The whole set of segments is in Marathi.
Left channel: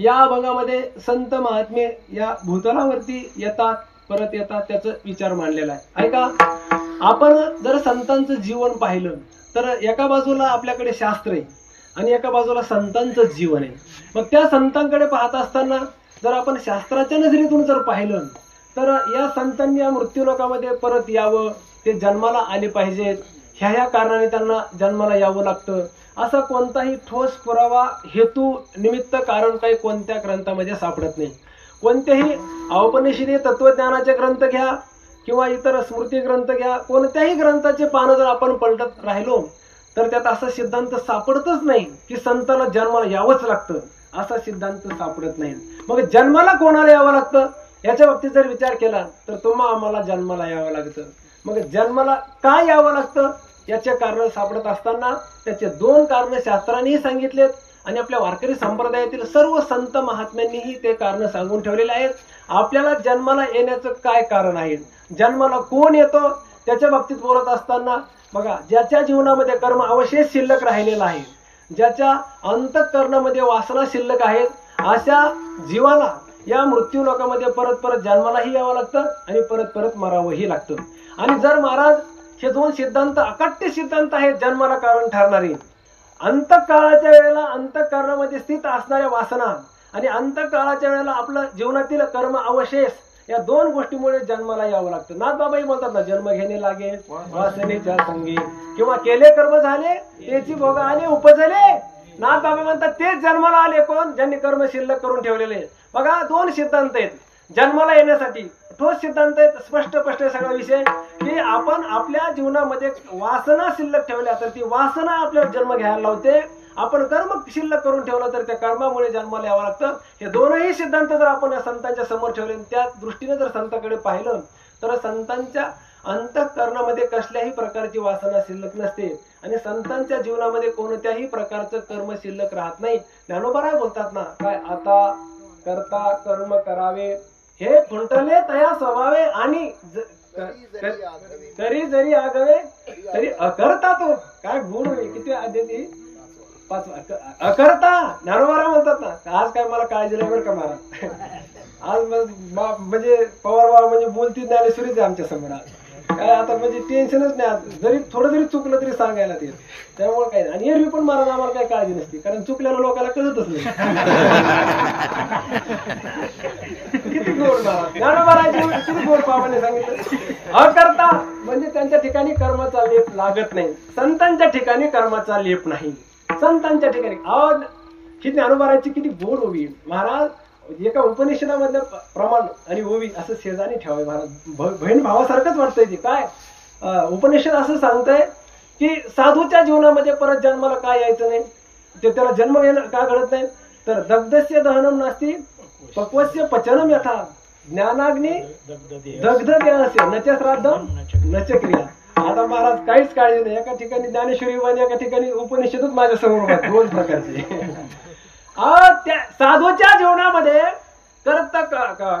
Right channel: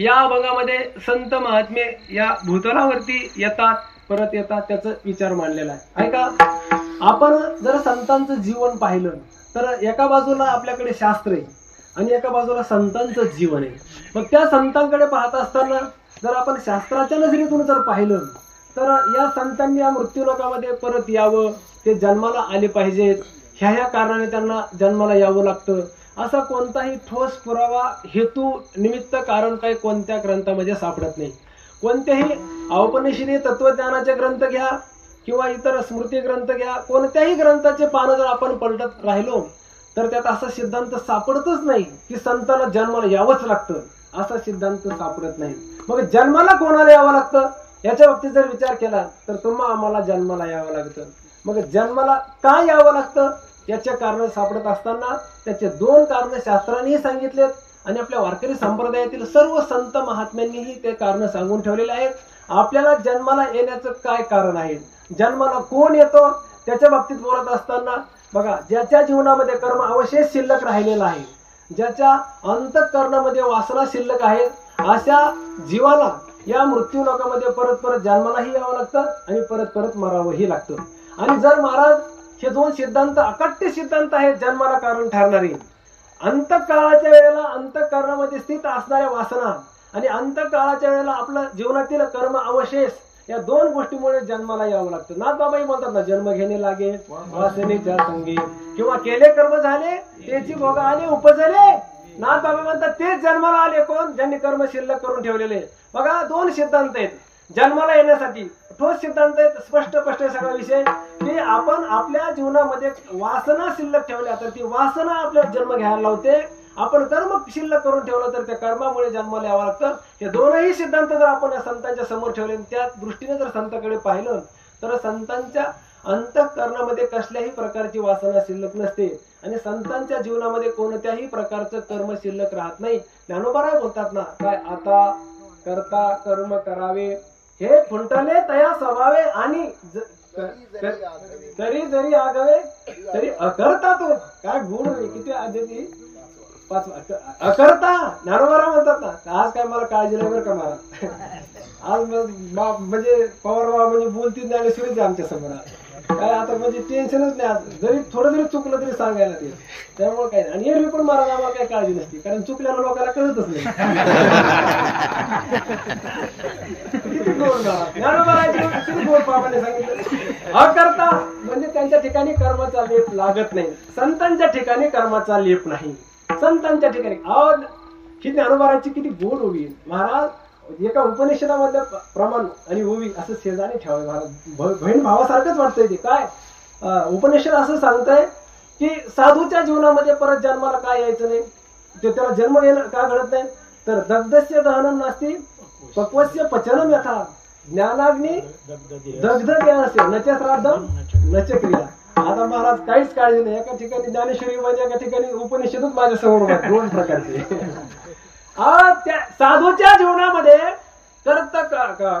या अभंगामध्ये संत महात्मे या भूतलावरती येतात, परत येतात, त्याचा विचार मांडलेला आहे. ऐका, आपण जर संतांचं जीवन पाहिलं तर एका बाजूला आपल्याकडे शास्त्र आहे आणि एका बाजूला संतांचं जीवन आहे. मग त्या संतांकडे पाहत असताना जर आपण शास्त्राच्या नजरेतून जर पाहिलं तर या संतांनी या मृत्यूलोकामध्ये परत यावं, ते जन्माला आले पाहिजेत, ह्या कारणाने त्यांना जन्माला यावं लागतं, असा कोणताही ठोस पुरावा, हेतू, निमित्त, कारण काही कोणत्या ग्रंथामध्ये सापडत नाही. कोणत्याही औपनिषदीय तत्वज्ञानाचे ग्रंथ घ्या किंवा इतर स्मृती ग्रंथ घ्या, कोणत्याही ग्रंथाचे पानं जर आपण पलटत राहिलो तर त्यात असा सिद्धांत सापडतच नाही की संतांना जन्माला यावंच लागतं, असा सिद्धांत सापडत नाही. मग जन्माला कोणाला यावं लागतं याच्या बाबतीत जर विचार केला तर तुम्हा आम्हाला जन्माला यावं लागतं. मग जन्माला का यावं लागतं याचे कारण सापडत असताना त्याचे दोन कारण शास्त्रानेही सांगितलेत आणि आपल्या वारकरी संप्रदायातील सर्व संत महात्म्यांनीही ते कारण सांगून ठेवलेले आहेत. आपल्याला जन्माला येण्याचं काय कारण आहे, जन्माला कोण येतो त्याच्या बाबतीत बोलत असताना बघा, ज्याच्या जीवनामध्ये कर्म अवशेष शिल्लक राहिलेला आहे, ज्याच्या अंतःकरणामध्ये वासना शिल्लक आहेत, अशा जीवाला या मृत्यू लोकामध्ये परत परत जन्मालाही यावं लागतं आणि परत परत मरावंही लागतं. आणि जर महाराज हे दोन सिद्धांत अकाट्य सिद्धांत आहेत जन्माला कारण ठरणारे, अंतकाळाच्या वेळेला अंतःकरणामध्ये स्थित असणाऱ्या वासना आणि अंतकाळाच्या वेळेला आपलं जीवनातील कर्म अवशेष, या दोन गोष्टीमुळे जन्माला यावं लागतं. नाथबाबाही बोलतात ना, जन्म घेणे लागे वासनेच्या संगी, किंवा केले कर्म झाले त्याची भोग आले उपजले. नाथबाबा म्हणतात तेच जन्माला आले कोण, ज्यांनी कर्म शिल्लक करून ठेवलेले. बघा, दोन सिद्धांत आहेत जन्माला येण्यासाठी, ठोस सिद्धांत आहेत, स्पष्ट स्पष्ट सगळा विषय की आपण आपल्या जीवनामध्ये वासना शिल्लक ठेवल्या तर ती वासना आपल्याला जन्म घ्यायला लावते, आपण कर्म शिल्लक करून ठेवलं तर त्या कर्मामुळे जन्माला यावं लागतं. हे दोनही सिद्धांत जर आपण संतांच्या समोर ठेवले, त्या दृष्टीने जर संतांकडे पाहिलं तर संतांच्या अंतःकरणामध्ये कसल्याही प्रकारची वासना शिल्लक नसते आणि संतांच्या जीवनामध्ये कोणत्याही प्रकारचं कर्म शिल्लक राहत नाही. ज्ञानोबा बोलतात ना, काय आता करता कर्म करावे हे खुंटले तया स्वभावे आणि तरी जरी आगवे तरी अकर्ता तो. काय गुण किती आधी पाच अकर्ता. ज्ञानोबा म्हणतात ना, आज काय मला काळजी नाही बरं का महाराज, आज म्हणजे पवार बाबा म्हणजे बोलती ज्ञानेश्वरीच आहे आमच्या समोर, काय आता म्हणजे टेन्शनच नाही, आज जरी थोडं जरी चुकलं तरी सांगायला ते, त्यामुळे काय नाही. आणि एरवी पण महाराज आम्हाला काही काळजी नसते, कारण चुकल्यानं लोकांना कळतच नाही. किती गोड महाराज, किती गोड बाबांनी सांगितलं. अकर्ता म्हणजे त्यांच्या ठिकाणी कर्माचा लेप लागत नाही, संतांच्या ठिकाणी कर्माचा लेप नाही. संतांच्या ठिकाणी ही ज्ञानोबाराची किती गोड ओवी महाराज. एका उपनिषदामधलं प्रमाण आणि ओवी असं शेजारी ठेवावे महाराज, बहीण भावासारखंच वाटतंय ते. काय उपनिषद असं सांगतंय की साधूच्या जीवनामध्ये परत जन्माला काय यायचं नाही, ते त्याला जन्म येणं का घडत नाही तर दग्धस्य दहनम नास्ति पक्वस्य पचनम यथा ज्ञानाग्नी दग्ध देहस्य नच श्राद्धम नच क्रिया. आता महाराज काहीच काळजी नाही, एका ठिकाणी ज्ञानेश्वरी आणि एका ठिकाणी उपनिषदच माझ्या समोर आहेत, दोन प्रकारचे. त्या साधूच्या जीवनामध्ये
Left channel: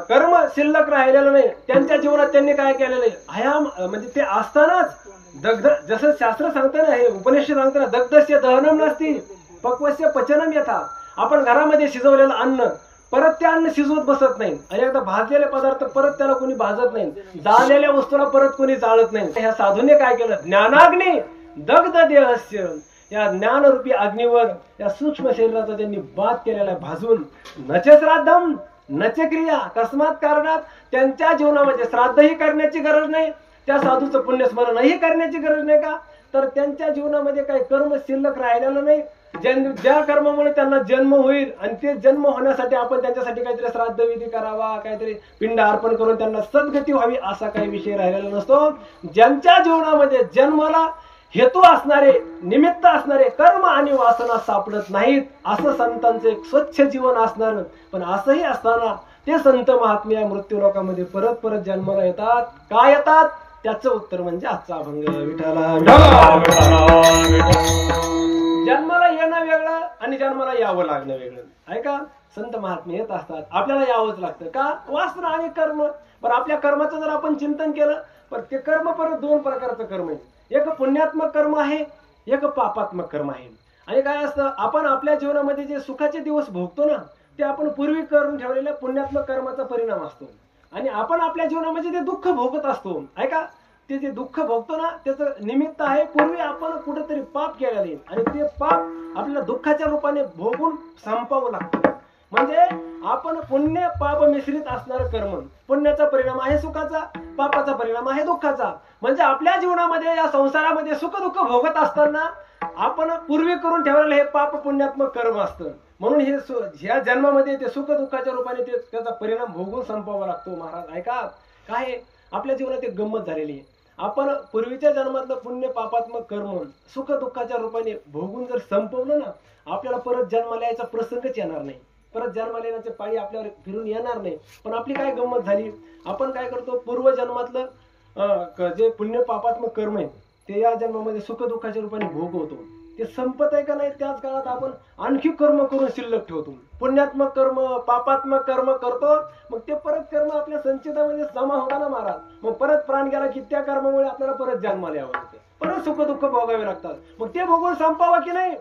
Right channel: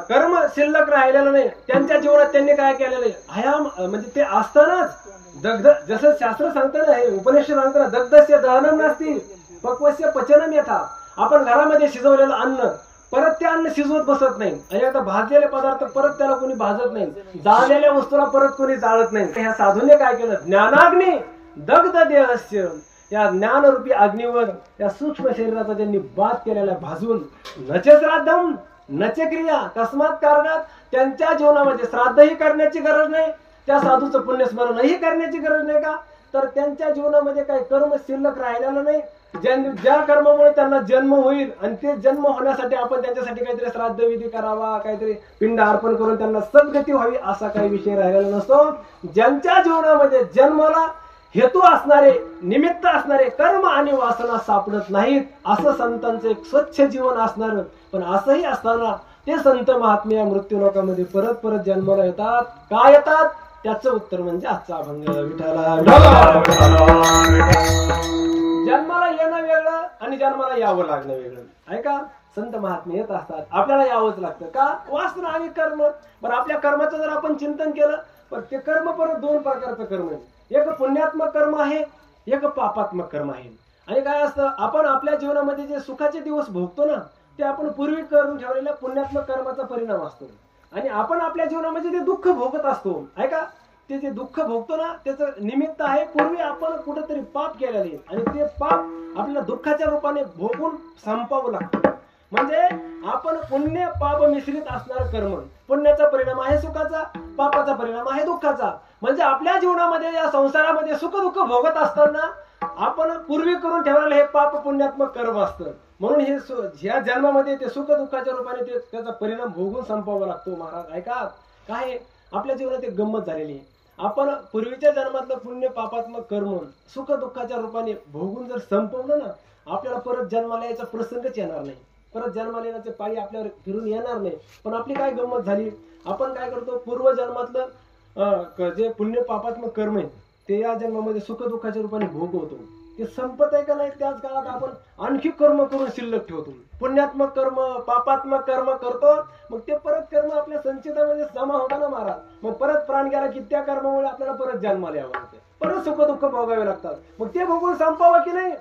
कर्म शिल्लक राहिलेलं नाही, त्यांच्या जीवनात त्यांनी काय केलेलं आहे, हयाम म्हणजे ते असतानाच दग्ध, जसं शास्त्र सांगतं ना, हे उपनिषद सांगतं ना, दग्धस्य दहनम नसती पक्वस्य पचनम यथा. आपण घरामध्ये शिजवलेलं अन्न परत ते अन्न शिजवत बसत नाही आणि आता भाजलेले पदार्थ परत त्याला कोणी भाजत नाही, जाळलेल्या वस्तूला परत कोणी जाळत नाही. ह्या साधूने काय केलं, ज्ञानाग्नी दग्ध देहस्य, या ज्ञानरूपी अग्नीवर त्या सूक्ष्म शरीराचा त्यांनी बाध केलेला आहे भाजून. नच श्राद्धम नच क्रिया, तस्मात कारणात त्यांच्या जीवनामध्ये श्राद्धही करण्याची गरज नाही, त्या साधूचं पुण्यस्मरणही करण्याची गरज नाही. का तर त्यांच्या जीवनामध्ये काही कर्म शिल्लक राहिलेलं नाही, ज्या कर्मामुळे त्यांना जन्म होईल आणि ते जन्म होण्यासाठी आपण त्यांच्यासाठी काहीतरी श्राद्ध विधी करावा, काहीतरी पिंड अर्पण करून त्यांना सद्गती व्हावी असा काही विषय राहिलेला नसतो. ज्यांच्या जीवनामध्ये जन्माला हेतू असणारे, निमित्त असणारे कर्म आणि वासना सापडत नाहीत, असं संतांचं एक स्वच्छ जीवन असणार. पण असंही असताना ते संत महात्म्या मृत्यू लोकांमध्ये परत परत जन्माला येतात. का येतात त्याचं उत्तर म्हणजे आजचा अभंग. विठाला जन्माला येणं वेगळं आणि जन्माला यावं लागणं वेगळं. ऐका, संत महात्मे येत असतात, आपल्याला यावंच लागतं. का वासना आणि कर्म. बरं, आपल्या कर्माचं जर आपण चिंतन केलं पण ते कर्म परत दोन प्रकारचं कर्म आहे, एक पुण्यात्मक कर्म आहे, एक पापात्मक कर्म आहे. आणि काय असतं, आपण आपल्या जीवनामध्ये जे सुखाचे दिवस भोगतो ना, ते आपण पूर्वी करून ठेवलेल्या पुण्यात्मक कर्माचा परिणाम असतो. आणि आपण आपल्या जीवनामध्ये ते दुःख भोगत असतो. ऐका, ते जे दुःख भोगतो ना, त्याचं निमित्त आहे पूर्वी आपण कुठेतरी पाप केलेले, आणि ते पाप आपल्याला दुःखाच्या रूपाने भोगून संपावं लागतं. म्हणजे आपण पुण्य पाप मिश्रित असणारं कर्म, पुण्याचा परिणाम आहे सुखाचा, पापाचा परिणाम आहे दुःखाचा. म्हणजे आपल्या जीवनामध्ये या संसारामध्ये सुख दुःख भोगत असताना आपण पूर्वी करून ठेवलेलं हे पाप पुण्यात्मक कर्म असतं. म्हणून हे ह्या जन्मामध्ये ते सुख दुःखाच्या रूपाने ते त्याचा परिणाम भोगून संपावा लागतो. महाराज ऐका, काय आपल्या जीवनात एक गंमत झालेली आहे. आपण पूर्वीच्या जन्मातलं पुण्य पापात्मक कर्म सुख दुःखाच्या रूपाने भोगून जर संपवलं ना, आपल्याला परत जन्माला यायचा प्रसंगच येणार नाही. परत जन्माला येण्याचे पाळी आपल्यावर फिरून येणार नाही. पण आपली काय गंमत झाली, आपण काय करतो, पूर्वजन्मातलं जे पुण्य पापात्मक कर्म आहे ते या जन्मामध्ये सुख दुःखाच्या रूपाने भोगवतो. ते संपत आहे का नाही, त्याच काळात आपण आणखी कर्म करून शिल्लक ठेवतो. पुण्यात्मक कर्म पापात्मक कर्म करतो, मग ते परत कर्म आपल्या संचितामध्ये जमा होता ना महाराज. मग परत प्राण गेला की त्या कर्मामुळे आपल्याला परत जन्माला यावं लागतं, परत सुख दुःख भोगावे लागतात. मग ते भोगून संपावं की नाही,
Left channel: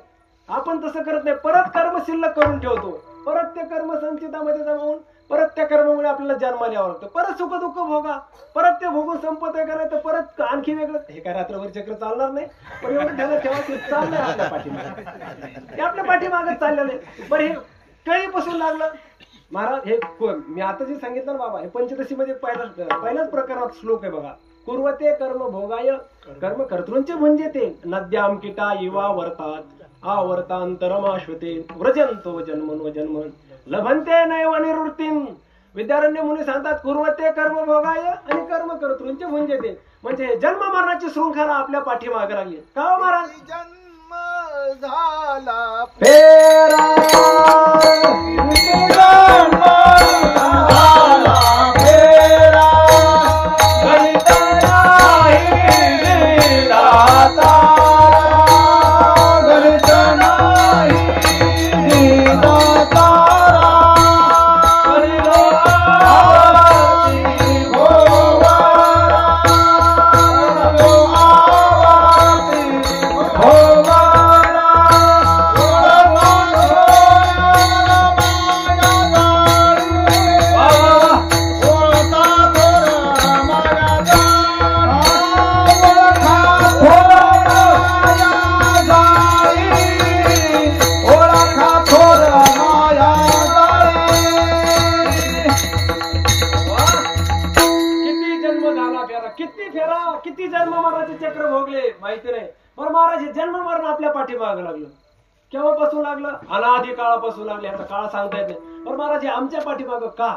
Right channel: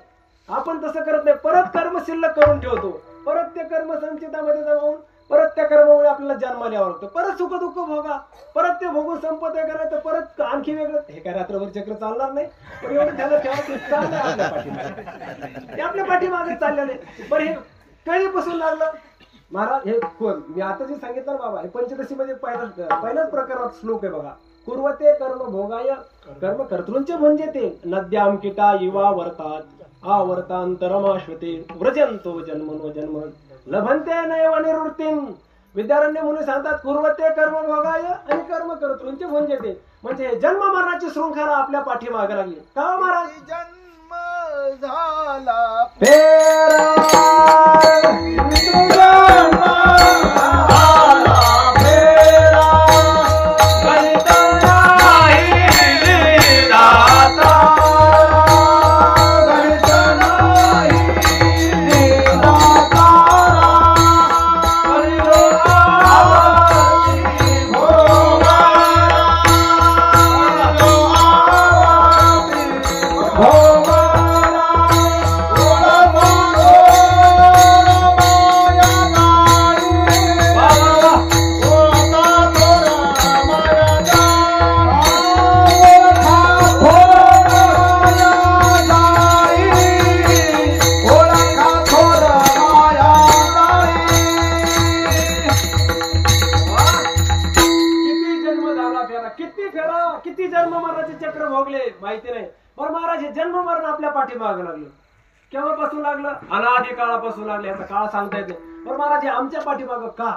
आपण तसं करत नाही. परत कर्म शिल्लक करून ठेवतो, परत ते कर्म संचितामध्ये जमा होऊन परत त्या कर्मामुळे आपल्याला जन्माला यावं लागतं. परत सुख दुःख भोगा, परत ते भोगून संपत आहे का नाही, तर परत आणखी वेगळं. हे काय रात्रभर चक्र चालणार नाही, पण एवढं ध्यानात ठेवा ते चाललंय आपल्या पाठीमागे, ते आपल्या पाठीमागच चाललेलं आहे. बरं, हे कळी बसून लागलं महाराज. हे कोण मी आता जे सांगितलं ना बाबा, हे पंचदशीमध्ये पहिल्याच प्रकरणात श्लोक आहे बघा. कुर्वते कर्म भोगाय कर्म कर्तृंचे म्हणजे ते नद्याम किटा युवा वर्तात आवर्तांतरमाश्वते व्रजंतो जन्मनो जन्म लभंते नैव निवृत्तीम. विद्यारण्य मुनी सांगतात कुर्वते कर्म भोगाय आणि कर्म कर्तृंचे म्हणजे ते, म्हणजे हे जन्म मरणाची शृंखला आपल्या पाठीमागे लागली. का महाराज, जन्म झाला फेरा किती जन्म मरणाचे चक्र भोगले माहिती नाही. बरं महाराज, हे जन्म मरण आपल्या पाठीमागं लागलं, केव्हापासून लागलं, अनादी काळापासून लागलं. याचा काळ सांगता येत नाही. बरं महाराज, हे आमच्या पाठीमागं का,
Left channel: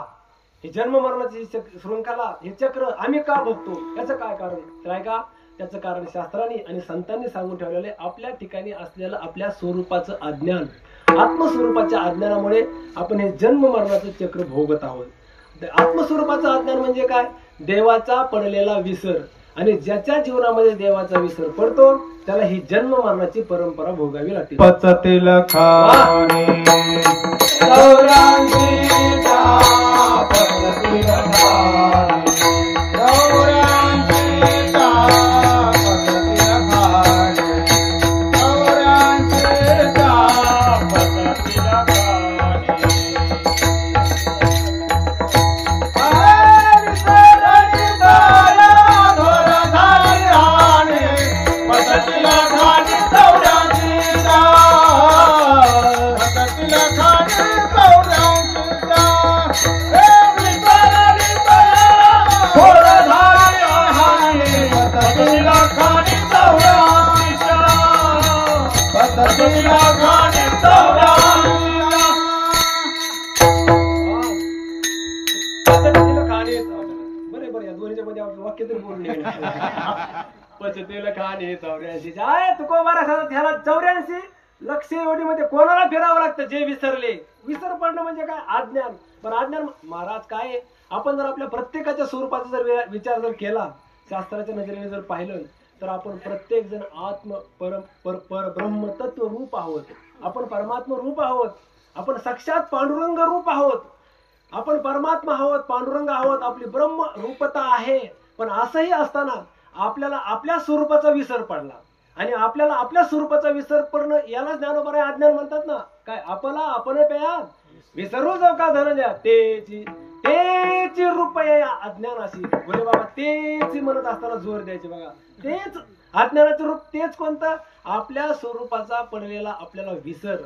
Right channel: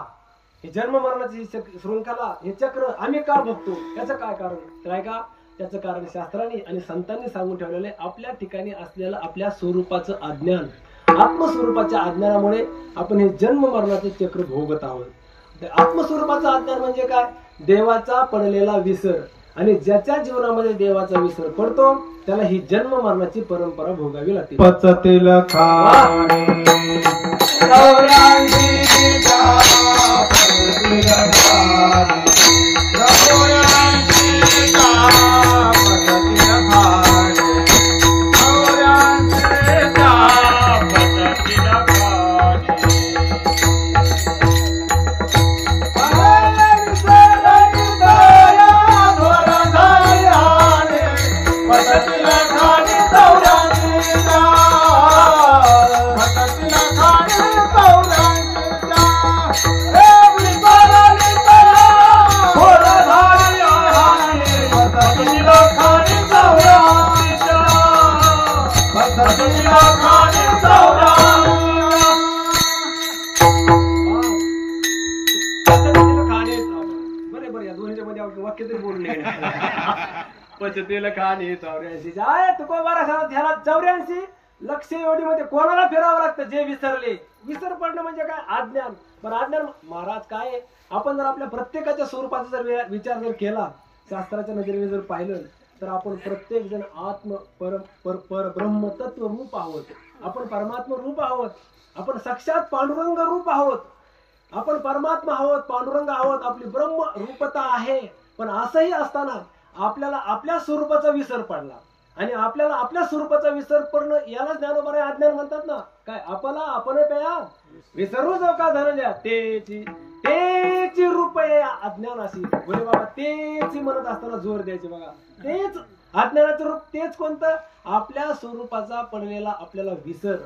हे जन्म मरणाची शृंखला, हे चक्र आम्ही का भोगतो, याचं काय कारण काय का, त्याचं कारण शास्त्रांनी आणि संतांनी सांगून ठेवलेलं आहे. आपल्या ठिकाणी असलेलं आपल्या स्वरूपाचं अज्ञान, आत्मस्वरूपाच्या अज्ञानामुळे आपण हे जन्म मरणाचं चक्र भोगत आहोत. आत्मस्वरूपाचं अज्ञान म्हणजे काय, देवाचा पडलेला विसर. आणि ज्याच्या जीवनामध्ये देवाचा विसर पडतो त्याला ही जन्म मरणाची परंपरा भोगावी लागते. पचतील पचतेल खाणे 84 आहे तुकोबारा सांगत. ह्याला 84 लक्ष एवढीमध्ये कोणाला फिरावं लागतं, जे विसरले. विसर पडणं म्हणजे काय, अज्ञान. पण अज्ञान महाराज काय, आपण जर आपल्या प्रत्येकाच्या स्वरूपाचा जर विचार जर केला, शास्त्राच्या नजरेने जर पाहिलं, तर आपण प्रत्येक जण आत्म पर ब्रह्म तत्व रूप आहोत. आपण परमात्मा रूप आहोत, आपण साक्षात पांडुरंग रूप आहोत, आपण परमात्मा आहोत, पांडुरंग आहोत, आपली ब्रह्म रूपता आहे. पण असंही असताना आपल्याला आपल्या स्वरूपाचा विसर पडला. आणि आपल्याला आपल्या स्वरूपाचा विसर पडणं याला ज्ञानोबा अज्ञान म्हणतात ना. काय आपला आपण पेया विसरू जाऊ का धनंजया तेची रुपये अज्ञान अशी बोले बाबा तेची म्हणत असताना जोर द्यायचे बघा. तेच अज्ञानाचं रूप तेच कोणतं आपल्या स्वरूपाचा पडलेला आपल्याला विसर.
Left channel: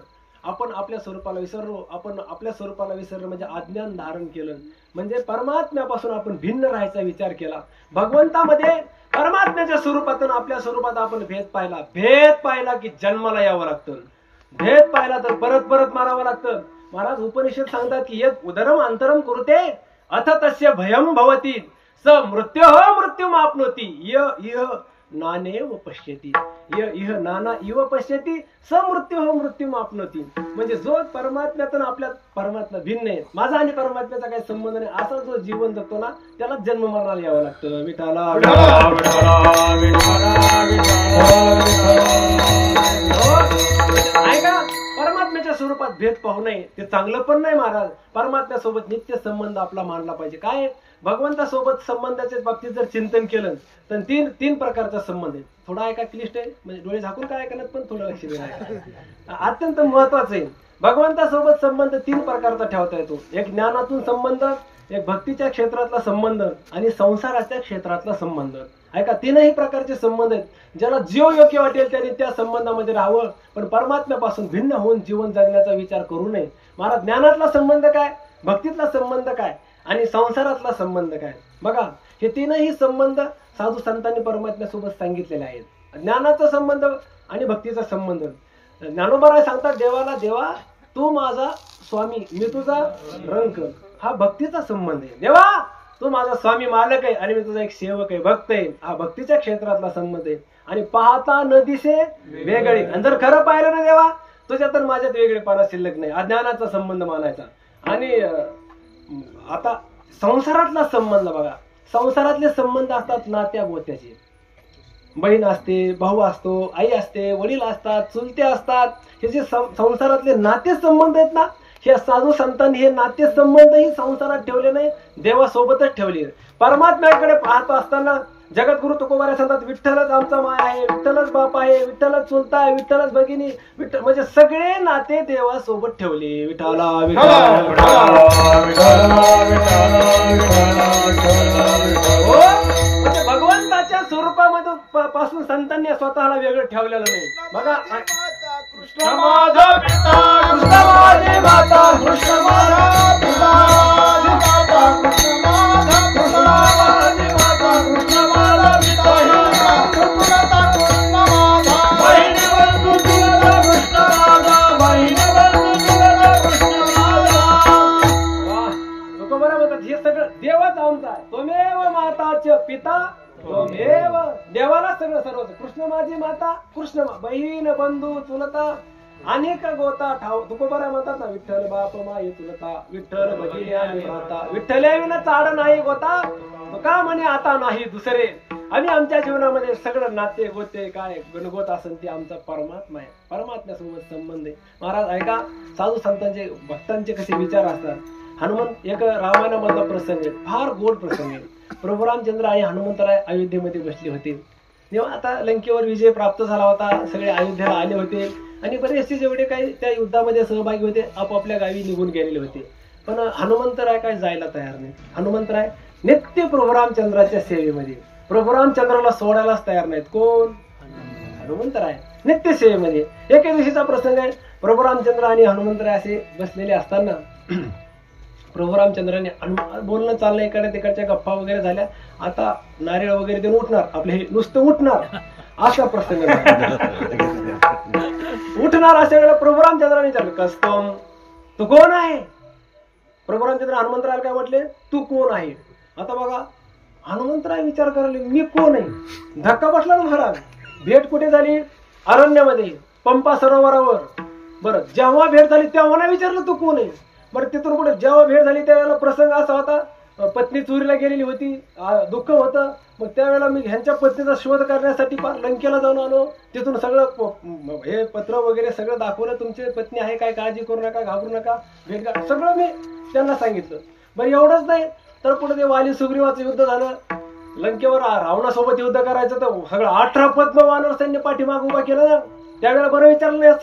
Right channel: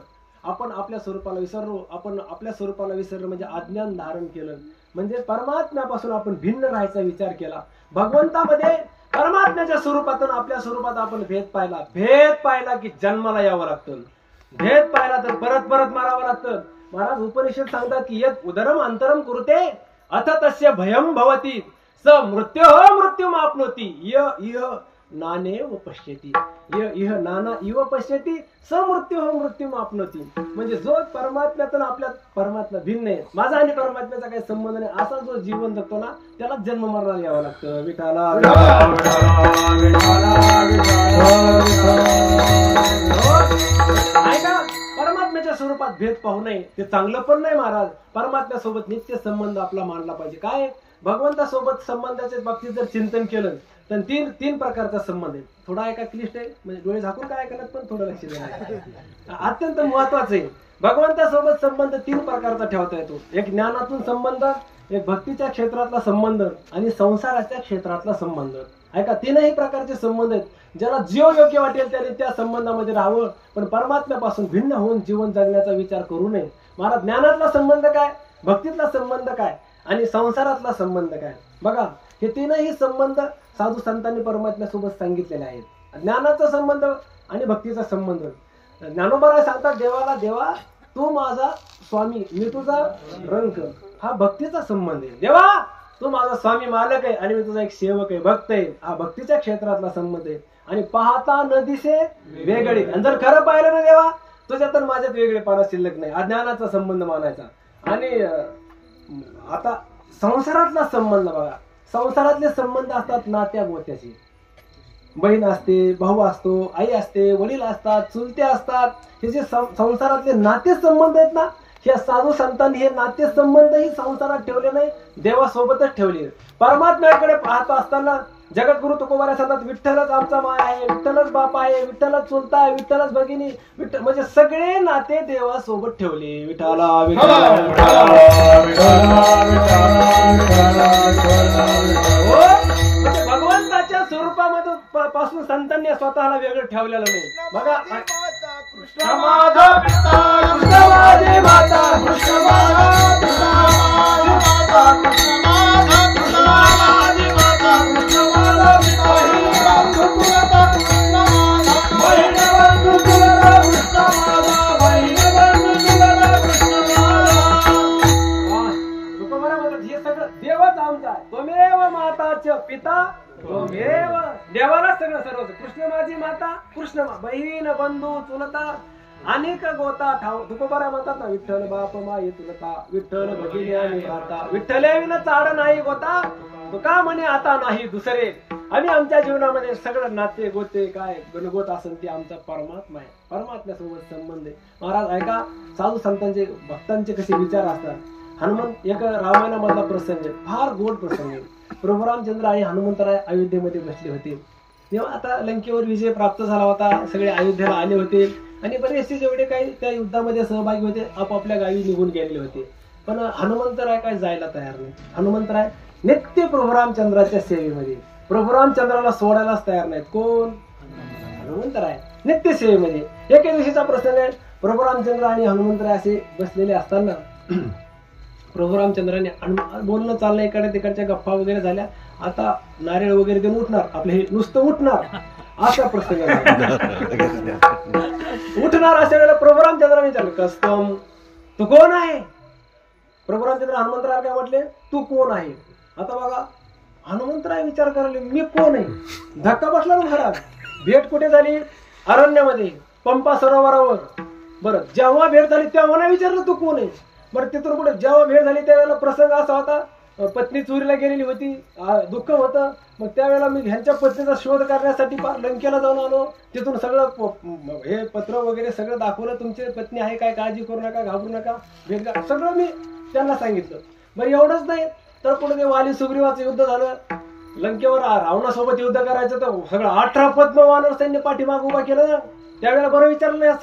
आपण आपल्या स्वरूपाला विसरलो आपण आपल्या स्वरूपाला विसरलो म्हणजे अज्ञान धारण केलं म्हणजे परमात्म्यापासून आपण भिन्न राहायचा विचार केला. भगवंतामध्ये परमात्म्याच्या स्वरूपातून आपल्या स्वरूपात आपण भेद पाहिला की जन्माला यावं लागतं. भेद पाहिला तर परत परत मारावं लागतं. महाराज उपनिषद सांगतात की यत् उदरम अंतरम कुरुते अथ तस्य भयम भवति स मृत्यु माप्नोति य नानेव पश्यति इह नाना इव पश्यति स मृत्यु माप्नोति. म्हणजे जो परमात्म्यातून आपल्या परमात्मा भिन्न आहे माझा आणि परमात्म्याचा काही संबंध नाही असा जो जीवन जगतो ना त्याला जन्म मरणाला यावं लागतं. विठाला ऐका परमात्म्याच्या स्वरूपात भेद पाहू नये ते चांगलं पण नाही महाराज. परमात्म्यासोबत नित्य संबंध आपला मानला पाहिजे. काय भगवंतासोबत संबंधाच्या बाबतीत जर चिंतन केलं तर तीन प्रकारचा संबंध आहे. थोडा ऐका क्लिष्ट आहे म्हणजे डोळे झाकून काय ऐकणार पण थोडं लक्ष द्या. अत्यंत महत्वाचं आहे. भगवंतासोबत संबंध 3 प्रकारचा ठेवता येतो. एक ज्ञानातून संबंध एक भक्तीच्या क्षेत्रातला संबंध आणि संसाराच्या क्षेत्रातला संबंध. ऐका 3ही प्रकारचे संबंध आहेत. ज्याला जीव योग्य वाटेल त्याने त्या संबंधामध्ये राहावं पण परमात्म्यापासून भिन्न होऊन जीवन जगण्याचा विचार करू नये. मला ज्ञानातला संबंध काय भक्तीतला संबंध काय आणि संसारातला संबंध काय बघा. हे 3ही संबंध साधू संतांनी परमात्म्यासोबत सांगितलेले आहेत. ज्ञानाचा संबंध आणि भक्तीचा संबंध. ज्ञानोबा सांगतात देवाला देवा तू माझा स्वामी मी तुझा रंक. हा भक्तीचा संबंध आहे. देवा तू माझा स्वामी मालक आहे आणि मी तुझा एक सेवक आहे भक्त आहे. हा भक्तीच्या क्षेत्रातला संबंध आहे. आणि पाहता न दिसे वेगळे आणि जर खरं पाहिलं ना देवा तुझ्या तर माझ्यात वेगळेपणा शिल्लक नाही अज्ञानाचा संबंध मानायचा. आणि आता संसारातला संबंध बघा. संसारातले संबंध असतात नात्या गोत्याचे. बहीण असते भाऊ असतो आई असते वडील असतात चुलते असतात. हे जे संसारातले नाते संबंध आहेत ना हे साधू संतांनी हे नाते संबंधही संसारात ठेवले नाही देवासोबतच ठेवले. परमात्म्याकडे पाहतो असताना जगद्गुरु तुकोबारा सांगतात विठ्ठलच आमचा माय आहे विठ्ठलच बाप आहे विठ्ठलच चुलता आहे विठ्ठलच भगिनी विठ्ठल म्हणजे सगळे नाते देवासोबत ठेवले. विठाला म्हणजे भगवंताच्या स्वरूपामध्ये पासून संतांनी स्वतःला वेगळं ठेवलेलं नाही. बघा कृष्ण माझा पिता कृष्ण माझी माता कृष्ण माझा पिता कृष्ण माझा कृष्ण माझी माता कृष्ण माझा पिता बहीण बंधू तुला कृष्ण माझा बहीण बंधू तुला कृष्ण माझा. तुकोबारा म्हणतात हे सगळं देवच आमचा आहे. त्वमेव माताच पिता त्वमेव देवाला सगळं सर्व. कृष्ण माझी माता कृष्ण बहीण बंधू चुलता अनेक गोता ठाव. तुकोबारा म्हणतात ना विठ्ठल बाप माई चुलता विठ्ठल भगिनी आणि भ्राता विठ्ठल्या विना चाड नाही गोता तुका म्हणे आता नाही दुसरे. आणि आमच्या जीवनामध्ये सगळं नाते गोते काय गणगोत असेल ते आमचा परमात्मा आहे. परमात्म्यासोबत संबंध आहे. महाराज ऐका साधू संतांचे भक्तांचे कसे विचार असतात. हनुमंत एक रामायणामधला प्रसंग आहे फार गोड प्रसंग आहे. प्रभू रामचंद्र आणि हनुमंतराय अयोध्येमध्ये बसले होते तेव्हा आता लंकेवर विजय प्राप्त झाला होता. सगळे अयोध्येला आले होते आणि बरेचसे जेवढे काही त्या युद्धामध्ये सहभागी होते आपापल्या गावी निघून गेलेले होते. पण हनुमंतराय काय जायला तयार नाही. हनुमंतराय नित्य प्रभू रामचंद्राच्या सेवेमध्ये प्रभू रामचंद्राला सोडायलाच तयार नाहीत. कोण हनुमंतराय नित्य सेवेमध्ये. एके दिवशीचा प्रसंग आहे. प्रभू रामचंद्र आणि हनुमंतराय असे बसलेले असताना प्रभू रामचंद्राने बोलणं चाललं इकडे तिकडच्या गप्पा वगैरे झाल्या. आता नारळ वगैरे देऊन उठणार आपले हे नुसतं उठणार असा प्रसंग उठणार अशा वेळेला प्रभू रामचंद्राने विचारलं कस्तम तू कोण आहे. प्रभू रामचंद्र हनुमंतरायला काय म्हटले तू कोण आहे. आता बघा हनुमंतराय विचार करायला मी कोण आहे. धक्का बसला ना महाराज. भेट कुठे झाली अरण्यामध्ये पंपा सरोवरावर. बरं जेव्हा भेट झाली तेव्हा नाही विचारलं तू कोण आहे. बरं तिथून पुढे जेव्हा भेट झाली त्यावेळेला प्रसंग असा होता पत्नी चोरीला गेलेली होती दुःख होतं. मग त्यावेळेला मी ह्यांच्या पत्नीचा शोध करण्यासाठी लंकेला जाऊन आलो. तिथून सगळं हे पत्र वगैरे सगळं दाखवलं. तुमची पत्नी आहे काय काळजी करू नका घाबरू नका भेट सगळं मी त्यांना सांगितलं. बरं एवढंच नाही तर पुढे ते वाली सुग्रीवाचं युद्ध झालं. लंकेवर रावणासोबत युद्ध करायचं तर सगळं 18 पद्म वानर सैन्य पाठीमाग उभा केलं ना. त्यावेळेला बरं विचारलं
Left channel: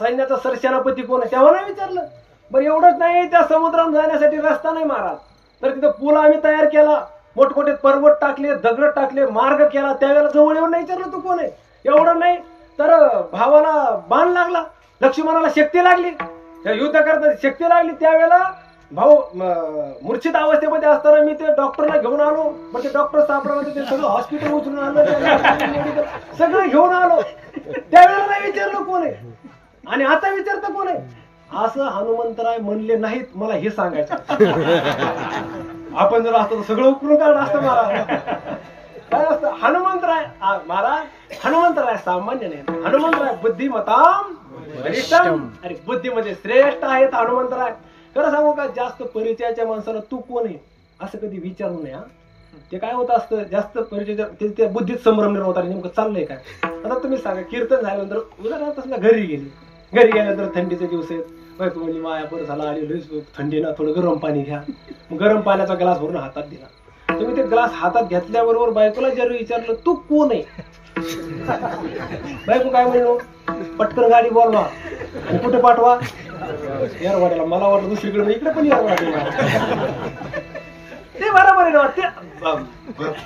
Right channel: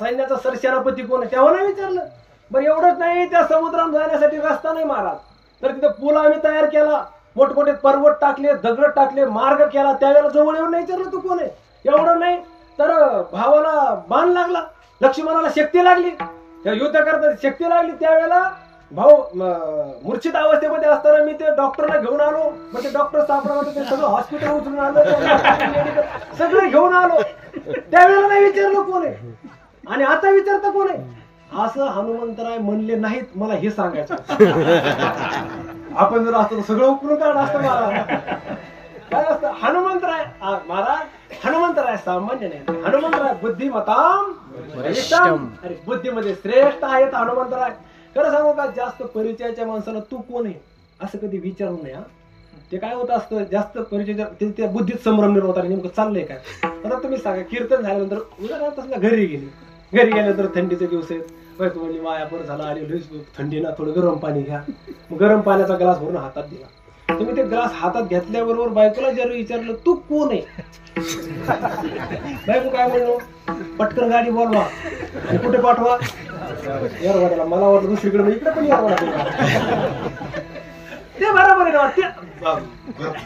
सैन्याचा सरसेनापती कोण आहे, तेव्हा नाही विचारलं. बरं एवढंच नाही, त्या समुद्रात जाण्यासाठी रस्ता नाही महाराज, तर तिथं पूल आम्ही तयार केला, मोठमोठे पर्वत टाकले, दगड टाकले, मार्ग केला. त्यावेळेला जवळ येऊन नाही विचारलं तू कोण आहे. एवढं नाही तर भावाला बाण लागला, लक्ष्मणाला शक्ती लागली, युद्ध करता शक्ती लागली. त्यावेळेला भाऊ मूर्छित अवस्थेमध्ये असताना मी ते डॉक्टरला घेऊन आलो. मग ते डॉक्टर सापडा ते सगळं हॉस्पिटल उचलून आलं, सगळं घेऊन आलो. त्यावेळेला नाही विचारलं कोण आहे आणि आता विचारता कोण आहे, असं हनुमंतराय म्हणले नाहीत. मला हे सांगायचं, आपण जर असतं सगळं उकरून काढलं असतं महाराज. काय असतं हनुमंतराय महाराज, हनुमंतराय सामान्य नाही, हनुमंतराय बुद्धिमताम वरिष्ठम. अरे बुद्धीमध्ये श्रेष्ठ आहेत हनुमंतराय. खरं सांगू का, जास्त परिचयाच्या माणसाला तू कोण आहे असं कधी विचारू नये. ते काय होत असतं, जास्त परिचय त्या बुद्धीत संभ्रम निर्माण होता. नेमकं चाललंय काय. आता तुम्ही सांगा, कीर्तन झाल्यानंतर उदाहरणार्थ घरी गेल्यानंतर थंडीचे दिवस आहेत, बायको म्हणजे माया बरं झाला आली थंडी ना, थोडं गरम पाणी घ्या. गरम पाण्याचा ग्लास भरून हातात दिला. तुम्ही ते ग्लास हातात घेतल्याबरोबर बायकोला जर विचारलं तू कोण आहे, बायको काय म्हणलो, पटकन गाडी बोलवा आणि कुठे पाठवा, येरवाड्याला. मला वाटलं दुसरीकडे, इकडे पण येरवाडा. ते बरोबर आहे ना, ते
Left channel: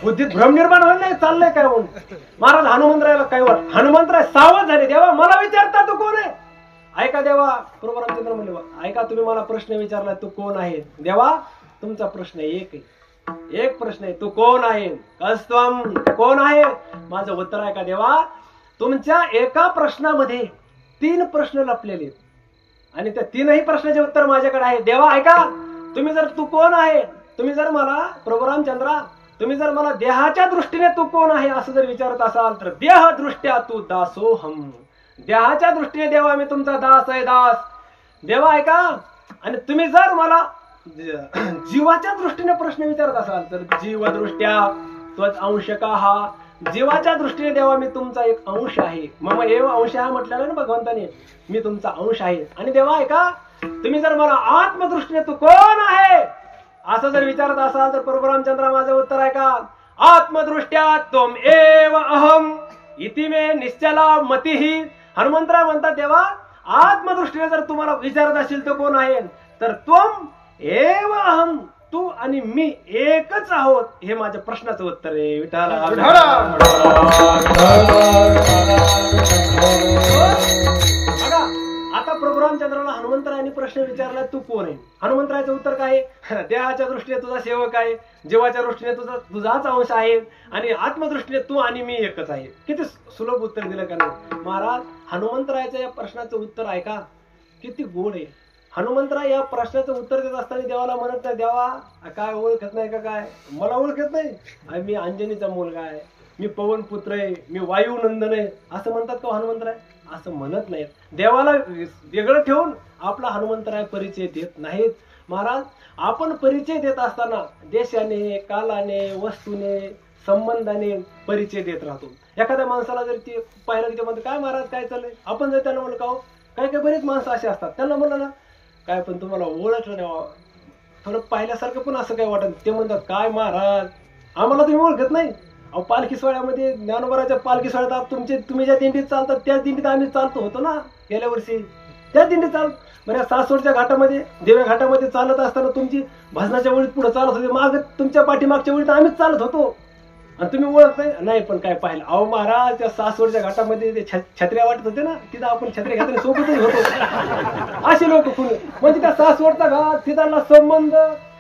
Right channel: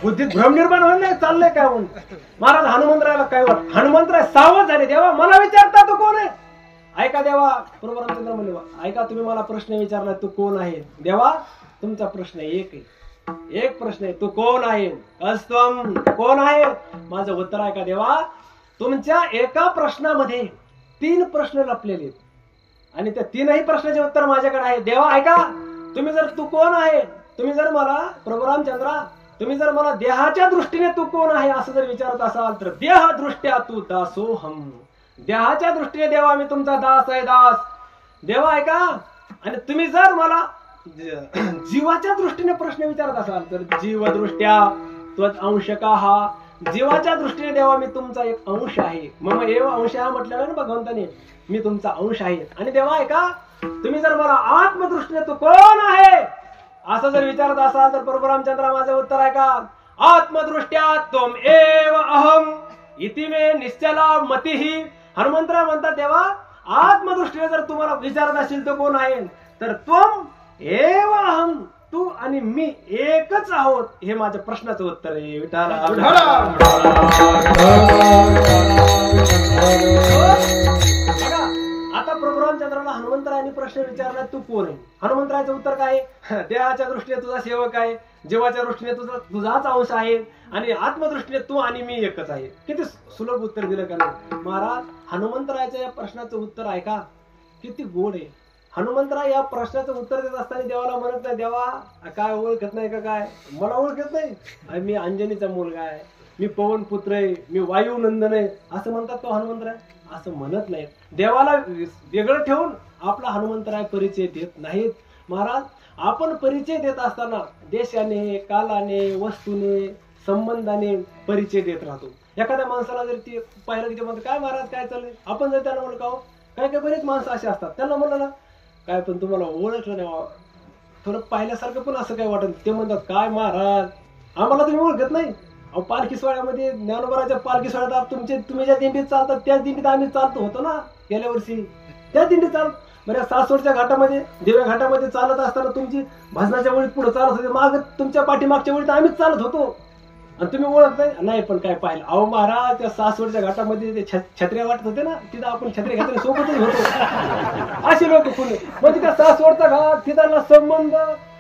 बुद्धीत भ्रम निर्माण होईल नाही, चाललंय काय म्हणून. महाराज हनुमंतरायला काय वाटत, हनुमंतराय सावध झाले. देवा मला विचारता तू कोण आहे. ऐका देवा, प्रभू रामचंद्र म्हणले, ऐका तुम्ही मला प्रश्न विचारला तू कोण आहे. देवा तुमचा प्रश्न एक आहे, एक प्रश्न आहे, तू कोण आहे, कस्तम कोण आहे. माझं उत्तर आहे का देवा, तुमच्या एका प्रश्नामध्ये 3 प्रश्न लपलेले आणि त्या 3ही प्रश्नाचे उत्तर माझ्याकडे आहे. देवा ऐका, तुम्ही जर तू कोण आहे, तुम्ही जर मला प्रभू रामचंद्रा, तुम्ही जर मला देहाच्या दृष्टीने तू कोण आहे असं जर विचारत असाल तर देह दृष्ट्या तू दासोहम. देहाच्या दृष्टीने देवा मी तुमचा दास आहे, दास. देवा ऐका, आणि तुम्ही जर मला जीवाच्या दृष्टीने प्रश्न विचारत असाल तर जीवदृष्ट्या त्वच अंशका हा. जीवाच्या दृष्टीने देवा मी तुमचा एक अंश आहे. मग एव अंश हा म्हटलेला ना भगवंताने, मी तुमचा अंश आहे. आणि देवा ऐका, तुम्ही जर मला आत्मदृष्टीने तू कोण आहे असं जर विचारत असाल तर प्रभू रामचंद्र माझं उत्तर आहे का, आत्मदृष्ट्या त्वम एव अहम इति मे निश्चला मतिही. हनुमंतराय म्हणतात देवा आत्मदृष्टीने जर तुम्हाला विचारत असेल तो कोण आहे तर त्वम एव अहम, तू आणि मी एकच आहोत, हे माझ्या प्रश्नाचं उत्तर आहे. विठाला आता प्रभू रामचंद्राला हनुमंतरायांनी प्रश्न विचारला तू कोण आहे. हनुमंतरायचं उत्तर काय आहे, देहाच्या दृष्टीने तुझा सेवक आहे, जीवाच्या दृष्टीने तुझाच अंश आहे आणि आत्मदृष्टीने तू आणि मी एकच आहे. किती सुलभ उत्तर दिलं का नाही महाराज. हनुमंतरायाच्या या प्रश्नाचं उत्तर ऐका, किती गोड आहे. हनुमंतराय या प्रश्नाचं उत्तर देत असताना देवाला म्हणत नाही, देवा काय ओळखत नाही का, काय मला ओळखत नाही, मी अंजनीचा मुलगा आहे, मी पवन पुत्र आहे, मी वायू नंदन आहे असं म्हणतात तो हनुमंतराय. असं म्हणत नाहीत. देवाला वेगळं ठेवून आपला हनुमंतराय परिचय देत नाहीत. महाराज आपण परिचय देत असताना देशाने, कालाने, वस्तूने, संबंधाने परिचय देत राहतो. एखाद्या माणसाला जर ते पाहिलं की ते म्हणतात काय महाराज काय चाललंय, आपण जर त्यांना म्हणलं का हो, काय काय बरेच माणसं असे असतात, त्यांना म्हणलं ना काय पण तुम्हाला ओळखलं नाही, थोडं पाहिल्यासारखं पण असं काय वाटत. ते म्हणतात काय महाराज आम्हाला तुम्ही ओळखत नाही. अहो पालखी सोहळ्यामध्ये ज्ञानोबाराच्या पालखी सोहळ्यात तुम्ही ज्या दिंडीत चालतात त्याच दिंडीत आम्ही चालतो होतो ना गेल्या वर्षी, त्याच दिंडीत चालत. म्हणजे सासवडच्या घाटामध्ये, देव्या घाटामध्ये चालत असताना तुमची भजनाच्या वेळीत पुढे चालत होते, माग तुमच्या पाठीमागच्या वेळीत आम्हीच चालत होतो आणि तुम्ही ओळख नाही. पण काय पाहिलं, अहो महाराज त्या सासवडच्या घाटामध्ये ते छत्र्या वाटत होते ना, तिथं आपण छत्र्या घेताना सोबतच होतो. असे लोक कोणी म्हणजे त्या सासवडचा घाट तिथला संबंध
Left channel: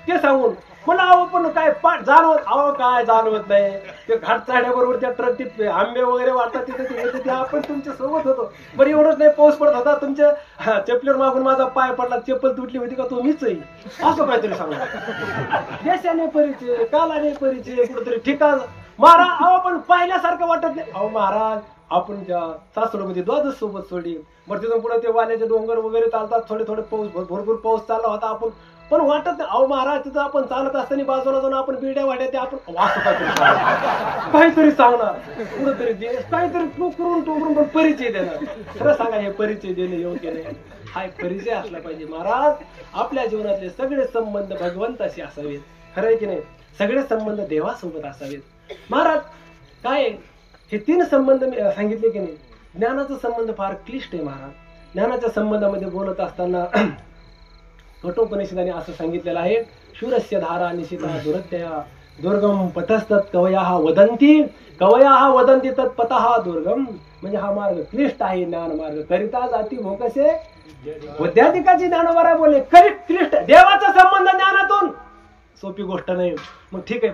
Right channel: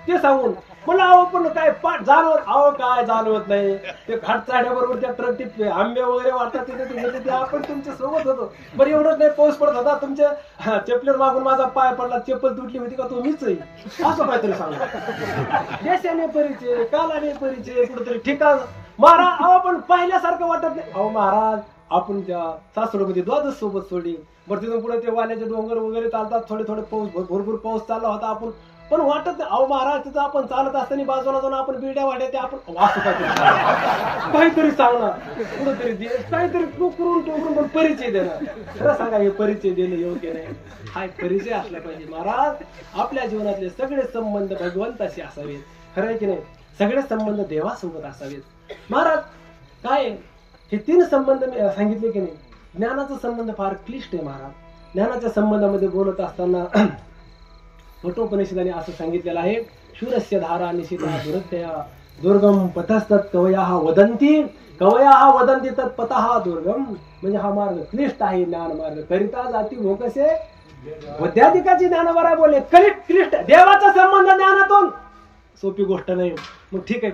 ते सांगून म्हणलं अहो पण काय जाणवत, अहो काय जाणवत नाही. ते घाट चढण्याबरोबर त्या ट्रक आंबे वगैरे वाटतात तिथे ते आपण तुमच्या सोबत होतो. बरं एवढंच नाही, पाऊस पडत होता, तुमच्या चपलीवर मागून माझा पाय पडला, चप्पल तुटली होती का तो मीच आहे असं काहीतरी सांगणार. देशाने परिचय, कालाने परिचय, कुठेतरी ठिकाण. महाराज अहो पण पाहिल्यासारखं वाटत नाही. अहो महाराज आपण त्या सासवडमध्ये द्वादश सोबत सोडली, बरं तिथून पुढे ते वाल्याचे डोंगर वगैरे चालतात, थोडे थोडे पाऊस, भरपूर पाऊस चालला होता, आपण पण वाटत नाही. अहो महाराज तिथं आपण चालत असताना बाजूला जाऊन आपण बिड्या वाड्या ते आपण वाचू काहीतरी सांगणार, कुठंतरी काहीतरी टोकरून पण परिचय देणार. खरं सांगा हे परिचय देणं योग्य नाही. हा परिचय असला पाहिजे. महाराज आपल्या जीवनातले सगळे संबंध भगवंताशी असावेत, खरं आहे की नाही, सगळे संबंध देवासोबत असावेत. महाराज काय हे 3 संबंध मी सांगितले की नाही. ज्ञानाचा संबंध फार क्लिष्ट आहे महाराज. ज्ञानाच्या संबंधामध्ये बोलत असताना कठोपनिषदाने असं सांगितलेलं आहे, शूरस्य धारा निशिता दुरत्या दुर्गम पथस्तत् कवयाः वदन्ति कवयाः वदन्ति तत्पथः दुर्गम. म्हणजे हा मार्ग क्लिष्ट आहे, ज्ञान मार्ग करिता जाती भोकसे बुद्ध्याधिकाची ज्ञानवरा बोले. क्लिष्ट देवाचा संबंध ज्ञानातून सोपी गोष्ट नाही. मग ठीक आहे,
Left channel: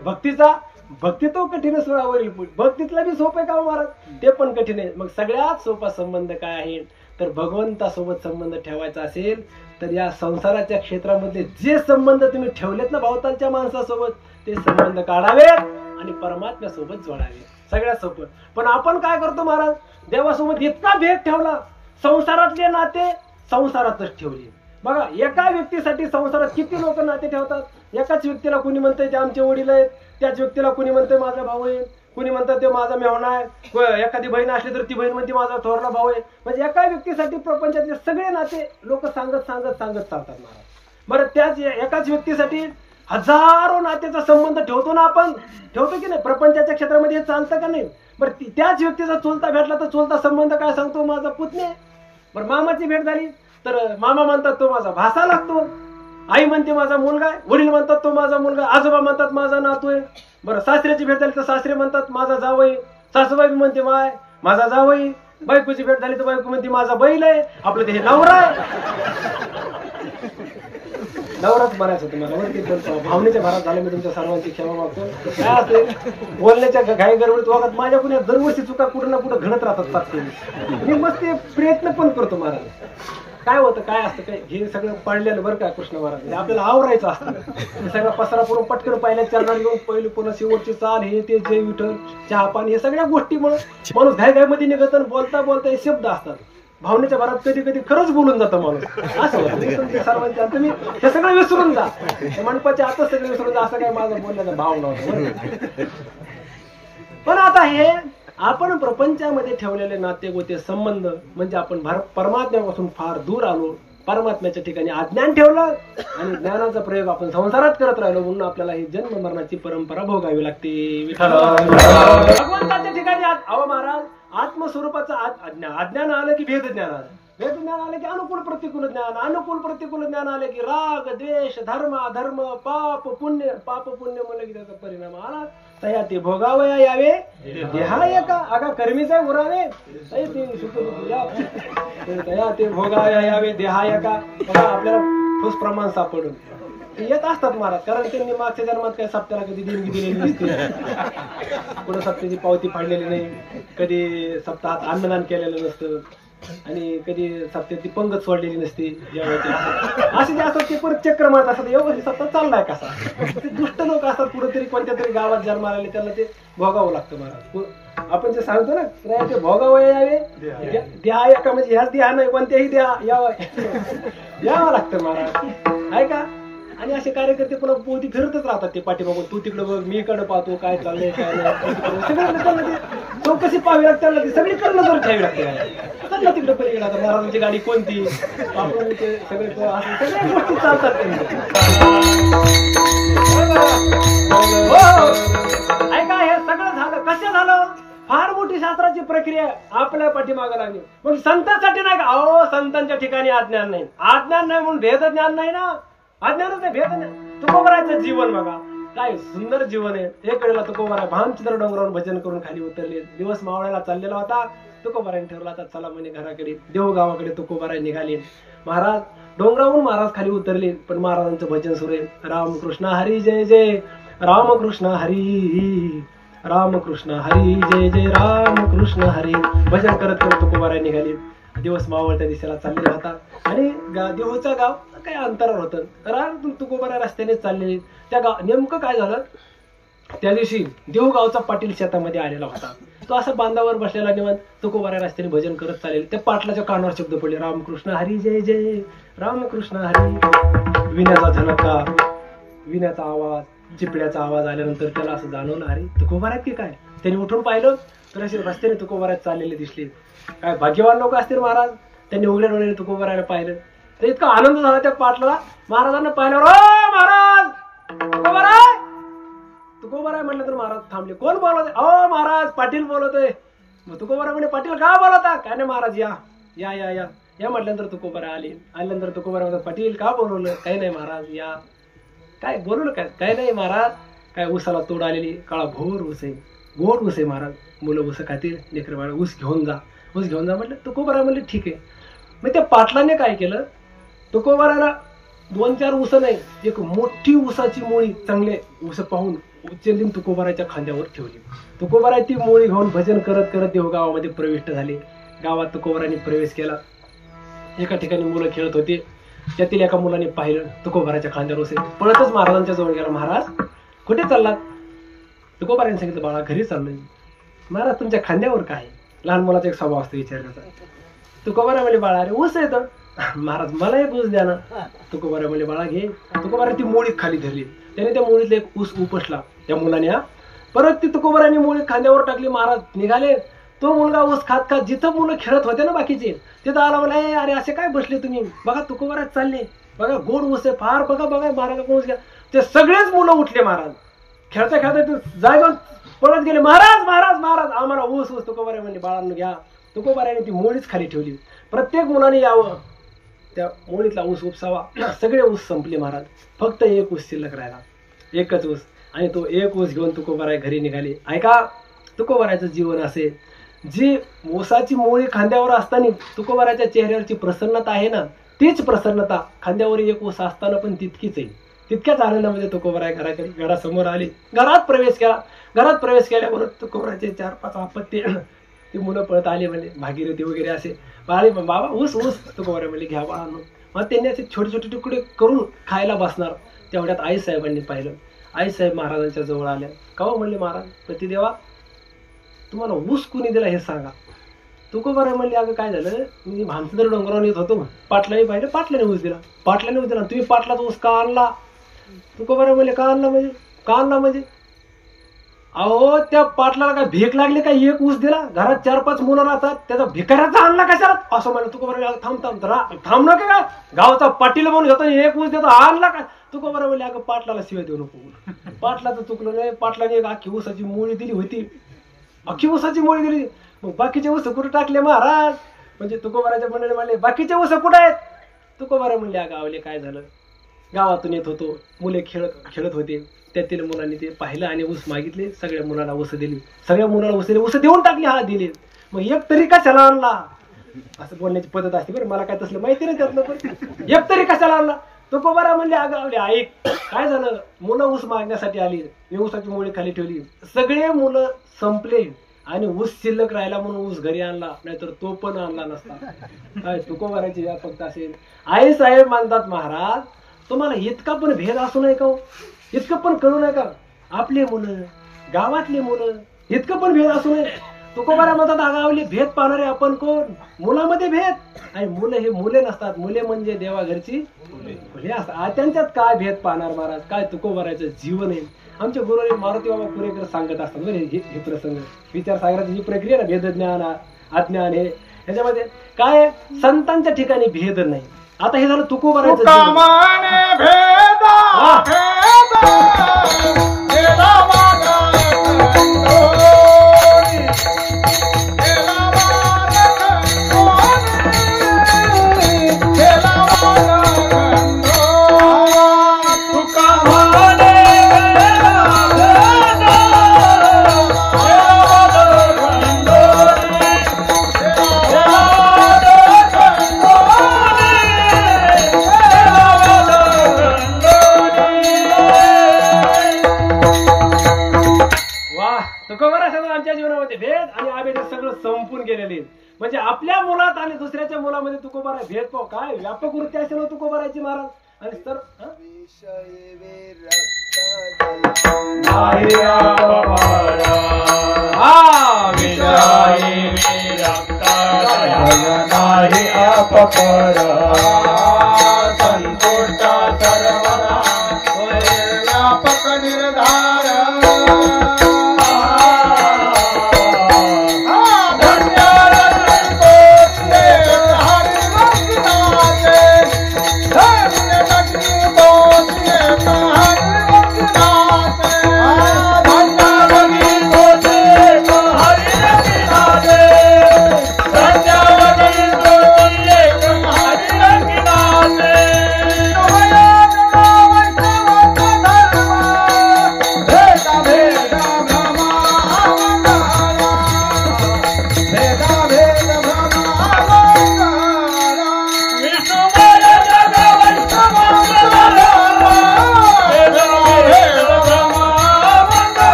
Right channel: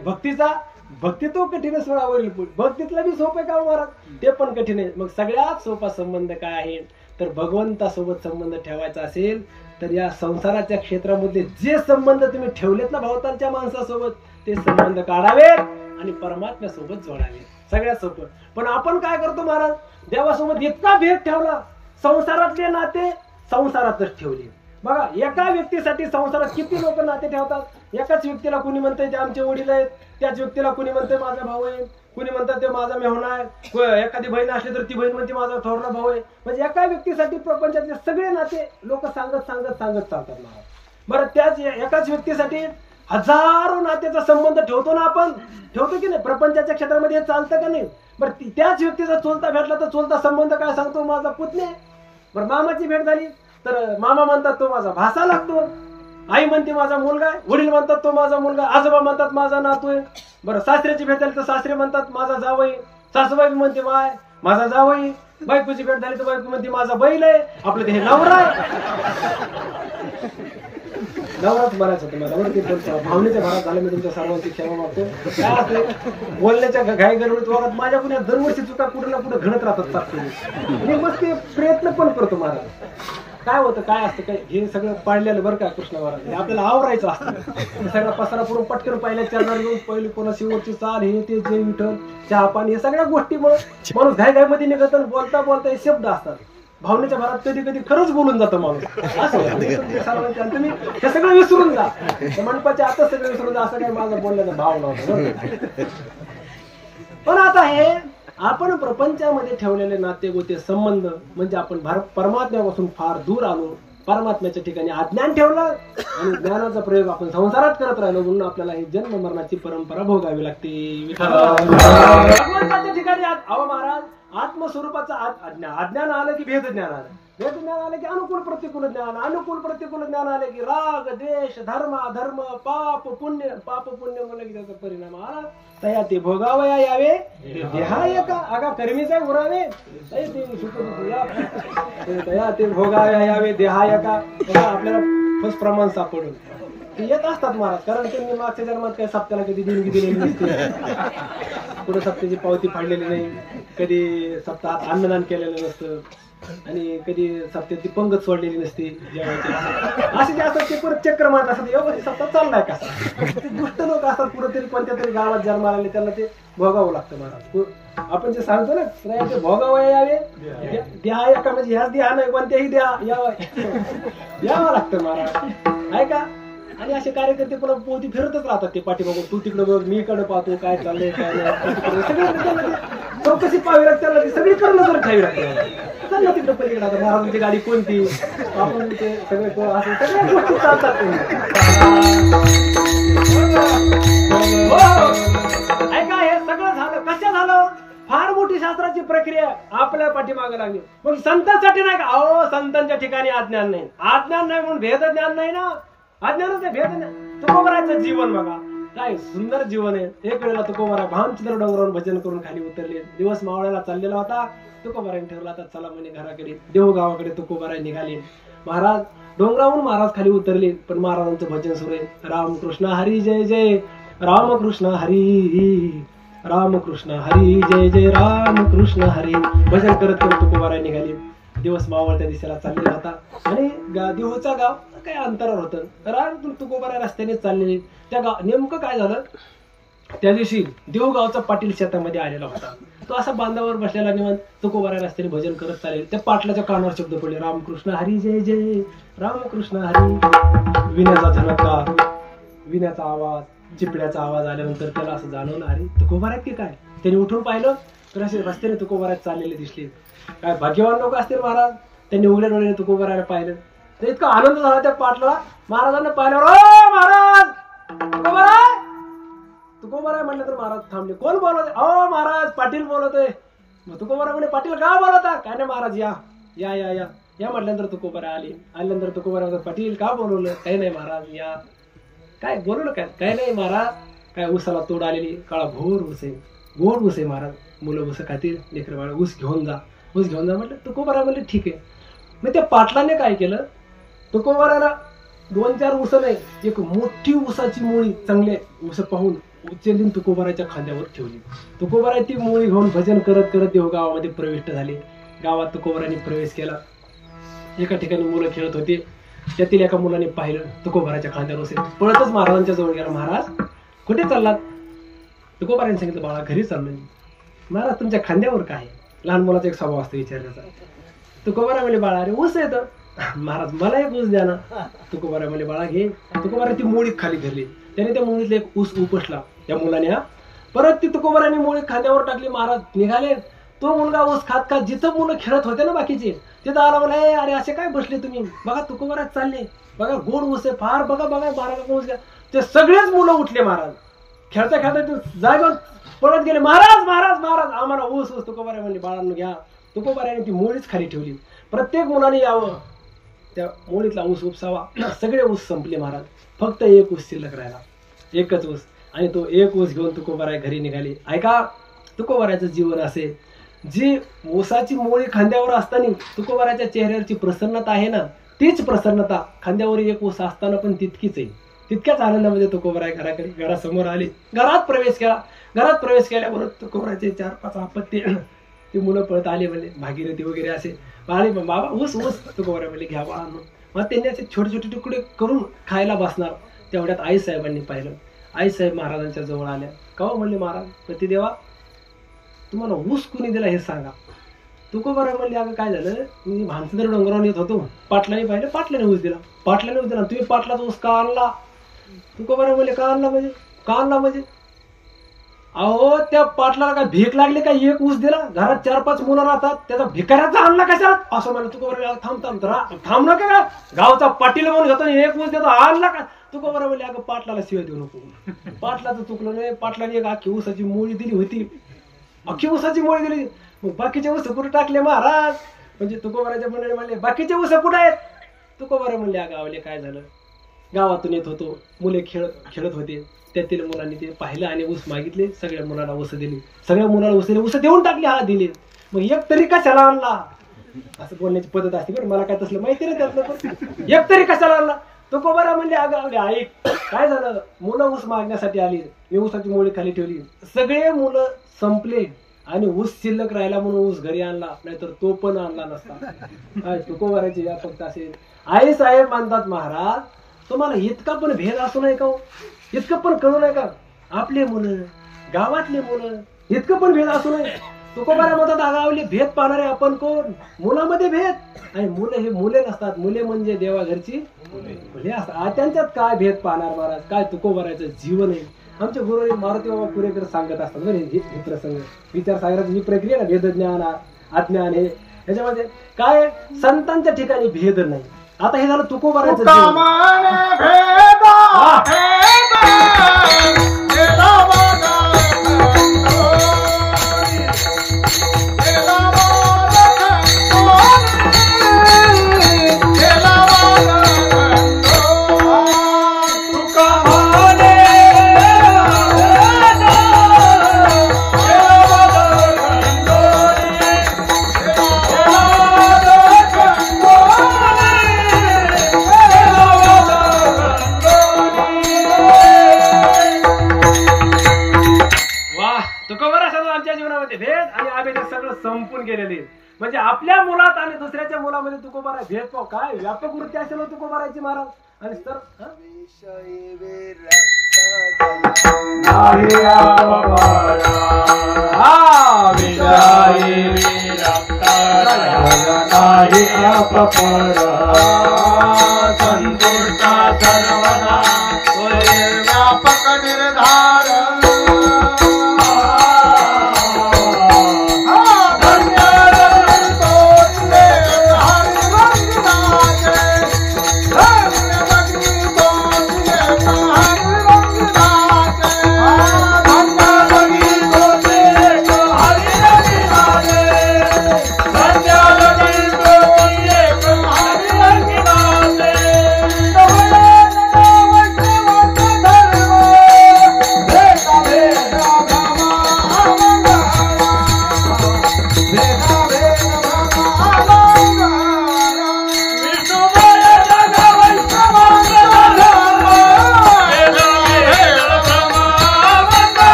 भक्ती तो कठीण स्वरावरील भक्तीतला बी सोपं आहे का महाराज, ते पण कठीण आहे. मग सगळ्यात सोपा संबंध काय आहे तर भगवंतासोबत संबंध ठेवायचा असेल तर या संसाराच्या क्षेत्रामध्ये जे संबंध तुम्ही ठेवलेत ना भावतांच्या माणसासोबत ते संबंध काढावेत आणि परमात्म्यासोबत जोडावे. सगळ्यात सोपं. पण आपण काय करतो महाराज, देवासोबत इतका भेद ठेवला, संसारातले नाते संसारातच ठेवले. बघा एका व्यक्तीसाठी संसारात किती लोक नाते ठेवतात. एकाच व्यक्तीला कुणी म्हणतंय ते आमचे वडील आहेत, त्याच व्यक्तीला कुणी म्हणतंय माझा भाऊ आहे, कुणी म्हणतात ते माझा मेहणा आहे, एखादी बहीण असली तर ती बहीण म्हणते माझा थोरला भाऊ आहे. म्हणजे एका व्यक्तीसाठी प्रपंचातले सगळे नाते लोक सांगत चालतात महाराज. बरं त्याच एकाच व्यक्तीसाठी हजारो नात्याचा संबंध ठेवतो ना आपण, ठेवतो की नाही. प्रपंचाच्या क्षेत्रामध्ये हे चालतं का नाही. बरं त्याच व्यक्तीचा चुलता भेटला तर चुलता संबंध काय सांगतो, माझा पुतण्या. बरं मामाची भेट झाली तर मामा म्हणतात तो माझा भासा लागतो, आई म्हणते माझा मुलगा आहे, वडील म्हणतात तो माझा मुलगा, आजोबा म्हणतात माझा नातू आहे. बरं सासऱ्याची भेट झाली तर सासरे म्हणतात माझा जावई, सासूबाई म्हणते माझा जावई, बायकोची भेट झाली तर बायको म्हणते माझा बैल आहे. आपलं ते हे नवरा आहे, नवराच म्हणायचं तुम्हाला. वरती भावनेच्या भरात झाले. मी तुमच्या सर्वांची क्षमा मागतो. काय असते बोलण्याच्या घाई गडबडीत वगैरे माझ्या कुण्या दरवर्षी चुका कुठं ना कुठं घडत राहतात सारखे. मी मस्त प्रयत्न पण करतो महाराज. काय होतं काय असतं काय हे सगळं पाडलेलं बरं का कृष्ण महाराज, हे आपल्याला आवरायचं असतं. सगळा पसारा पुरून पटकन पाहिल्या चरणार घेऊन पहिली पुन्हा शेवटची चाल हे ते जय विठ्ठल चहा पाणी हे सगळ्या गोष्टी माणूस घाईमध्ये निघत बोलता बोलता हे शब्द असतात. भावनेच्या भरात कधी कधी खरंच बोलून जातं माणूस. असं होतं तुम्ही हे सगळं विसरून जा, मंडपाच्या आताच सगळं विसरून जा. असं काय माझं बोलण्याचा भाव नव्हता. पण आता हे आपण प्रपंचामध्ये ठेवलेले नाते गोते संबंध म्हणजे आपण परमात्म्यापासून फार दूर आलो. परमात्म्याच्या ठिकाणी अज्ञान ठेवलं आणि ज्ञानाचा प्रयोग आपण संसारात करत राहिलो म्हणून आपल्याला ही जन्म मरणाची परंपरा भोगावी लागते. भगवंताच्या ठिकाणी अहो महाराज आत्मस्वरूपाचं अज्ञान आलं की भेद ज्ञान आलं, भेद ज्ञान आलं की अनुकूल प्रतिकूल ज्ञान, अनुकूल प्रतिकूल ज्ञान आले की राग द्वेष धर्म अधर्म पाप पुण्य म्हणलं की त्याचा परिणाम आला. तया ते भोगावया यावे देहाय का अगा कर्मीचा उरावे तया ते भोगावया यावे देहाय का. आपल्याला ठोस प्रमाण सापडून येत असतात महाराज. कारण त्यांनी मागच्या जन्मात काही सप्त्याला कधी देणगी दिलेली नसते, कुठं सप्त्याची पावती फाडलेली नाही, कधी सप्ताहात अन्नदान केलेलं नसतं आणि कधी सप्त्याची पंगत सोडलेली नसते. असे जे असतात ते परत चक्र मारत असतात, व्यवस्थित सप्ताह चाललाय कसा. ते दुष्ट लोक असतात कुठेतरी कोणत्या तरी गावात जन्माला आले त्यांना ते भोगावं लागतं महाराज. आपण जे सांगतो ना ते भोगावं यावे देहा एका म्हणजे ह्याच देहा नाही कोणत्याही देहा यावं लागतं महाराज आहे का. आणि असे कार्यकर्ते पुन्हा पोती फिरतच राहतात ते पाठीमागून, तू तिकडं बघ मी इकडं पाहतो काय चाललंय काय नाही. सगळं चौकशी पाहावी लागते त्यांना, ती सगळी करणं जर ठेवी लागते. चाललं तिकडं पलीकडे आता महाराजांची गाडी कोणती आपण ते सगळे सगळ्या गोष्टी चालतात. ऐका हे सगळं झालं कसं झालं, फार मोठी शास्त्राची प्रक्रिया आपल्या पाठीमागे लागली. मग संतांसाठी नाही का, अहो संतांच्या ठिकाणी अज्ञान नाही म्हणून भेद ज्ञान नाही ना, अज्ञानच आहे भेद नाही. तुकोबरायचं जीवन बघा काय सुंदर जीवन आहे. एक वेळेला तुकोबराय भानचित्र डोंगरावरून भजन करून खाली उतरले. दिवस मावळ्याला चाललेला होता. तुकोबरायने ठरवला आता चला म्हणे घराकडे देवगावाकडे तुकोबराय निघाले. महाराज डोंगरावरून महाराज खाली उतरले पण महाराजांचं भजन सुरू आहे. रामकृष्ण हरी जय जय रामकृष्ण हरी रामकृष्ण हरी जय जय रामकृष्ण हरी भजन करत करत तुकोबराय निघाले. दिवस मावळत्या दिशेला चाललेला होता आणि देहूचं गाव काही अंतरावर होतं. राम तुकोबराय रस्त्याने चाललेले. त्या गाव नेमकं काय झालं त्या दिवशी देहूगावचा पाटील शेतामध्ये आलेला होता. तो असा बांधावर बसलेला निवांत तुकोबराय रस्त्याने भजन करत चालेल. त्या पाटलाच्या कानावर शब्द पडले रामकृष्ण हरी जय जय रामकृष्ण हरी. विण्याचा झणकार विण्याचा आवाज चिपड्याचा आवाज आल्यानंतर त्याला असं जाणवलं अरे तुकोबराय की काय. त्याने उठून पाहिलं तर असे रस्त्याने तुकोबराय चाललेले दिसले. काय भाग्यवान लोक असतील महाराज. त्यांनी उघड्या डोळ्याने तुकोबरायला पाहिलं तर इतका आनंद झाला त्या पाटलाला. महाराजांना पाहिल्यावर ओ महाराज तुकोबराय तुकोबाराय म्हटलं तर महाराज थांबले. कोण बोलवते? अहो महाराज पाटील बोलवतोय. मग तुकोबाराय म्हणे पाटील का बोलवता? काय नाही महाराज या या या या या म्हटल्यानंतर तुकोबाराय आले. आल्यानंतर तुकोबाराय म्हणतात पाटील का बोलवलं? काही नाही महाराज या. काय बोलवलं काय? काही नाही महाराज. काय ऊसाला तोड आलेली काळा भोर ऊस आहे, गोड ऊस आहे महाराज. मुलं ऊस खातील, लेकर बाळ ऊस घेऊन जा, ऊस घेऊन जा म्हटलं. तुकोबाराय म्हणले ठीक आहे. मग त्या पाटलाने काय केलं, तुकोबारायला 2-4 ऊस नाही, एक मोठी ऊसाची मुळी चांगले ऊस पाहून उचलली तुकोबारायच्या खांद्यावर ठेवली. तुकोबाराय ती मुळी घेऊन भजन करत करत देव गावामध्ये प्रविष्ट झाले. गावात तुकोबारायने प्रवेश केला. एका ठिकाणी मुलं खेळत होते. त्यातील एका मुलाने पाहिलं तुकोबारायच्या खांद्यावर ऊस. पळतच महाराजांच्या जवळ गेला. महाराज कुठे चाललात? तुकोबारायने सांगितलं बाळा घरी चाललोय. महाराज तुमच्या खांद्यावर काय? लहान मुलाचा एक स्वभाव असतो विचारण्याचा. तुकोबाराय म्हणले बाळा अरे ऊस येतं. महाराज मला एक ऊस द्या ना. तुकोबाराय म्हणले बाळा घे. तुकोबाराय ती मुळी खाली धरली. त्याने त्या मुळीतला एक ऊस उपसला त्या मुलाने. परत ती तुकोबारायने मुळी खांद्यावर टाकली. महाराज निघाले. तो मुलगा ऊस खात खात जिथं मुलं खेळत होते ना बाकीचे तिथं आला. मला अरे असे काय बसले तुम्ही? बघा तुकोबाराय चालले, बघा गोड ऊस आहे फार, बघा बघा महाराज ऊस घ्या. ते सगळेच मुलं उठले. महाराज खेळता खेळता ते जागेवर पळत गेले. महाराज महाराज महाराज आम्हाला ऊस ऊस. तुकोबाराय म्हणले बाळांनो घ्या. तुकोबारायने ती मुळीच खाली ठेवली. प्रत्येक मुलाने यावं, त्या मुळीतला ऊस उपसावा. सगळे ऊस संपले महाराज. फक्त एक ऊस शिल्लक राहिला, एकच ऊस. आणि तो एक ऊस घेऊन तुकोबाराय घरी निघाले. ऐका तुकोबारायचं जीवन असे, जी ऊसाची मोळी खांद्यावर असताना तुकोबारायच्या चेहऱ्यावरची प्रसन्नता आहे ना, तीच प्रसन्नता खांद्यावर एक ऊस असताना पण तितकीच आहे. तितक्याच आनंदामध्ये तुकोबाराय घरासमोर आले. घरात प्रवेश केला. घरात प्रवेश केल्यावर तुकोबारायचे 4-5 अपत्य ती मुलं पळत आले. म्हणजे भागीरथी वगैरे असे आले. बाबा ऊस ऊस. तुकोबाराय म्हणले घ्या बाळांनो. मग त्यांनी असे छोटे छोटे तुकडे करून खायला बसणार. तेवढ्यात आईसाहेबांनी पाहिलं. आईसाहेब महाराजांच्या जवळ आल्या. का हो म्हणले महाराज पतिदेवा तुम्हाला ऊस कुणी दिला हे सांगा. तुकोबाराय म्हणले अगं काय झालं, मी भानसदर डोंगरावर येत होतो, पाटलाने पाहिलं, पाटलाने ऊस दिला. पाटलाने ऊस दिला. तुम्ही पाटलाचा ऊस का आणला? तुकोबाराय म्हणले का आणला म्हणजे? का आणला म्हणजे? अहो त्या पाटलाला काय भीक लागली काय एक ऊस दिला? घरात 4-5 मुलं राहतात, त्याचा भिकाऱ्याचा आणला कशाला? असं म्हणलं. तुकोबाराय थांब ना काय गावचा पाटील म्हणून घेतो एक ऊस देतो आणला काय? तुकोबाराय म्हणले अगं पाटलाला शिवाय देऊ नको. पाटलाचं चुकलं नाही. पाटलाने एक अख्खी ऊसाची मुळी दिली होती. अख्खी ऊसाची मुळी दिली. मग बाकीचे ऊस कुठे टाकले महाराज? म्हणजे तुकोबारायच्या मंडळी म्हणले बाकीचे ऊस कुठे आहेत? तुकोबाराय म्हणले अगं आवले काय झालं, गावातून येत होतो, मुले खेळत होते, त्यातील मुलांनी ते पाहिलं आणि ऊस मागितले. सगळ्या मुलांना ऊस दिली. सगळ्या मुलांना ऊस दिले. ऊस देऊन टाकले. हा दिले. मग एक तरी कशाला आणला? असं बोलण्याची पद्धत असते बरं. मला काय तसलं माहिती नाही त्यातलं. पण एक तरी कशाला आणला? तुकोबाराय म्हणले अगं आवले ऐक काय झालं, मुलं ऊस मागण्यासाठी आली, मी ऊसाची मुळी खाली ठेवली, सगळे मुलं संपले आणि ऊस शिल्लक राहिला म्हणून ऊस घरी आणला, नाहीतर तो पण आणला नसता. काय तुकोबारायचे या फक्त असेल. आई साहेब मानतात महाराज तुम्हाला इतका पण भेद असू नये का? इतकं पण कळू नये का? आपले मुलं, गावातले मुलं, इतकं पण भेद असू नये. तुकोबाराय म्हणतात आगावले भेद पाहणारे आपण कोण? मुलामध्ये भेद. आणि मुलं हे मुले नसतात, मुले म्हणजे देवा घरची मुले असतात. त्यांच्यात काय भेद पाहणार महाराज? काय तुकोबारायचं जीवन आहे. आमच्या गुरुजी मारुती बाबा पुरेकर सांगत असतात बरं हे प्रसंग. विचारसागराची ही प्रक्रिया ना, भेदज्ञान अज्ञान हे ह्याच्यामध्ये काय संतांच्या ठिकाणी भेद नाही. आता हे झालं तुकोबारायचं आमच्या जीवनामध्ये भेद आणि आम्ही सगळं संपून गेलेले. म्हणजे आपल्या मुलात आणि दुसऱ्याच्या मुलामध्ये तुकोबाराय भेद पाव काय व्यापक वृत्ती असेल तुकोबारायची महाराज. आणि तर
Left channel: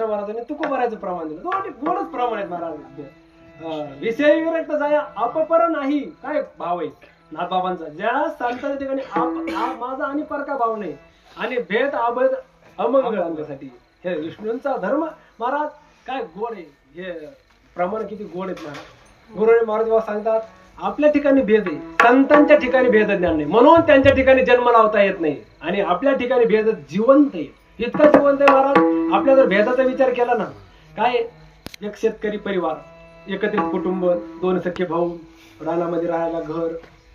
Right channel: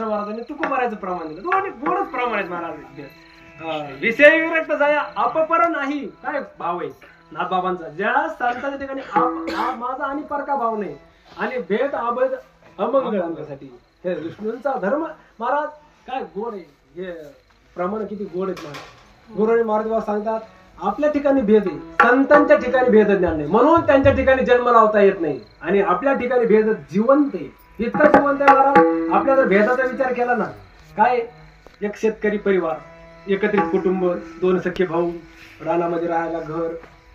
कृष्ण महाराजांनी तुकोबाराचं प्रमाण दिलं. दोनच प्रमाण आहेत महाराज. विषय विरक्त जाया अपपर नाही, काय भाव आहे नाथबाबांचा. ज्या सांगताच्या ठिकाणी माझा आणि परका भाव नाही आणि भेद अभेद अमंगळ आमच्यासाठी. हे विष्णूंचा धर्म महाराज काय गोड आहे. हे प्रमाण किती गोड आहेत महाराज. गुरुजी महाराज बाबा सांगतात आपल्या ठिकाणी भेद आहे, संतांच्या ठिकाणी भेद ज्ञान नाही म्हणून त्यांच्या ठिकाणी जन्म लावता येत नाही आणि आपल्या ठिकाणी भेद जिवंत आहे. इतकं जिवंत आहे महाराज. आपल्या जर भेदाचा विचार केला ना, काय एक शेतकरी परिवार, एकत्रित कुटुंब, 2 सख्खे भाऊ, रानामध्ये राहायला घर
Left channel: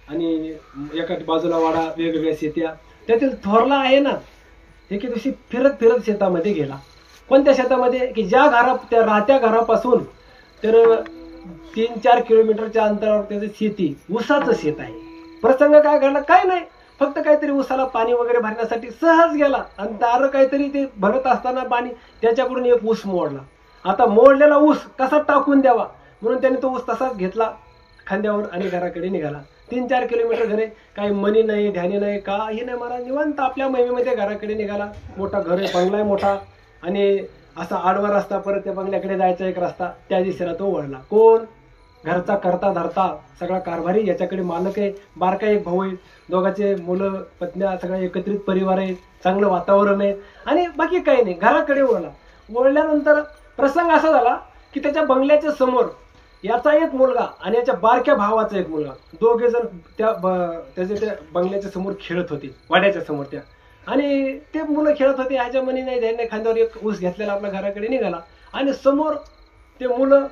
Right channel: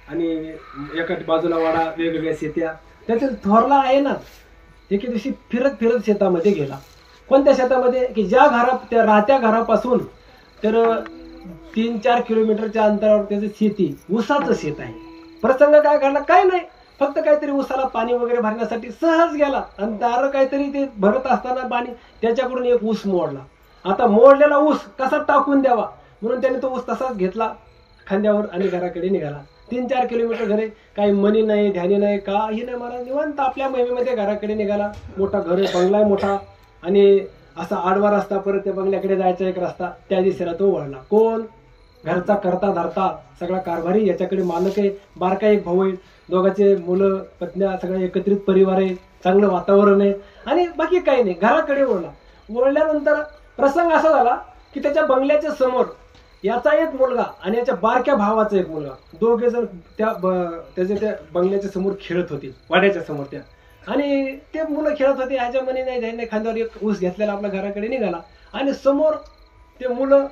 आणि एका बाजूला वाडा, वेगवेगळ्या शेत्या. त्यातील थोरला आहे ना, एके दिवशी फिरत फिरत शेतामध्ये गेला. कोणत्या शेतामध्ये की ज्या त्या राहत्या घरापासून तर 3-4 किलोमीटरच्या अंतरावर त्याचं शेती, ऊसाचं शेत आहे. प्रसंग काय घडला काय नाही, फक्त काहीतरी ऊसाला पाणी वगैरे भरण्यासाठी सहज गेला आणि दार काहीतरी ते भरत असताना पाणी त्याच्याकडून एक ऊस मोडला. आता मोडलेला ऊस कसा टाकून द्यावा म्हणून त्याने तो ऊस तसाच घेतला खांद्यावर आणि घराकडे निघाला. 3-4 किलोमीटर घरे, काही मनी नाही, ध्यानी नाही, काही नाही महाराज. निवांत आपल्या महिमेमध्ये घराकडे निघाला. मोठा घर आहे, बंगला आहे मोठा आणि असा आडवा रस्ता, परत त्या बंगल्याकडे जायचा एक रस्ता. त्या दिशेला तो वळला. कोण? घरचा करता धरता सगळा कारभारी, याच्याकडे मालक आहे, बारका एक भाऊ आहे, दोघांचे मुलं पत्न्या, सगळं एकत्रित परिवार आहे, चांगलं वातावरण आहे आणि बाकी काही नाही. घराकडे वळला. वळल्यानंतर प्रसंग असा झाला की त्याच्या बंगल्याच्या समोर याचा एक मुलगा आणि याच्या बारक्या भावाचा एक मुलगा, दोघे जण त्याच्या त्या बंगल्याच्या समोर खेळत होते, वाड्याच्या समोर त्या. आणि ते मुलं खेळत होते. ह्याच्या मनी नाही ध्यान खांद्यावर एक ऊस घेतलेला आपल्या घराकडे निघाला आणि समोर ते मुलं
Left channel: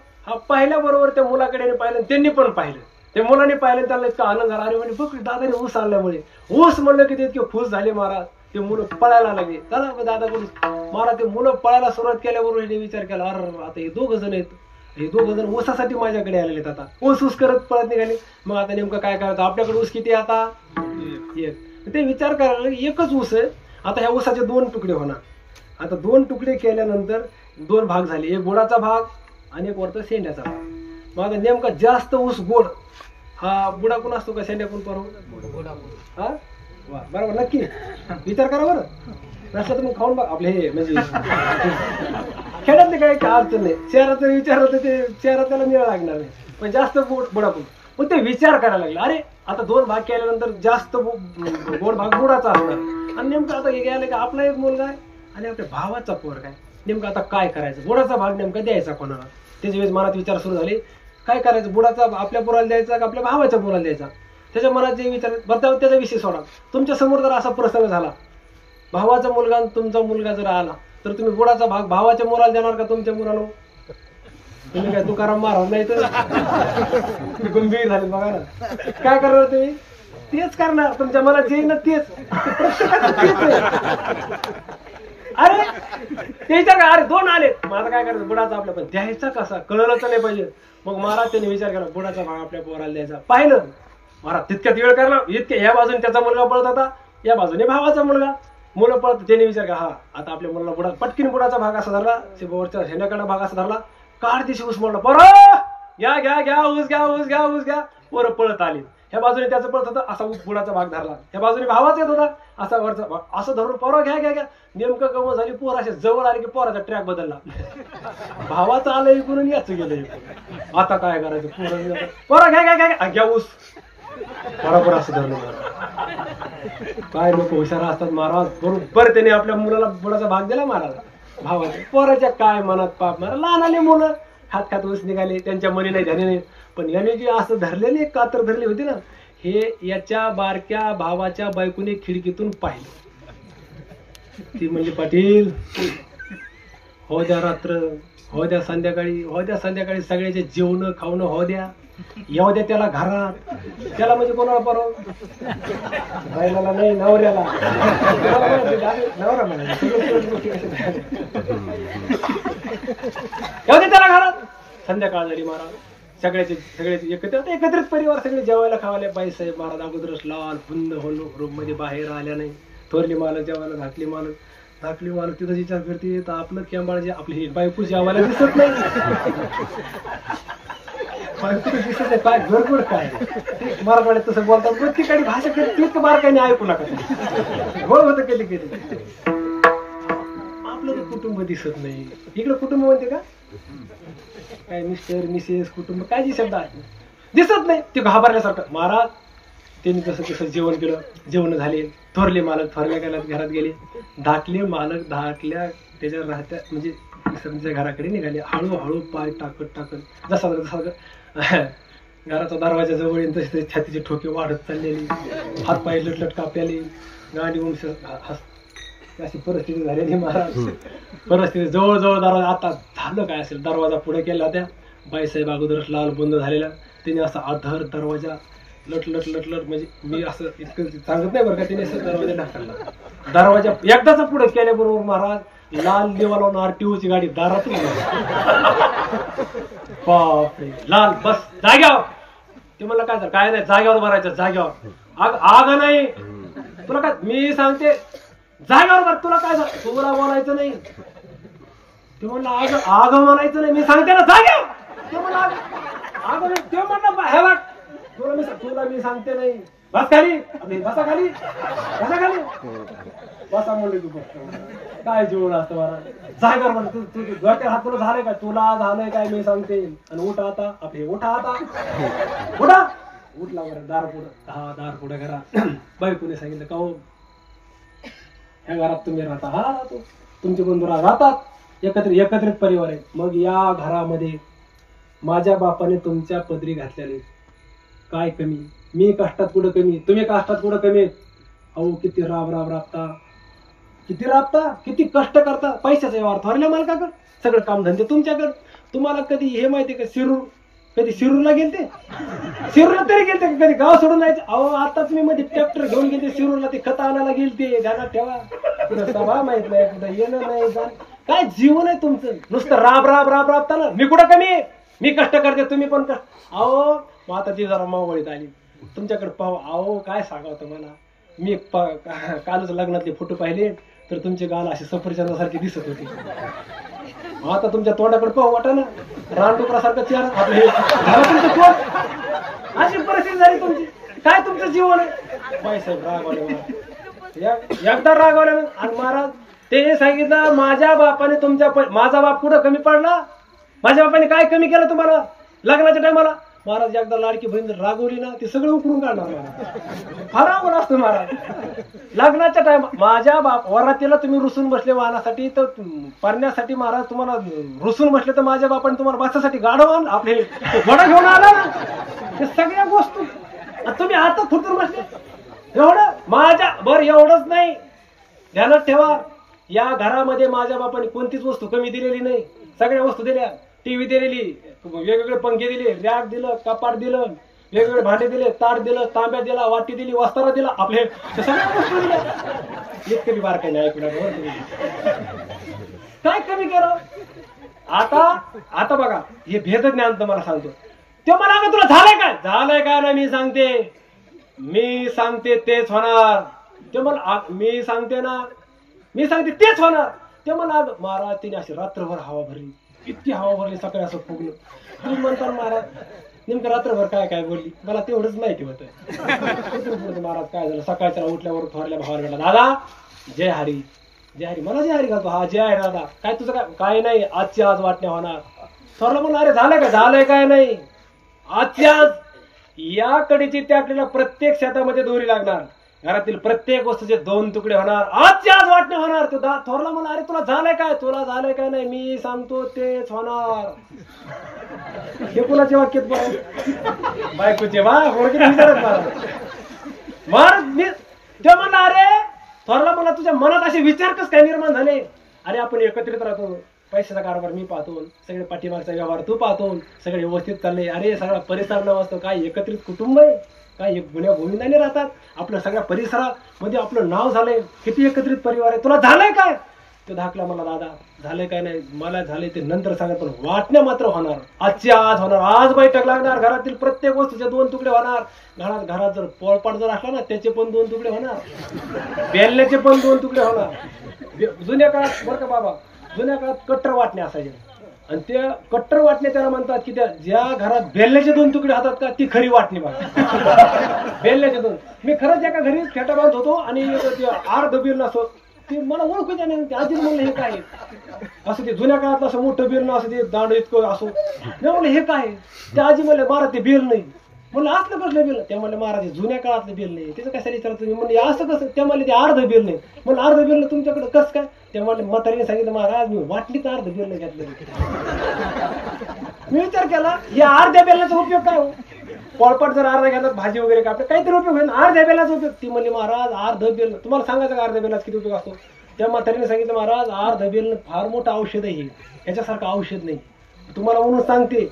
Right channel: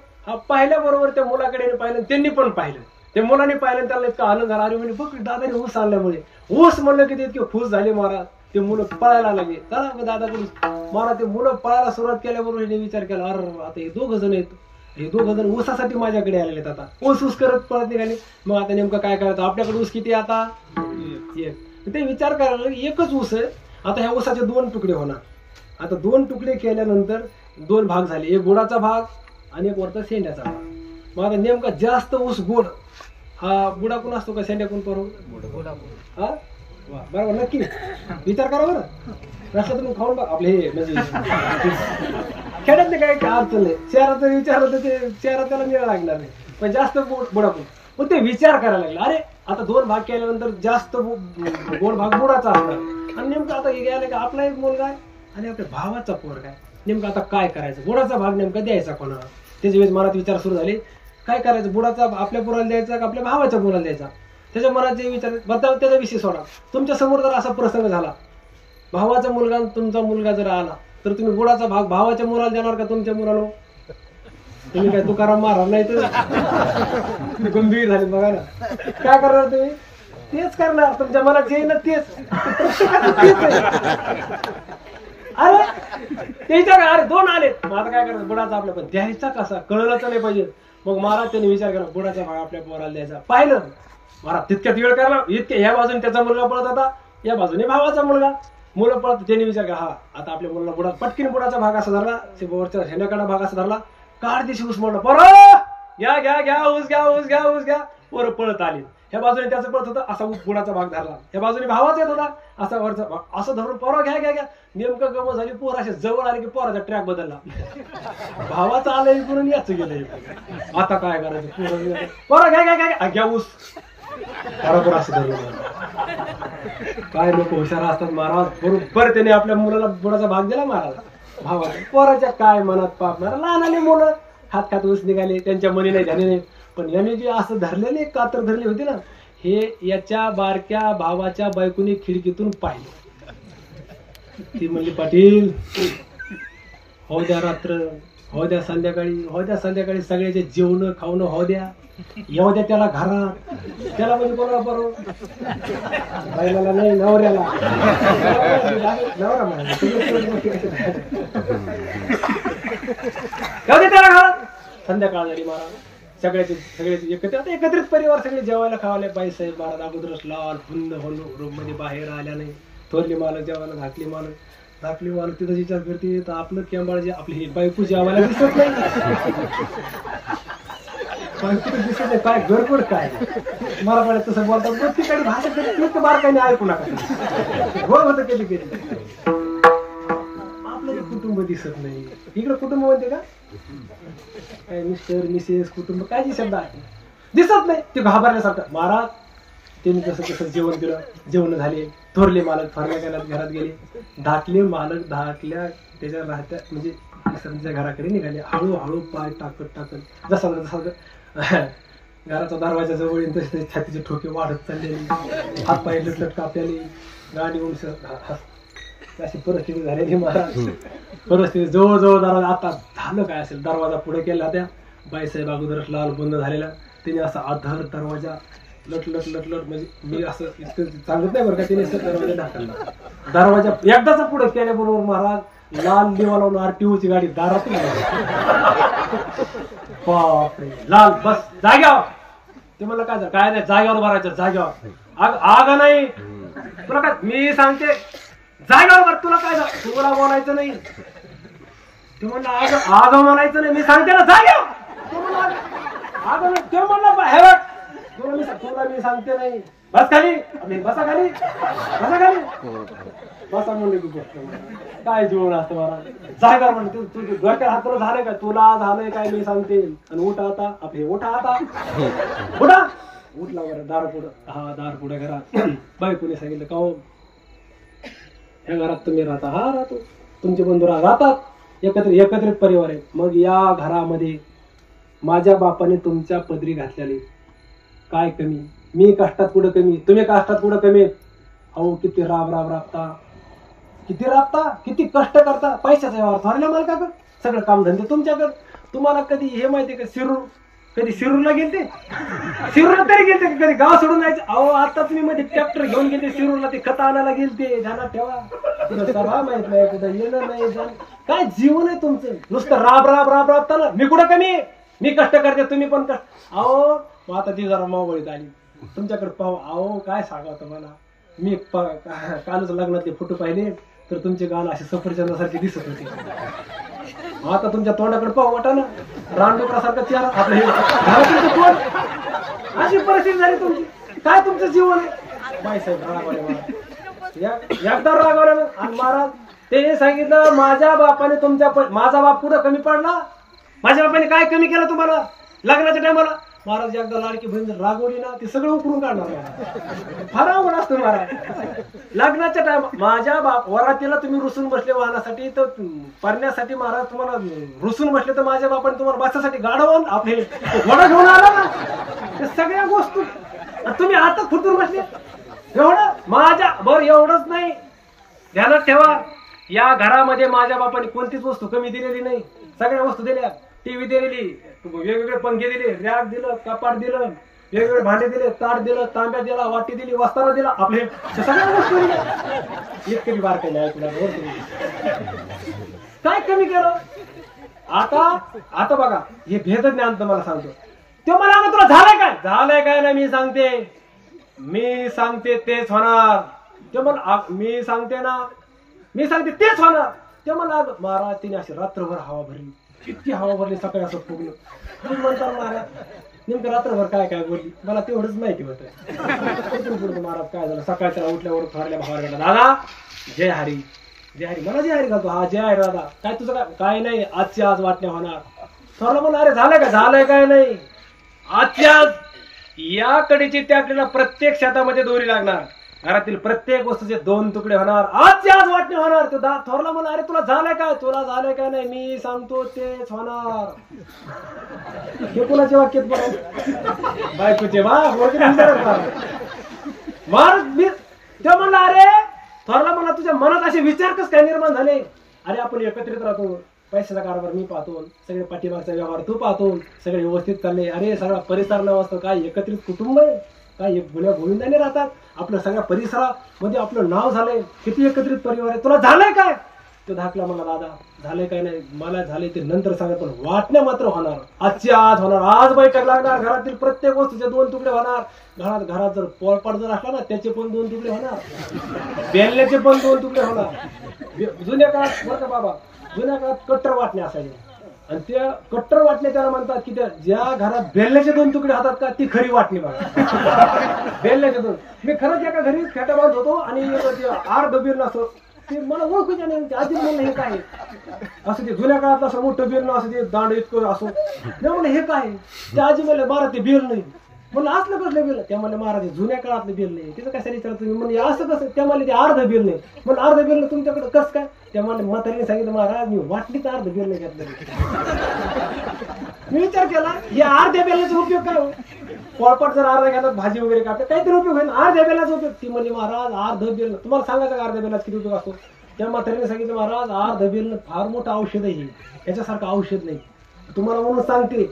पाहिल्याबरोबर त्या मुलाकडे पाहिलं, त्यांनी पण पाहिलं. ते मुलांनी पाहिलं, त्यांना इतका आनंद झाला. अरे म्हणजे बघ दादाने ऊस आणल्यामुळे. ऊस म्हणलं की ते इतके खुश झाले महाराज. ते मुलं पळायला लागले, चला दादाकडून महाराज. ते मुलं पळायला सुरुवात केल्याबरोबर हे विचार केला, अरे आता हे 2 जण आहेत, हे 2 जण ऊसासाठी माझ्याकडे आलेले आहेत. आता ऊस करत पळत निघाले. मग आता नेमकं काय करायचं, आपल्याकडे ऊस किती आता एक. ते विचार करायला एकच ऊस आहे. आता ह्या ऊसाचे 2 तुकडे होणार. आता 2 तुकडे केल्यानंतर 2 भाग झाले, एक गोडाचा भाग आणि एक वरचा शेंड्याचा भाग. मग आता नेमका जास्त ऊस गोड हा बुडा कोण असतो का शेंड्या कोण करू? हा वा, बरोबर, नक्की विचार करा बरं. रस्त्यात मग खाऊन बघ आपले हे म्हणजे खेड्यातले काही अडचण नाही. शहराचा विचार होतं ते शहरात त्याला निळ लागणार नाही, पण जास्त बुडा कोण. मग ते विचार करायला लागला, अरे आता 2 भाग केल्यानंतर जास्त गोड भाग बुडाचा असणार आणि नेमकं आता हे गेलं की आपला एक मुलगा आहे आणि आपल्या भावाचा पोरगा आहे. नेमकं आता काय करायचं, बुडाचा भाग नेमका द्यायचा कोणाला? त्याच्या वेळेस मनात विचार सुरू झाले, काय करायचं, बुडाचा आपल्या पोराला द्यायचा का आपल्या भावाच्या पोराला द्यायचा? त्याच्या मनात जे विचार बरं त्याचा विषय सोडा. तुमच्या समोर जर असा प्रसंग झाला, भावाचा मुलगा तुमचा मुलगा जर आला, तर तुम्ही बुडाचा भाग भावाच्या मुलाला देणार का तुमच्या मुलाला? तुम्ही काय तुकाराम महाराज नाही तर गंभीर झाले बघा ना. काय करणार तुम्ही? तेच करणार. तुमच्या मनात जे ना तेच प्रत्येकाचं तेच आहे. अरे त्याच्या काय, अरे 2 आले, मग आता काय करायचं, बुडाचा आपल्या पण द्यायचा कसा कळलंच नाही पाहिजे. मग महाराज त्यांनी विचार केला, बुडाचा भाग आपल्या पोराला द्यायचा. पाहिलं महाराज तितक्यात वेळ करला, इतक्या ह्या बाजूने त्याचा मुलगा पळत होता, या बाजूने भावाचा मुलगा, मुलं पळत. त्यांनी विचार केला, हा आता आपल्या मुलाला बुडा, पटकीन बुडाचा भाग असा धरला, वरच्या हेंड्याकडा भाग असा धरला, काढ दिशी ऊस मोडला, बरं घ्या घ्या घ्या ऊस घ्या ऊस घ्या ऊस घ्या. पोरं पळत आली. ह्या बाजूने त्याचं पळत होतं, असा ऊस बुडाचा भाग धरला. ह्या बाजूने भावाचा येत होता, असा वरचा भाग असं धरून पोरं घ्या घ्या घ्या. नेमकं गमत झाली, पोर अशा जवळ आले की पोराचा ट्रॅक बदलला. भावाचा आलं इकडून याचं गेलं. आता काय करायचं, पोरं घ्या घ्या घ्या घ्या ऊस, बरोबर असं धरलं. काय लोक हुशार असतात महाराज. बरोबर त्याने आपल्या मुलाला बुडाचा भाग दिला महाराज भावाचा. पोराच्या काय मनात पाप महाराज. लहान आले मुलं खात खात ऊस निघाले, त्यांच्या मनी नाही ध्यानी नाही. पण याने जे असं धरलेले कातर धरले होते ना, हे याच्या बारक्या भावाच्या बायकोने खिडकीतून पाहिलं. ती म्हणजे, पाटील हो द्या रात्र, हो द्या संध्याकाळी, हो द्या संध्याकाळी, सगळ्याचे जेवण खावणं हो द्या, येऊ द्या त्याला घरात. त्याला म्हणजे कोणाला बरोबर बायला नाही, नवऱ्याला. नवरा म्हणायचं येऊ दे त्याला घरात. संध्याकाळ झाली महाराज, सगळ्याचे एकत्रित परिवार सगळे जेवायला खावायला. बाईसाहेब महाराज अगोदरच लाल बुंद होऊन रूम मध्ये बाहेर आल्या नाही. थोरली मालक जेवायला, धाकली मालक तिथं विचार करते, तर आपलं केंबाळ जे आपली ही बायको जेवायला दिसत नाही. दिसत नाही काय गडबड काय मराठवाड्यात तसं बोलतात. प्रत्येकाने भाषा कधी बारकाईने ऐकू नका. हो होतं कधी कधी आपलं जे कुटुंब दिसत नाही. इकडे कुटुंब म्हणते का काय मिस्टर मिसेस कुटुंब काय जी शब्द आहे दिसत नाही. ते घाबरल्यासारखं. महाराज त्यांनी कसं कसं जेवण केलं, जेवण झाले, थोरले मालक थोरल्या घरात गेले, धाकले मालक धाकल्या त्याच्या राहत्या म्हणजे मिस्टरांच्या घराकडे निघाले. हळूहळू पाय टाकत जसा घराचा दरवाजा जवळ येईल तसे तसे छातीचे ठोके वाढत चाललेले, हात पाय लटलट कापलेले, गाडी अशी परिस्थिती झालेली. महाराज परिस्थिती जवळजवळ दरवाजा आता झालं काय असेल, दरवाजा पुढे केला त्या बाईसाहेब अगोदरच लाल बंद झालेला. त्याने असा आधार दरवाजा लटलट म्हणजे मी असं इतकं सांगत नाही बरं का, त्याने दरवाजा ढाकला. दरवाजा एकदाच पुढे केल्याबरोबर महाराज लाल दिवा लावून आरटीओची गाडी दारातून बापरे लाल बस जाग्यावर. ते म्हणलं काय काय नाही जाग्यावर भरायचं जाग्यावर. आग नाही तुला काय मी सांगते जाग्यावर भर. तुला काय तुला बोलायचं नाही. ते म्हणलं आग म्हणायचं नाही मी सांगते ना जाग्यावर. ते म्हणलं आग नाही. ते म्हणलं हे बघ तुला मी सांगते नाही. बस खाली बसा खाली बसा म्हणले तू बस. काय जेवण असतं मला जायगर म्हण तू घरच्या हात झालंय काय तुला झालंय काय मी सांगते. आणि उठा आता आपले उठा आता उठा उठला बरं दार पुढं. हा दार पुढं घरात बायकोने सांगितलं का हो ह्या घरात तुम्ही राहता. हा राहतो. तुमचे बंधू राहतात एकत्रित परिवार आहे. मग या घरामध्ये माझ्या बापाने तुमच्या पदरी घातलेले काय कमी. मी कष्टात कुठं कमी, तुम्ही कष्टात कुठं कमी. अहो किती राबता किती कष्ट करता. पैशाचा व्यवहार थोरल्या मालकाकडे, सगळं कामधंदे तुमच्याकडे. तुम्हाला कधी हे माहिती का शिरूरला गेलते शिरूरला तरी गेलते कधी गाव सोडून जायचं. अहो आता तुम्ही मध्ये ट्रॅक्टर घेऊन गेले शिरूरला, ते खत आणायला गेलते. ध्यानात ठेवा. कुठं सभा माहित नाही, कुठं येणं नाही काय जीवन आहे तुमचं. नुसतं राबता ना. मी कुठं कमी, मी कष्ट करते तुम्ही पण कष्ट. अहो मग आता ती जरा मावळीत आली तुमच्याकडे पाहू. अहो काय सांगावं तुम्हाला, मी कालच लग्नातले फोटो पाहिले तर तुमचे गाल असे सफरचंदासारखे दिसत होते. आता तुमच्या तोंडाकडे पाहू वाटा ना रानडुकरासारखं चेहरा आपलं हे झालं तुमचं तोंड. अशी परिस्थिती झाली तुमची. काय तुमचं जीवन आहे. बाईसाहेब रागवले एकदा रागवले. आणि महाराज ते सांगितलं माझ्या बापाने माझा बाप कुठं कमी पडला. माझ्या बापाने काय कमी केलं तुम्हाला लग्नाच्या टायमाला. महाराज एकदा लाडकी बहीण रागवली ना ते सगळं उकरून काढणार. फार अवघड असतं महाराज लग्नाच्या टाइम. माझ्या वरातीला तुम्ही रुसून बसले वाहनासाठी तर परण्यासाठी महाराज तुम्हाला रुसून बसले तर माझ्या बापाने तुम्हाला बसासाठी गाडवान आपले घोडा घेऊन आला ना. ते सगळ्या गोष्टी तुम्ही आता फुटून बसले एवढं माझ्या बरं एवढंच नाही. ध्यानात ठेवा या घरामध्ये माझ्या बापाने कोणतीच वस्तू कमी दिलेली नाही. सगळ्या वस्तू दिल्या. टीव्ही दिलेली, वेगवेगळे पंखे दिले, रॅक दिलं, कपाट दिलं, वेगवेगळे भांडे दिले, ताट दिलं, तांब्या दिला, वाटी दिली, वस्तारा दिला. आपले सगळ्या वस्तू दिल्या. एक तरी बार काही ऐकणार काय कमी केलं. आता बघा हे भेद ज्ञान तुम्हाला सांगतो. ते मला तुला झालंय काय नाही मी सांगते तेच होणार. ते मला मी सांगते तेच होणार. ते मला महाराज तिने अशी रात्रभर हवा भरली. इतकी हवा भरली सकाळी असं फुगलं. तुम्ही म्हणता महाराज नेमकं रात्रभर काय बोलली मला तेवढंच माहिती होतं. महाराज काय झालं सकाळच्या उठल्यावर थोरल्या भावाला गेला दादा जय हरी मला जय हरी घालतो. हा जय हरी दादा काय तुझं काय नाही आजच्या आज वाटण्या होणार. थोरला म्हणून अरे झालंय काय नाही आजच्या आज या कडेची त्याकडे प्रत्येक शेतामध्ये दोरी लागणार. घरातील प्रत्येक वस्तूचे 2 तुकडे होणार. आजच्या आज वाटणे होणार. तो थोरला म्हणा अरे तुला झालंय काय नाही मी सांगतो तेच होणार. हे कुणाचे वाक्यात बघ बायकोचे महाराज मी ते म्हणला अरे थोरला म्हणा तुझ्या मनात असे विचार कस काय निर्माण झाले. अरे आपण एकत्रित राहतो. पैशाचा कारभार मी पाहतो, सगळे पाठीमागचा व्यवहार तू पाहतो, सगळे व्यवस्थित चालले. अरे सगळा परिसर न वाचतो. काय एकत्रित कुटुंब आहे काय गुन्ह्या गोविंदाने राहतात. आपल्या सगळ्या परिसरामध्ये आपलं नाव झालंय. किती एकत्रित परिवार आहे. तुला झालंय काय. तो धाकला मला दादा झालंय काय नाही मला झालंय ते नंतर सांगत पण वाटण्या मात्र होणार. आजच्या आज होणार. आज बैठक लागणार. घरातील प्रत्येक वस्तूचे 2 तुकडे होणार. घरात जर पोळपाट जर असला ना त्याचे पण 2 तुकडे होणार. बेलण्याचे पण 2 तुकडे होणार. जुन्या काळात बरं का बाबा जुन्या काळात कट्टर वाटण्या असायच्या. आणि त्या कट्टर वाटणे त्याला म्हणतात की त्या ज्या घरात बेलण्याचे 2 तुकडे होतात का ती खरी वाटणी बघा. बेलण्याचे 2. मी खरंच एका घरी फेटा बांधत होतो आणि आर दबीर असं ते मला ओळखूच्या नाही. ते आजी म्हणलं हे काय असं ते जुन्या काळात असं मोठं बेल ना असं ते दांड इतकं असो. मी म्हणलं हे काय. ते आजी म्हणलं महाराज ते बेल नाही. म्हणलं असलं कसलं बेल. त्या म्हणलं महाराज जुन्या काळातलं बेल नाही. त्याचं कशाला विचारतो मी. म्हणजे असं कसं. त्या म्हणले ते अर्ध बेल नाही. म्हणलं अर्ध बेल नाही तुमच्याकडे कसं काय. त्या म्हणले म्हातारीने सांगितलं महाराज मी वाटलीच अर्ध बेल नाही घेतलं. मी विचार केला या अर्ध्या बेलाचा उपयोग काय हो. पोळपाट जर अर्धा घ्यायला भाजी वगैरे कापते काहीतरी उपयोग होईल. अर्ध्या बेलाचा उपयोग. ती म्हणली महाराज अर्ध बेल. तुम्हाला सांगायचं का अर्ध्या बेलाचा किती उपयोग असतो. त्या म्हातारीने सांगितलं महाराज अर्ध बेल फार मोठं औषध आहे. याच्यासारखं औषध नाही तुम्हाला म्हणून सांगते.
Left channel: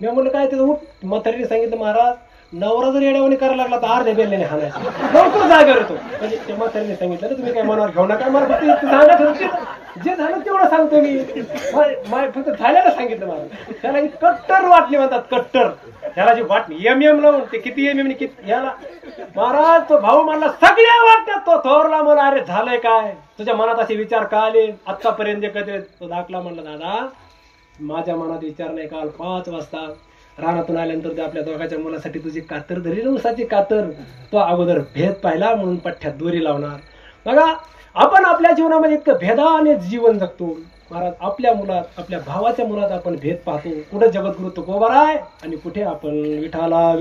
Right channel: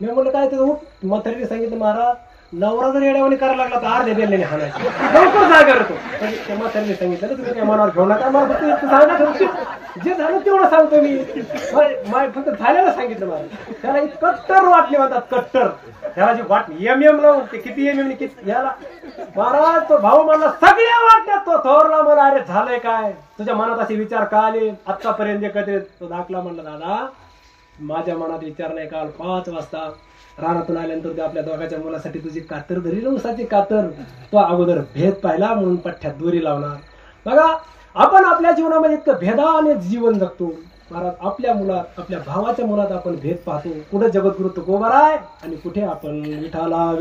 मी म्हणलं काय त्याचं. म्हातारीने सांगितलं महाराज नवरा जर येड्यावानी करायला लागला तर अर्ध्या बेल नाही हाणायचं. लवकर जागा येतो. म्हणजे त्या म्हातारीने सांगितलं तुम्ही काय मनावर घेऊ नका. मला फक्त सांगा जे झालं तेवढं सांगतो मी. फक्त झाल्याला सांगितलं महाराज. त्याला कट्टर वाटणी म्हणतात. कट्टर त्याला जी वाटणी एम लावून ते किती एम किती याला महाराज तो भाऊ म्हणला सगळ्या वाटण्यात तो थोरला म्हणा अरे झालंय काय तुझ्या मनात असे विचार का आले आत्तापर्यंत जे कधी. तो दाखला म्हणला दादा माझ्या मनात विचार नाही. काल 5 वाजता रानातून आल्यानंतर आपल्या दोघांच्या मुलासाठी तुझी कातर धरली ना उसाची कातर. तो अगोदर भेद पाहिला म्हणून पठ्ठ्यात दोरी लावणार. बघा आपण आपल्या जीवनामध्ये इतकं भेदाने जीवन जगतो. महाराज आपल्या मुलात आपल्या भावाच्या मुलात आपण भेद पाहतो. कुठे जगद्गुरु तुकोबाराय आणि कुठे आपण विठाला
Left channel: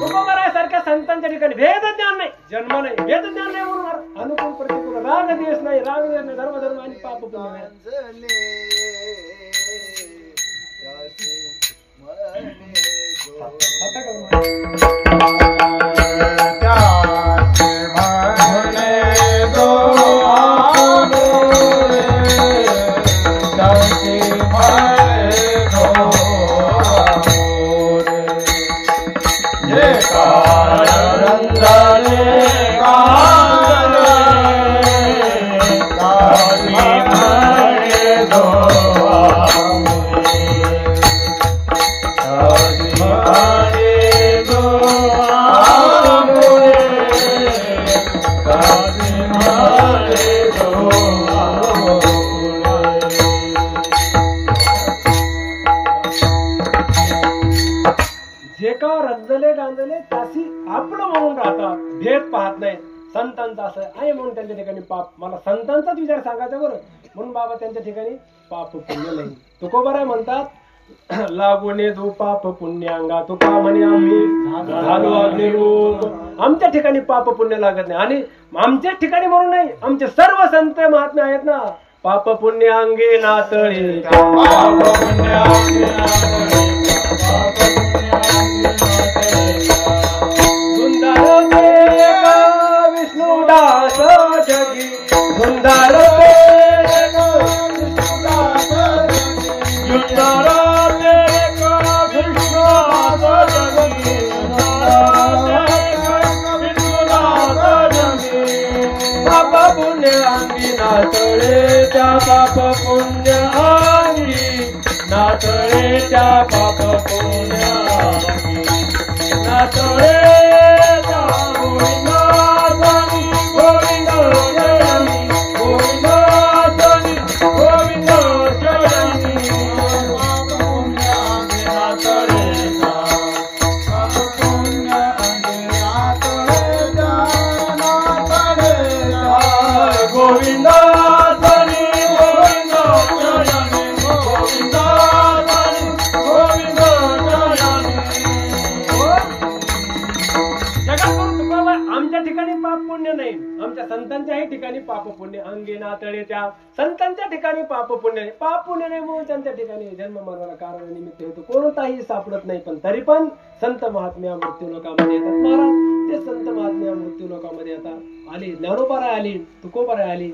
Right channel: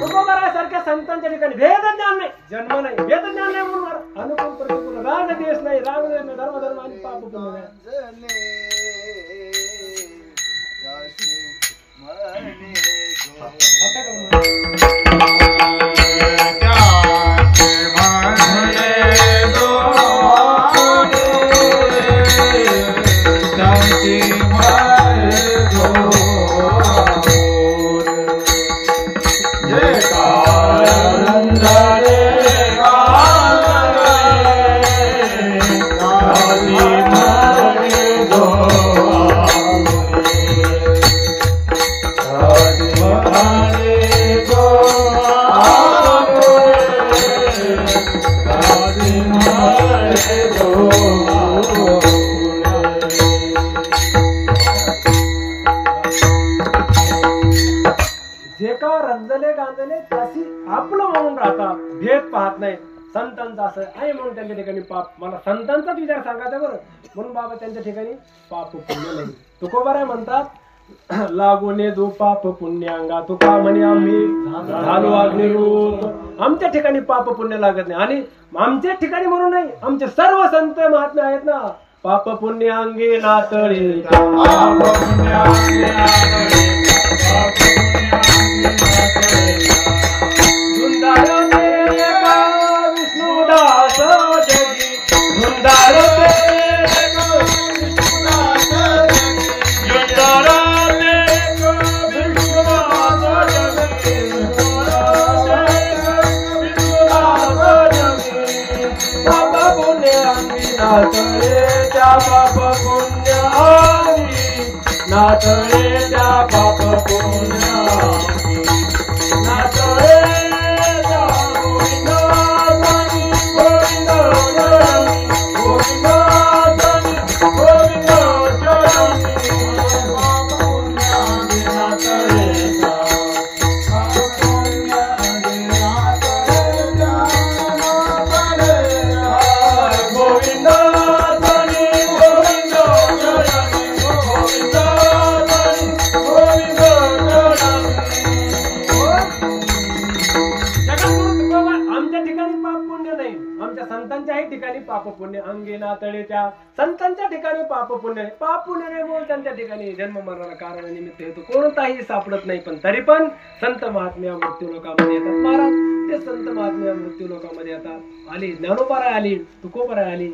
तुकोबाराय सारख्या संतांच्या ठिकाणी भेद ज्ञान नाही. जन्म नाही भेद ज्ञान नाही म्हणून अनुकूल प्रतिकूल राग देश नाही. राग देश नाही. धर्म धर्म आणि पाप पुण्य नाही. आपलं म्हणून राहतात. भेद पाहत नाही. संतांचं असं आहे म्हणून त्यांच्या ठिकाणी पाप. मला संतांचाच विचार सांगायचा बरं म्हणून बाबा त्यांच्या ठिकाणी पाप पुण्य नाही. तुकोबाराय म्हणतात लागोने दो पाप पुण्यांगा तुका म्हणे आम्ही झालो अग्निरूप. आमच्या ठिकाणी पाप पुण्य लागत नाही. आणि आमच्या ठिकाणी म्हणून नाही आमचे सर्व संत महात्मे आहेत ना पाप पुण्य अंगे नातळे विष्णुदास जगी धुंदार त्या पाप पुण्य नातळे त्या पाप पुण्य नातळे संतांच्याही ठिकाणी पाप पुण्य अंगे नातळे त्या संतांच्या ठिकाणी पाप पुण्य नाही. पाप पुण्य नाही म्हणून त्यांच्या ठिकाणी जन्म मरणाला कारण निमित्त हेतू कोणताही सापडत नाही. पण तरी पण संत महात्म्या मृत्यू लोकांमध्ये येतात. महाराज ते संत महात्म्या मृत्यू लोकांमध्ये येतात. आली ज्ञानोबाराय आली तुकोबाराय आली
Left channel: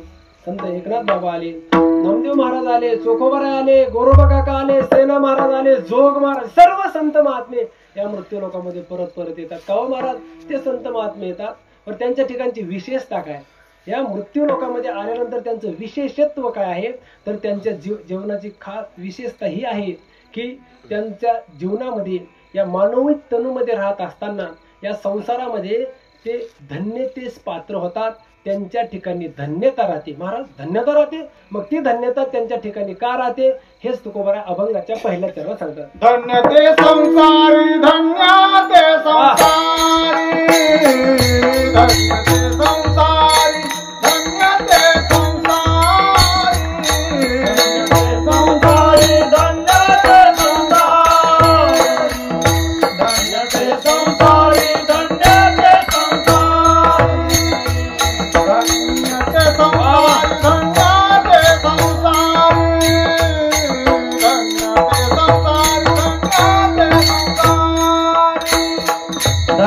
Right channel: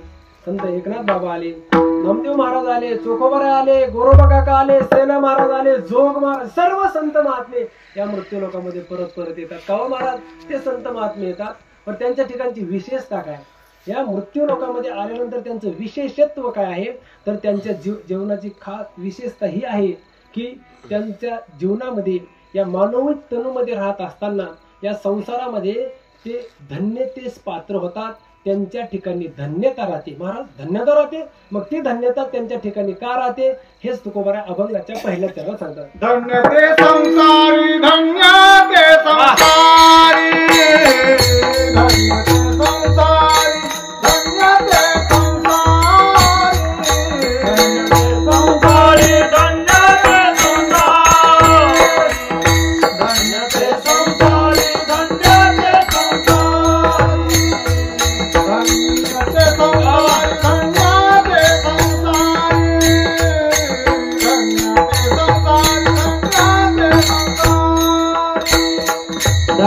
संत एकनाथ बाबा आले नामदेव महाराज आले चोखोबाराय आले गोरोबा काका आले सेना महाराज आले जोग महाराज सर्व संत महात्मे या मृत्यू लोकांमध्ये परत परत येतात. काव महाराज ते संत महात्मे येतात. पण त्यांच्या ठिकाणची विशेषता काय. या मृत्यू लोकांमध्ये आल्यानंतर त्यांचं विशेषत्व काय आहे तर त्यांच्या जीवनाची खास विशेषता ही आहे की त्यांच्या जीवनामध्ये या मानवी तनुमध्ये राहत असताना या संसारामध्ये ते धन्यतेस पात्र होतात. त्यांच्या ठिकाणी धन्यता राहते. महाराज धन्यता राहते. मग ती धन्यता त्यांच्या ठिकाणी का राहते हेच तुकोबाराय अभंगाच्या पहिल्या चरणात सांगतात. धन्य ते संसारी धन्य ते संसारी धन्य ते संसारी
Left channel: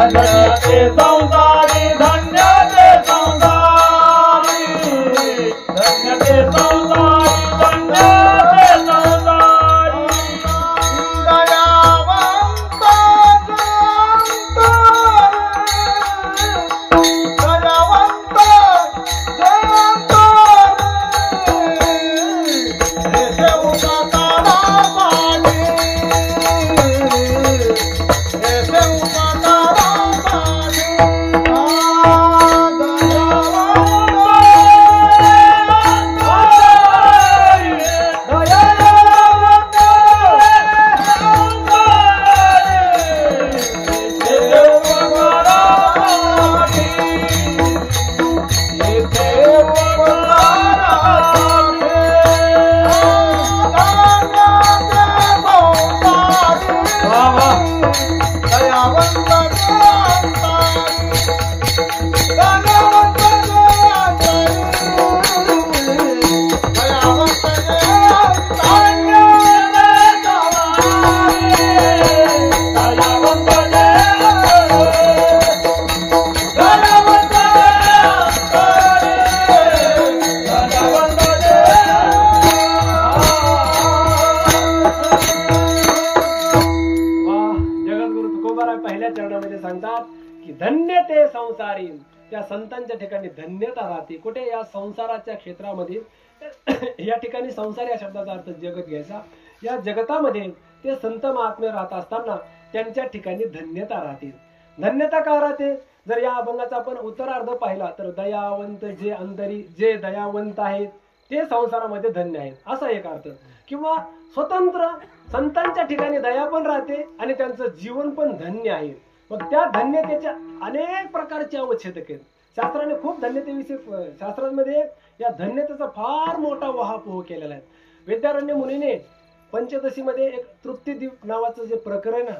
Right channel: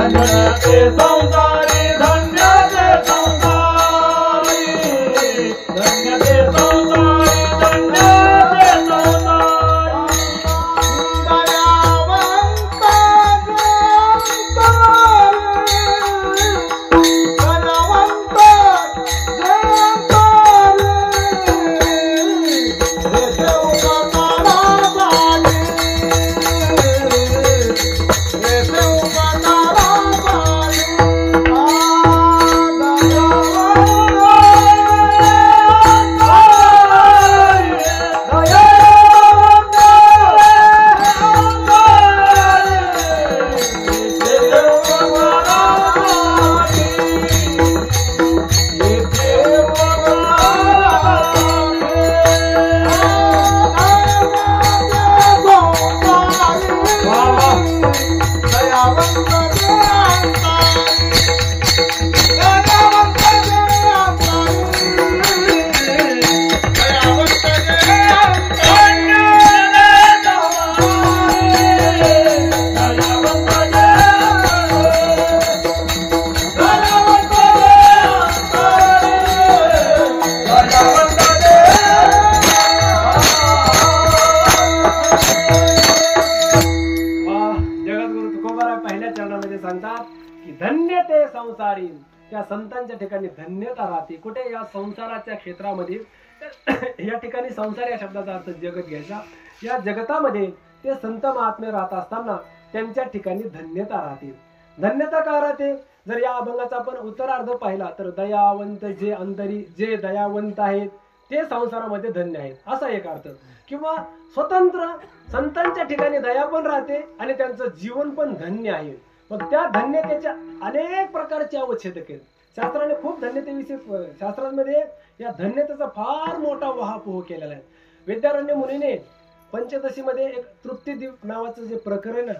धन्य ते संसारी धन्य ते संसारी धन्य ते संसारी धन्य ते संसारी दयावंत धन्य ते संसारी. त्या संतांच्या ठिकाणी धन्यता राहते. कुठे? या संसाराच्या क्षेत्रामध्ये. या ठिकाणी संसार या शब्दाचा अर्थ जगत घ्यायचा. या जगतामध्ये ते संत महात्मे राहत असताना त्यांच्या ठिकाणी धन्यता राहते. धन्यता का राहते? जर या अभंगाचा आपण उत्तरार्ध पाहिला तर दयावंत जे अंतरी जे दयावंत आहेत ते संसारामध्ये धन्य आहेत असा एक अर्थ. किंवा स्वतंत्र संतांच्या ठिकाणी दया पण राहते आणि त्यांचं जीवन पण धन्य आहे. मग त्या धन्यतेच्या अनेक प्रकारचे अवच्छेदक आहेत. शास्त्राने खूप धन्यतेविषयी शास्त्रांमध्ये या धन्यतेचा फार मोठा वहापोह केलेला आहे. विद्यारण्य मुनीने पंचदशीमध्ये एक तृप्तीदीप नावाचं जे प्रकरण आहे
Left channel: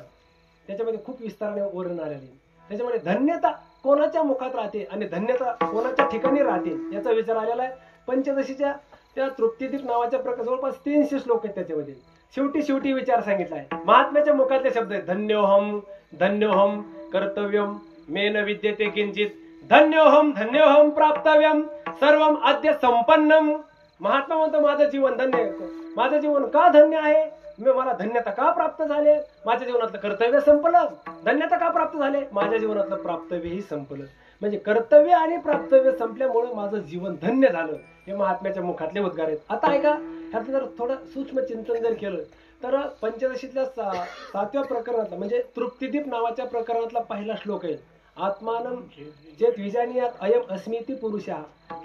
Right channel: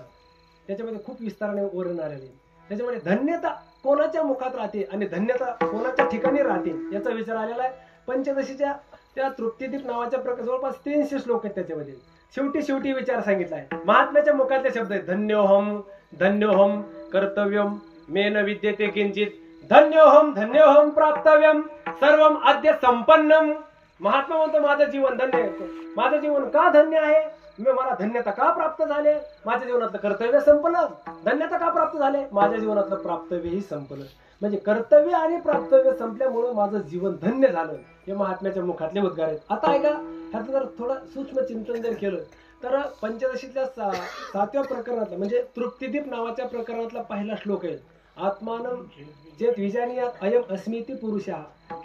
त्याच्यामध्ये खूप विस्ताराने वर्णन आलेले आहे. त्याच्यामध्ये धन्यता कोणाच्या मुखात राहते आणि धन्यता कोणाच्या ठिकाणी राहते याचा विचार आलेला आहे. पंचदशीच्या त्या तृप्तीदीप नावाच्या प्रकार जवळपास 300 श्लोक आहेत. त्याच्यामध्ये शेवटी विचार सांगितला आहे. महात्म्याच्या मुखातले शब्द आहेत धन्योहम धन्योहम कर्तव्यम मेन विद्यते किंचित धन्योहम प्राप्तव्यम सर्वम आद्य संपन्नम. महात्मा म्हणतो माझं जीवन धन्य आहे. माझं जीवन का धन्य आहे? मला धन्यता का प्राप्त झाले? माझ्या जीवनातलं कर्तव्य संपलं. धन्यता का प्राप्त झाले? माझ्या जीवनातलं प्राप्तव्यही संपलं. म्हणजे कर्तव्य आणि प्राप्तव्य संपल्यामुळे माझं जीवन धन्य झालं. हे महात्म्याच्या मुखातले उद्गार आहेत. आता ऐका, ह्याचं जर थोडं सूक्ष्म चिंतन जर केलं तर पंचदशीतल्या 7व्या प्रकरणातला म्हणजे तृप्तीदीप नावाच्या प्रकरणातला पहिला श्लोक आहे. आत्मानं जे द्विजानीयात अयम अस्मिती पुरुषा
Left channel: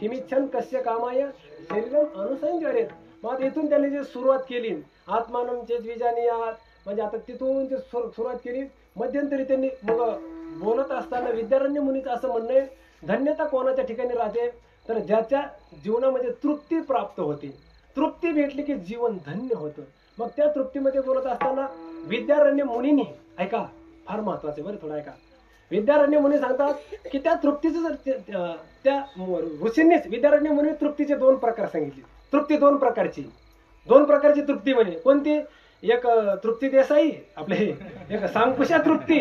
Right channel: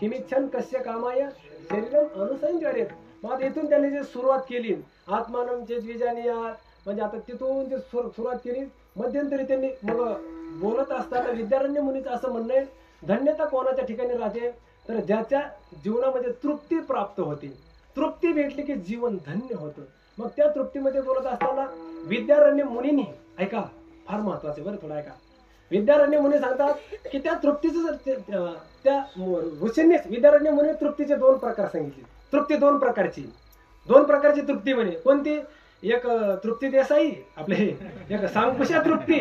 किमिच्छन कस्य कामाय शरीरम अनुसंचरेत. मग इथून त्यांनी जे सुरुवात केली आत्मानं जे द्विजानीयात म्हणजे आता तिथून जे सुरुवात केली मध्यंतरी त्यांनी मग बोलत असताना विद्यारण्य मुनीचं असं म्हणणं आहे धन्यता कोणाच्या ठिकाणी राहते तर ज्याच्या जीवनामध्ये तृप्ती प्राप्त होते. तृप्ती भेटली की जीवन धन्य होतं. मग त्या तृप्तीमध्ये बोलत असताना विद्यारण्य मुनींनी ऐका फार महत्वाचे बरं थोडं ऐका. विद्यारण्य मुनी सांगतात की त्या तृप्तीचं त्या ऋषींनीच विद्यारण्य मुनी तृप्तीचे 2 प्रकार सांगितले. तृप्ती 2 प्रकारची तृप्ती म्हणे. कोणती? एक तृप्ती देसाई आपले एक सांकुशा तृप्ती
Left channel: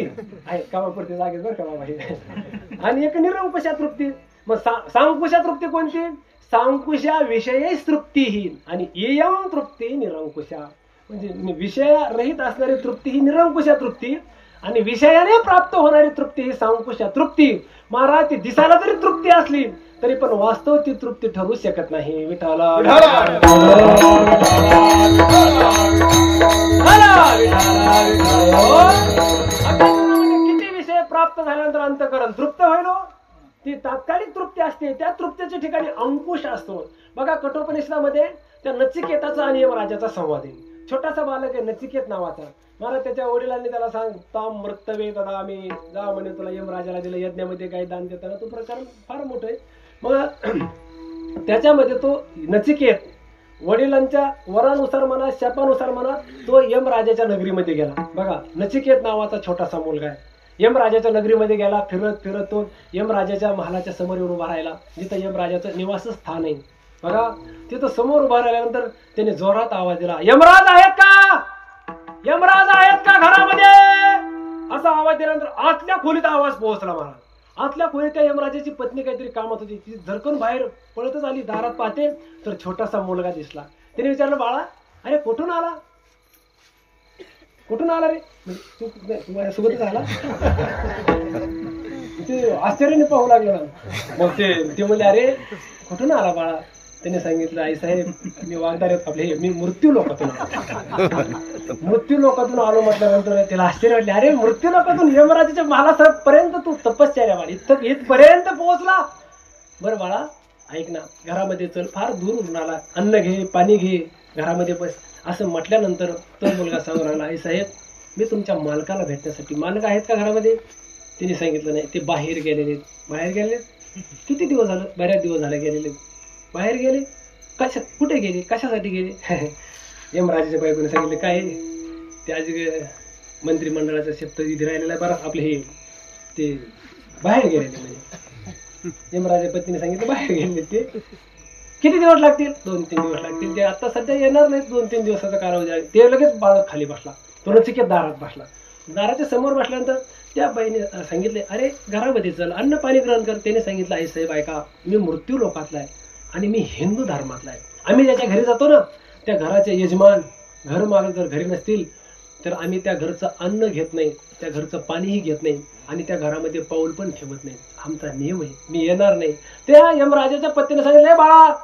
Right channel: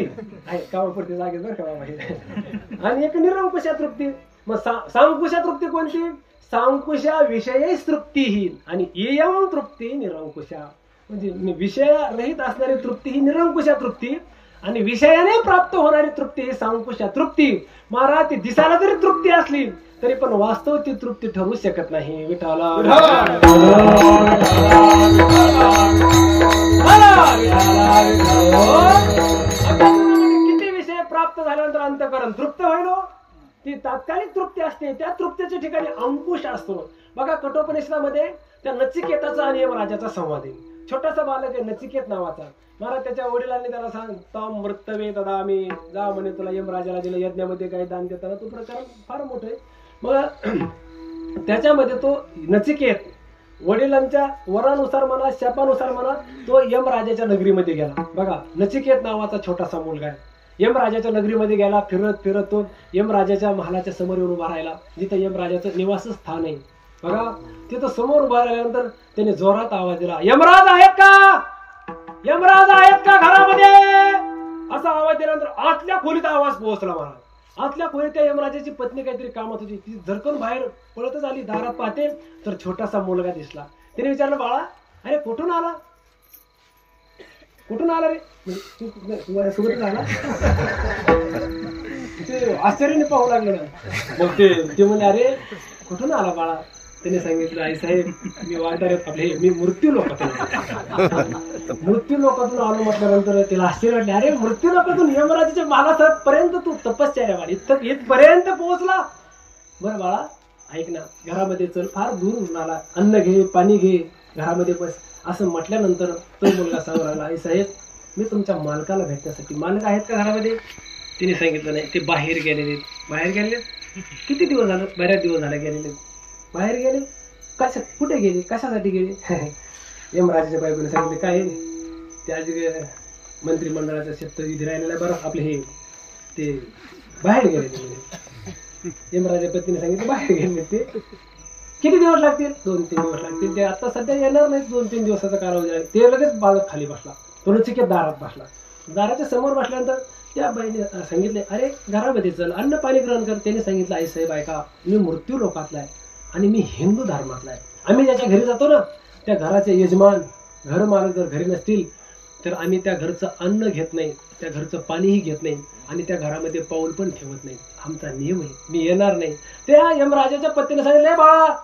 आहे कामापुरती जागेत बरं का बाबा. आणि एक निरंकुशा तृप्ती. मग सांकुशा तृप्ती कोणती? सांकुशा विषयी तृप्तीहीन आणि इयम तृप्ती निरंकुशा. म्हणजे विषयरहित असणारी तृप्ती ही निरंकुशा तृप्ती आणि विषयाने प्राप्त होणारी तृप्ती ही सांकुशा तृप्ती. महाराज ती दिसायला जरी तृप्ती असली तरी पण वास्तव ती तृप्ती ठरू शकत नाही. विठाला किती विषय प्राप्त झाल्यानंतर अंतःकरण तृप्त होईल. ती तात्कालिक तृप्ती असते. त्या तृप्तीच्या ठिकाणी अंकुश असतो. बघा कठोपनिषदामध्ये त्या नचिकेताचा आणि यमराजाचा संवाद आहे. छोटासा बालक आहे नचिकेत नावाचा. महाराज त्याच्या वडिलांनी त्याला सांग ताम मृतवे तदा आम्ही जा म्हणे तुला यमराजाला दिलं यज्ञामध्ये काही दान देताना. तो प्रकार फार मोठं आहे. मग त्याच्यामध्ये तो नचिकेत वडिलांच्या वरानुसार म्हणा शापानुसार म्हणा तो यमराजाच्या नगरीमध्ये गेला. बघा नचिकेत नावाचा छोटासा मुलगा आहे. यमराजाच्या नगरीमध्ये गेला. फिरत तो यमराजाच्या महालाच्या समोर येऊन उभा राहिला जिथं यमराजाचं निवासस्थान आहे. बघा तिथं समोर उभा राहिल्यानंतर त्याने जोरात आवाज दिला यमराज आहेत का? यमराज आहेत का घरामध्ये? असा आवाज दिल्यानंतर आतल्या खोलीत आवाज पोहोचला महाराज. आतल्या खोलीत त्या यमराजाची पत्नी काहीतरी कामात होती. ती झरकून बाहेर पळतच आली. दारात पाहते तर छोटासा मुलगा दिसला. तिने विचारलं, बाळा अरे कुठून आला, कुठून आला रे, तू माझ्यासोबतच आला. ते आश्चर्याने पाहू लागलं ना. मग ते म्हणले, अरे कुठून आला बाळा. त्याने सांगितलं, आई साहेब मी वागदार आपले मी मृत्यू लोकातून आलो. म्हटल्यानंतर त्याला आश्चर्य वाटले, अरे मृत्यू लोकातून यमराजाच्या मालापर्यंत तू तपश्चर्या बाळा इथपर्यंत पोहोचला. बरं बाळा ऐक ना, घरामध्ये चल, फार दूर आला, अन्न घे पाणी घे, घरामध्ये बस. असं म्हटल्यानंतर तो मुलगा सांगू लागला, आई साहेब मी तुमच्या मालकाला भेटण्यासाठी. मालक आहेत का घरामध्ये. तिने सांगितलं नाही, ते बाहेर गेलेले. बाहेर गेलेले किती दिवस झालं, बऱ्याच दिवस झाले गेलेले. बाहेर गेले कशा, कुठे गेले, कशासाठी गेले. यमराजाच्या बायकोने सांगितले, काय ते आज मंत्रिमंडळाचा शपथविधी राहिलेला आहे बरं आपले, हे ते बाहेर गेलेले. म्हणजे यमराजा पत्नीने सांगितलं बाहेर गेले. ते किती दिवस लागतील, 2-3 दिवस लागतील. ते आता सध्या येणार नाहीत, 2-3 दिवसाचा कालावधी आहे. ते लगेच बाळक खाली बसला. तो नचिकेत दारात बसला. दाराच्या समोर बसल्यानंतर त्या बाईने सांगितले, अरे घरामध्ये चल, अन्न पाणी ग्रहण कर. त्याने सांगितलं, आई साहेब ऐका, मी मृत्यू लोकातला आहे आणि मी हिंदू धर्मातला आहे. आम्ही ज्याच्या घरी जातो ना, त्या घराचे यजमान घर मालक जर घरी नसतील तर आम्ही त्या घरचं अन्न घेत नाही, त्या घरचं पाणीही घेत नाही आणि त्या घरामध्ये पाऊल पण ठेवत नाही. आमचा नियम आहे, मी येणार नाही. त्या यमराजाच्या पत्नीने सांगितलं, बाळा